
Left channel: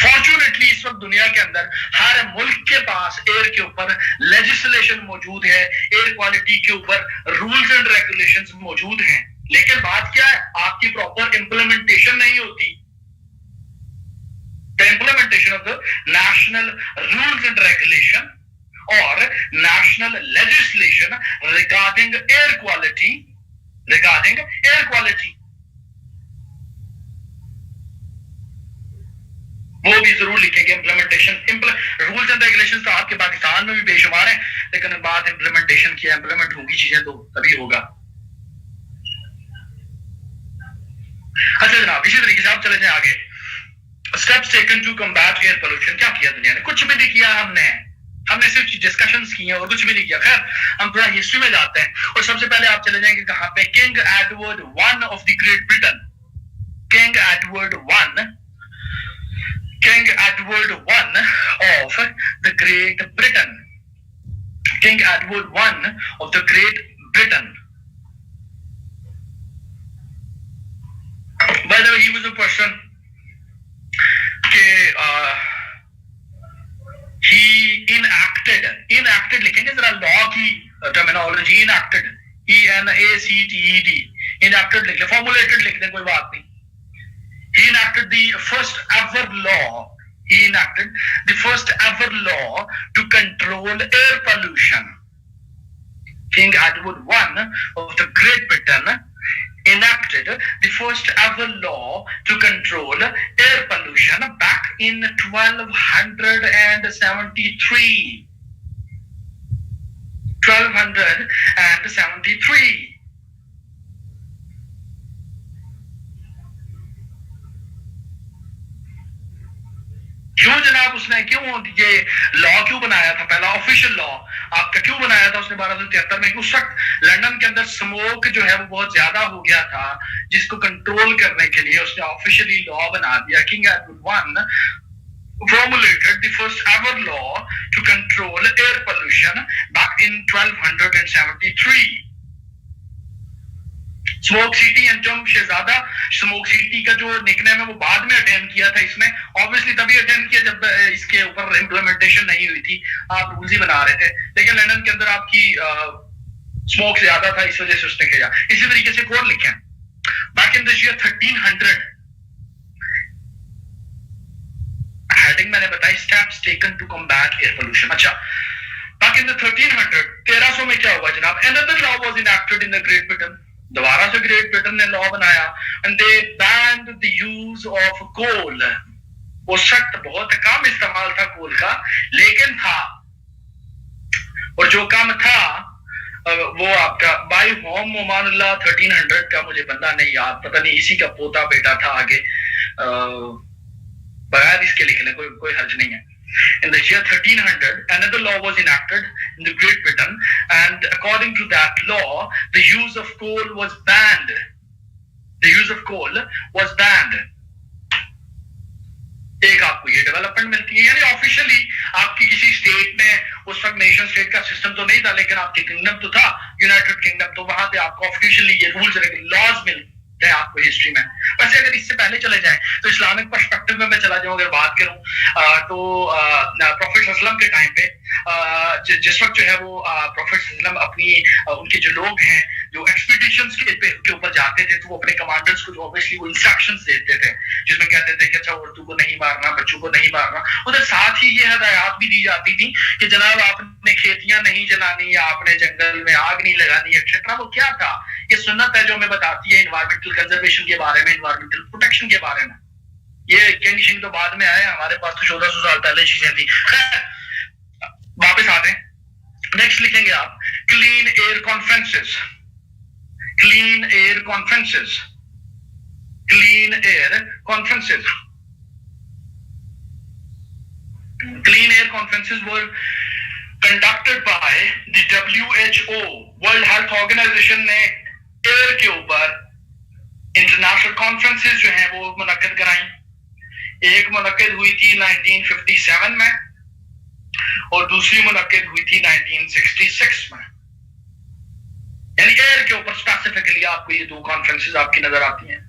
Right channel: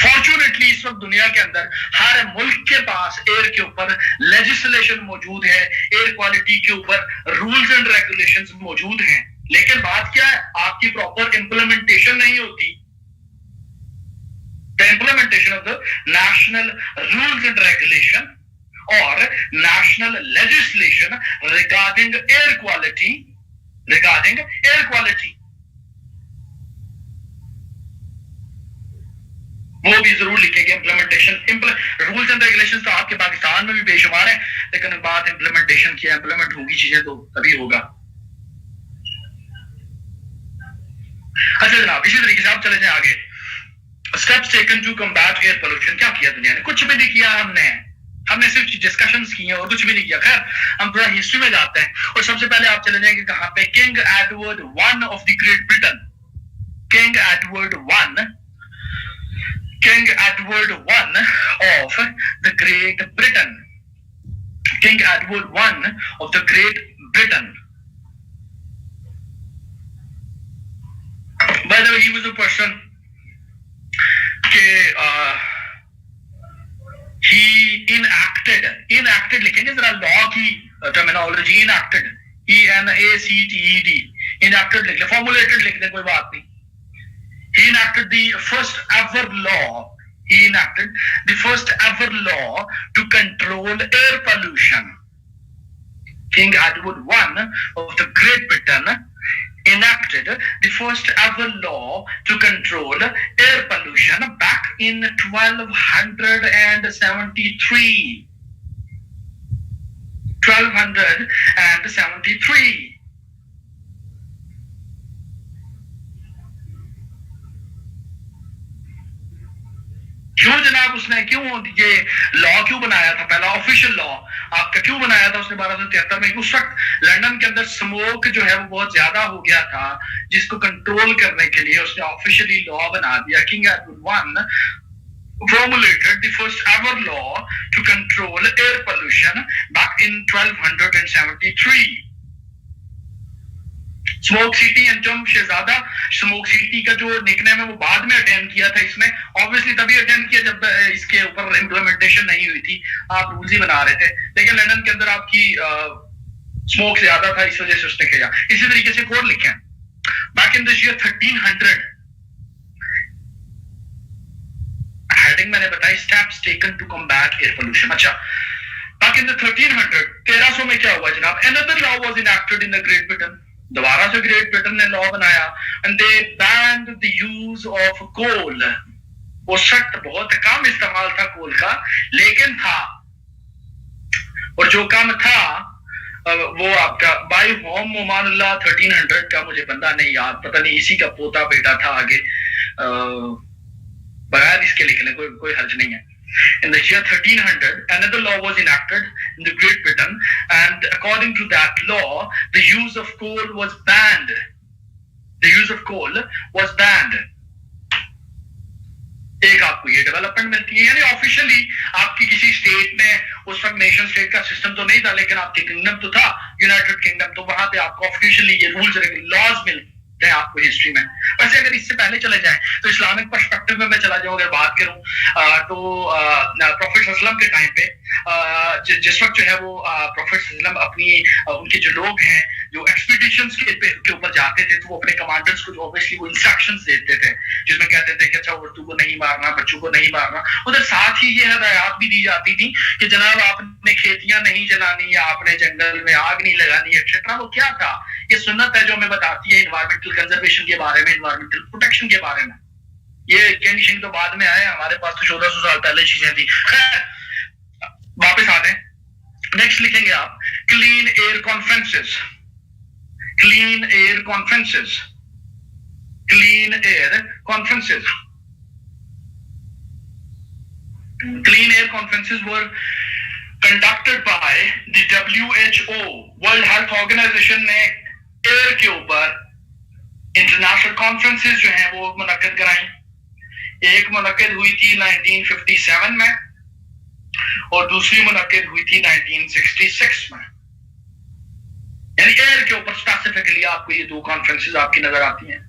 Fortunately इस वक्त दुनिया के अंदर हर मुल्क के पास एयर के ऊपर लेजिस्लेशन मौजूद है, एयर क्वालिटी के ऊपर रूल्स एंड रेगुलेशंस मौजूद हैं, लेकिन बात क्या है, आपकी प्रॉपर इंप्लीमेंटेशन नहीं होती। The implementation of the national rules and regulation or national legislation regarding air quality, वो भी जरूर लिखेंगे। इम्प्लीमेंटेशन रूल्स एंड रेगुलेशंस तो आपके पाकिस्तान में भी बेशुमार है, लेकिन बात इम्प्लीमेंटेशन की, इम्प्लीमेंट होगी चीजें तो तभी होगा। अच्छा जनाब, इसी तरीके से आप चले जाए आगे। Steps taken to combat air pollution. क्या किया दुनिया ने? कुछ भी नहीं किया हमने सिर्फ डिस्कशंस की हैं और कुछ भी नहीं किया। खैर हम थोड़ा हिस्ट्री में जाते हैं और सबसे पहले आप चले जाएंगे कहां पे? King Edward one of the Great Britain. King Edward one of the Great Britain. King Edward I of the Great Britain. By the way, he was a person he enacted लिखेंगे जरा लॉ की terminology. enacted ENACTED enacted लिख ले, formulated लिख ले, कोई बात नहीं। He enacted the first ever law to control air pollution. King Edward I of the Great Britain enacted the first ever law to control air pollution back in 1273. 1273. क्यों जनाब उसने क्यों ये लॉ क्यों बनाया था? पहला ऑफिशियल लॉ आपका क्यों बनाया था उसने 1273 में? उस वक्त लंदन के अंदर स्मोक जो है वो बहुत ज्यादा हो गया था, जिसको कंट्रोल करने के लिए उसने ऑफिशियली लॉ बना दिया। King Edward I formulated the first ever law to control air pollution back in 1273. Smoke city Anjum Shahzada, smoke city का जो निकनेम है वो बाद में अटेम्प्ट किया था इसने। ऑब्वियसली तभी अटेम्प्ट किया जब इसके ऊपर इम्प्लीमेंटेशन नहीं हुई थी, आप रूल्स ही बना रहे थे, लेकिन लंदन के अंदर आपकी स्मोक ज्यादा था, इस वजह से उसने किया। इसी तरीके से कोड लिखे back in this year 1300। Heading मैंने बताई steps taken to combat air pollution. अच्छा, बैक इन द 1300 में क्या हुआ जनाब? Another law was enacted in the Great Britain. दोबारा से ग्रेट ब्रिटेन ने लॉ बनाया and they banned the use of coal. उस वक्त बहुत कम इस्तेमाल था कोल का, लेकिन था, और जो कम था वो आपका बाई होम मोमानुल्लाह 1300 का, मुझे बंदा नहीं याद, पता नहीं इसी का पोता बेटा था आगे, बगैर इसके लिखने कोई हर्ज नहीं है। In the year 1300, another law was enacted in the Great Britain, and according to that law, the use of coal was banned. एक आपको ये डेवलपमेंट मिलती है, यानी ऑफिशियली आपकी किसी स्टेट में, उस वक्त नेशन स्टेट का सिस्टम तो नहीं था, लेकिन आपकी किंगडम तो था, यूनाइटेड किंगडम, तो वहां पे आपको ऑफिशियली ये रूल्स लॉज मिलते हैं आपको हिस्ट्री में। वैसे अगर इससे पहले चले जाएं तो इस्लामिक पर्सपेक्टिव में मैं चला जाऊं, अगर बात करूं तो प्रॉफिट सल्लल्लाहु के टाइम पे जिस वक्त जो है वो प्रॉफिट सल्लल्लाहु अपनी उनके जो लोग हैं जो एक्सपीडिशंस के ऊपर जाते थे, तो वो अपने कमांडर्स को जो ऑब्वियसली वो इंस्ट्रक्शंस देते थे, जिसमें कहते थे कि अच्छा औरतों को नहीं मारना, बच्चों को नहीं मारना। उधर साथ ही ये हदायत भी दी जाती थी कि जनाब आपने खेतियां नहीं जलानी, या आपने जंगल में आग नहीं लगानी एक्सेट्रा। वो क्या था? ये सुन्नत है जो हमें बताती है इन्वायरमेंटल कंजर्वेशन के बारे में, इन्वायरमेंटल प्रोटेक्शन के बारे में। ये कंडीशन तो बाद में आए, हमारे पास तो 1400 साल पहले चीजें थी। खैर वापस आते हैं, नेक्स्ट लिखेंगे आप clean air conferences. Clean air conferences were conducted by the WHO, World Health Organization ने एयर के ऊपर इंटरनेशनल कॉन्फ्रेंसेस जो हैं वो मुनक्किद कराई। एक मुनक्किद हुई थी 1957 में और दूसरी मुनक्किद हुई थी 1966 में। यानी एयर के ऊपर स्पेसिफिकली आपको ये दो कॉन्फ्रेंसेस आपकी नजर आती हैं।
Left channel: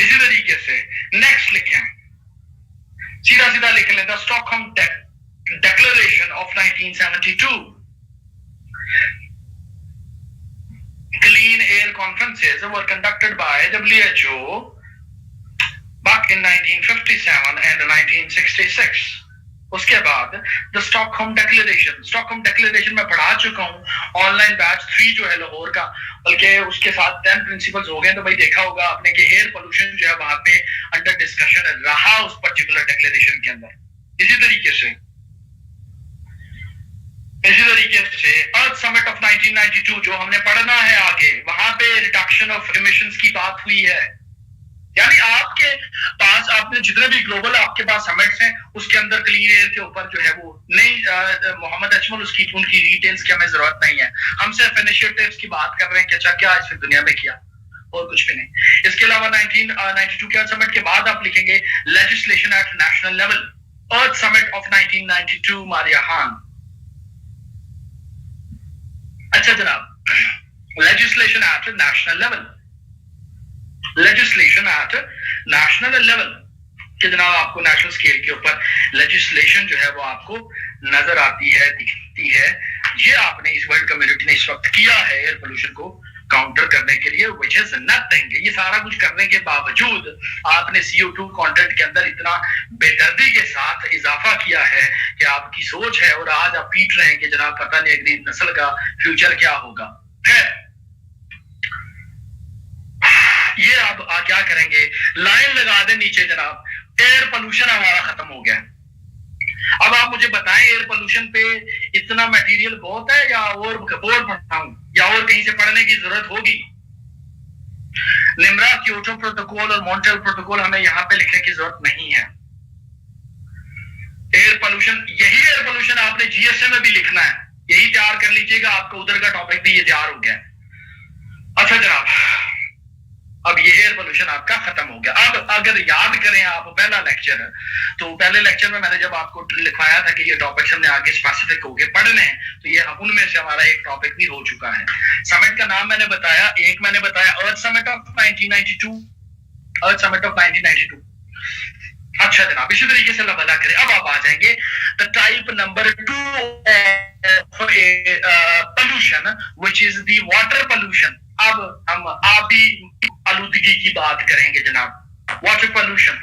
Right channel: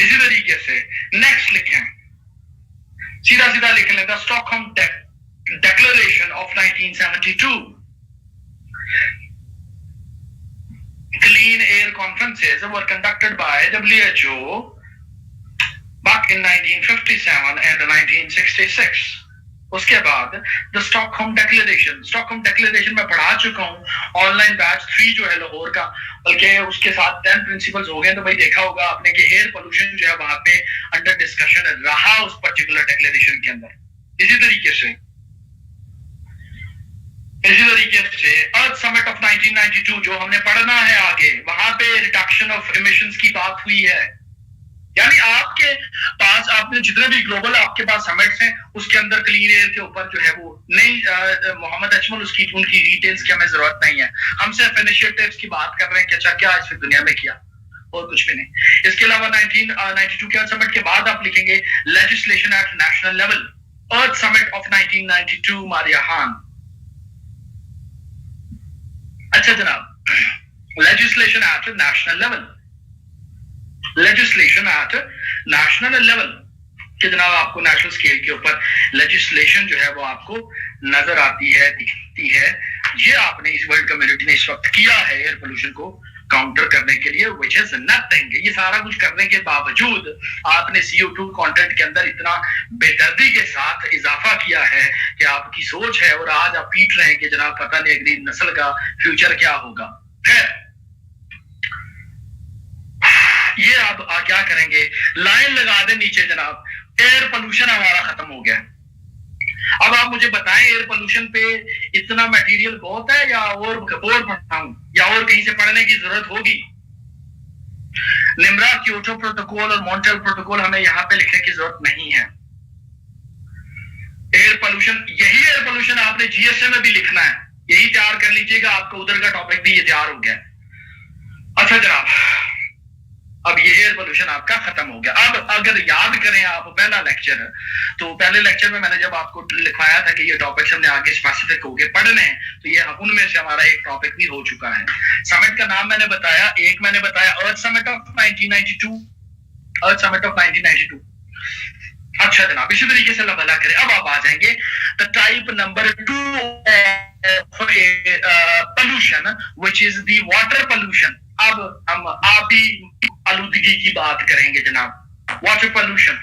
इसी तरीके से नेक्स्ट लिखें, सीधा लिख लें, the Stockholm declaration of 1972। Clean air conferences were conducted by WHO back in 1957 and 1966. उसके बाद द स्टॉकहोम डिक्लेरेशन मैं पढ़ा चुका हूं, ऑनलाइन बैच 3 जो है लाहौर का, बल्कि उसके साथ 10 प्रिंसिपल्स हो गए। तो भाई देखा होगा आपने कि एयर पोल्यूशन जो है वहां पे अंडर डिस्कशन रहा उस पर्टिकुलर डिक्लेरेशन के अंदर। इसी तरीके से अर्थ समिट ऑफ 1992 जो हमने पढ़ना है आगे, वहां पे रिडक्शन ऑफ इमिशंस की बात हुई है। यानी आपके पास आपने जितने भी ग्लोबल आपके पास समिट्स हैं उसके अंदर क्लीन एयर के ऊपर जो है वो नहीं, मोहम्मद अजमल उसकी उनकी डिटेल्स की हमें जरूरत नहीं है। हम सिर्फ इनिशिएटिव्स की बात कर रहे हैं कि अच्छा क्या इस दुनिया में किया, और कुछ भी नहीं। इसके अलावा 1992 के अर्थ समिट के बाद आप लिखेंगे legislation at national level, earth summit of 1992 Maria Khan. अच्छा जनाब, legislation at national level, legislation at national level कि जनाब आपको नेशनल स्केल के ऊपर लेजिस्लेशन जो है वो आपको नजर आती है, दिखती है। ये आपने इस वर्ल्ड कम्युनिटी ने इस वक्त किया है एयर पोल्यूशन को काउंटर करने के लिए, व्हिच इज नथिंग। ये सारा कुछ करने के बावजूद आपने CO2 कंटेंट के अंदर इतना बेदर्दी के साथ इजाफा किया है कि आपकी सोच है, और आज आप पीट रहे हैं कि जनाब पता नहीं अगली नस्ल का फ्यूचर क्या होगा। है ये आप क्या करेंगे, लाइन लगा दे नीचे जनाब, एयर पोल्यूशन हमारा खत्म हो गया। अब आप मुझे बताएं एयर पोल्यूशन पे इतना मटेरियल बहुत है या और पढ़ाऊं या और कहीं से पढ़ने की जरूरत होगी? निम्रा, क्योटो प्रोटोकॉल और मॉन्ट्रियल प्रोटोकॉल हमें यहां पे लिखने की जरूरत नहीं है। एयर पोल्यूशन, यही एयर पोल्यूशन आपने GSM में भी लिखना है, यही तैयार कर लीजिएगा, आपको उधर का टॉपिक भी ये तैयार हो गया। अच्छा जनाब, अब ये एयर पोल्यूशन आपका खत्म हो गया। अब अगर याद करें आप पहला लेक्चर, तो पहले लेक्चर में मैंने जब आपको लिखवाया था कि ये टॉपिक्स हमने आगे स्पेसिफिक होके पढ़ने हैं, तो ये उनमें से हमारा एक टॉपिक भी हो चुका है। समिट का नाम मैंने बताया, एक मैंने बताया earth summit of 1992, earth summit of 1992। अच्छा जनाब, इसी तरीके से अल्लाह भला करे। अब आप आ जाएंगे the type number 2 pollution which is the water pollution. अब हम आबी आलूदगी की बात करेंगे जनाब, वाटर पोल्यूशन।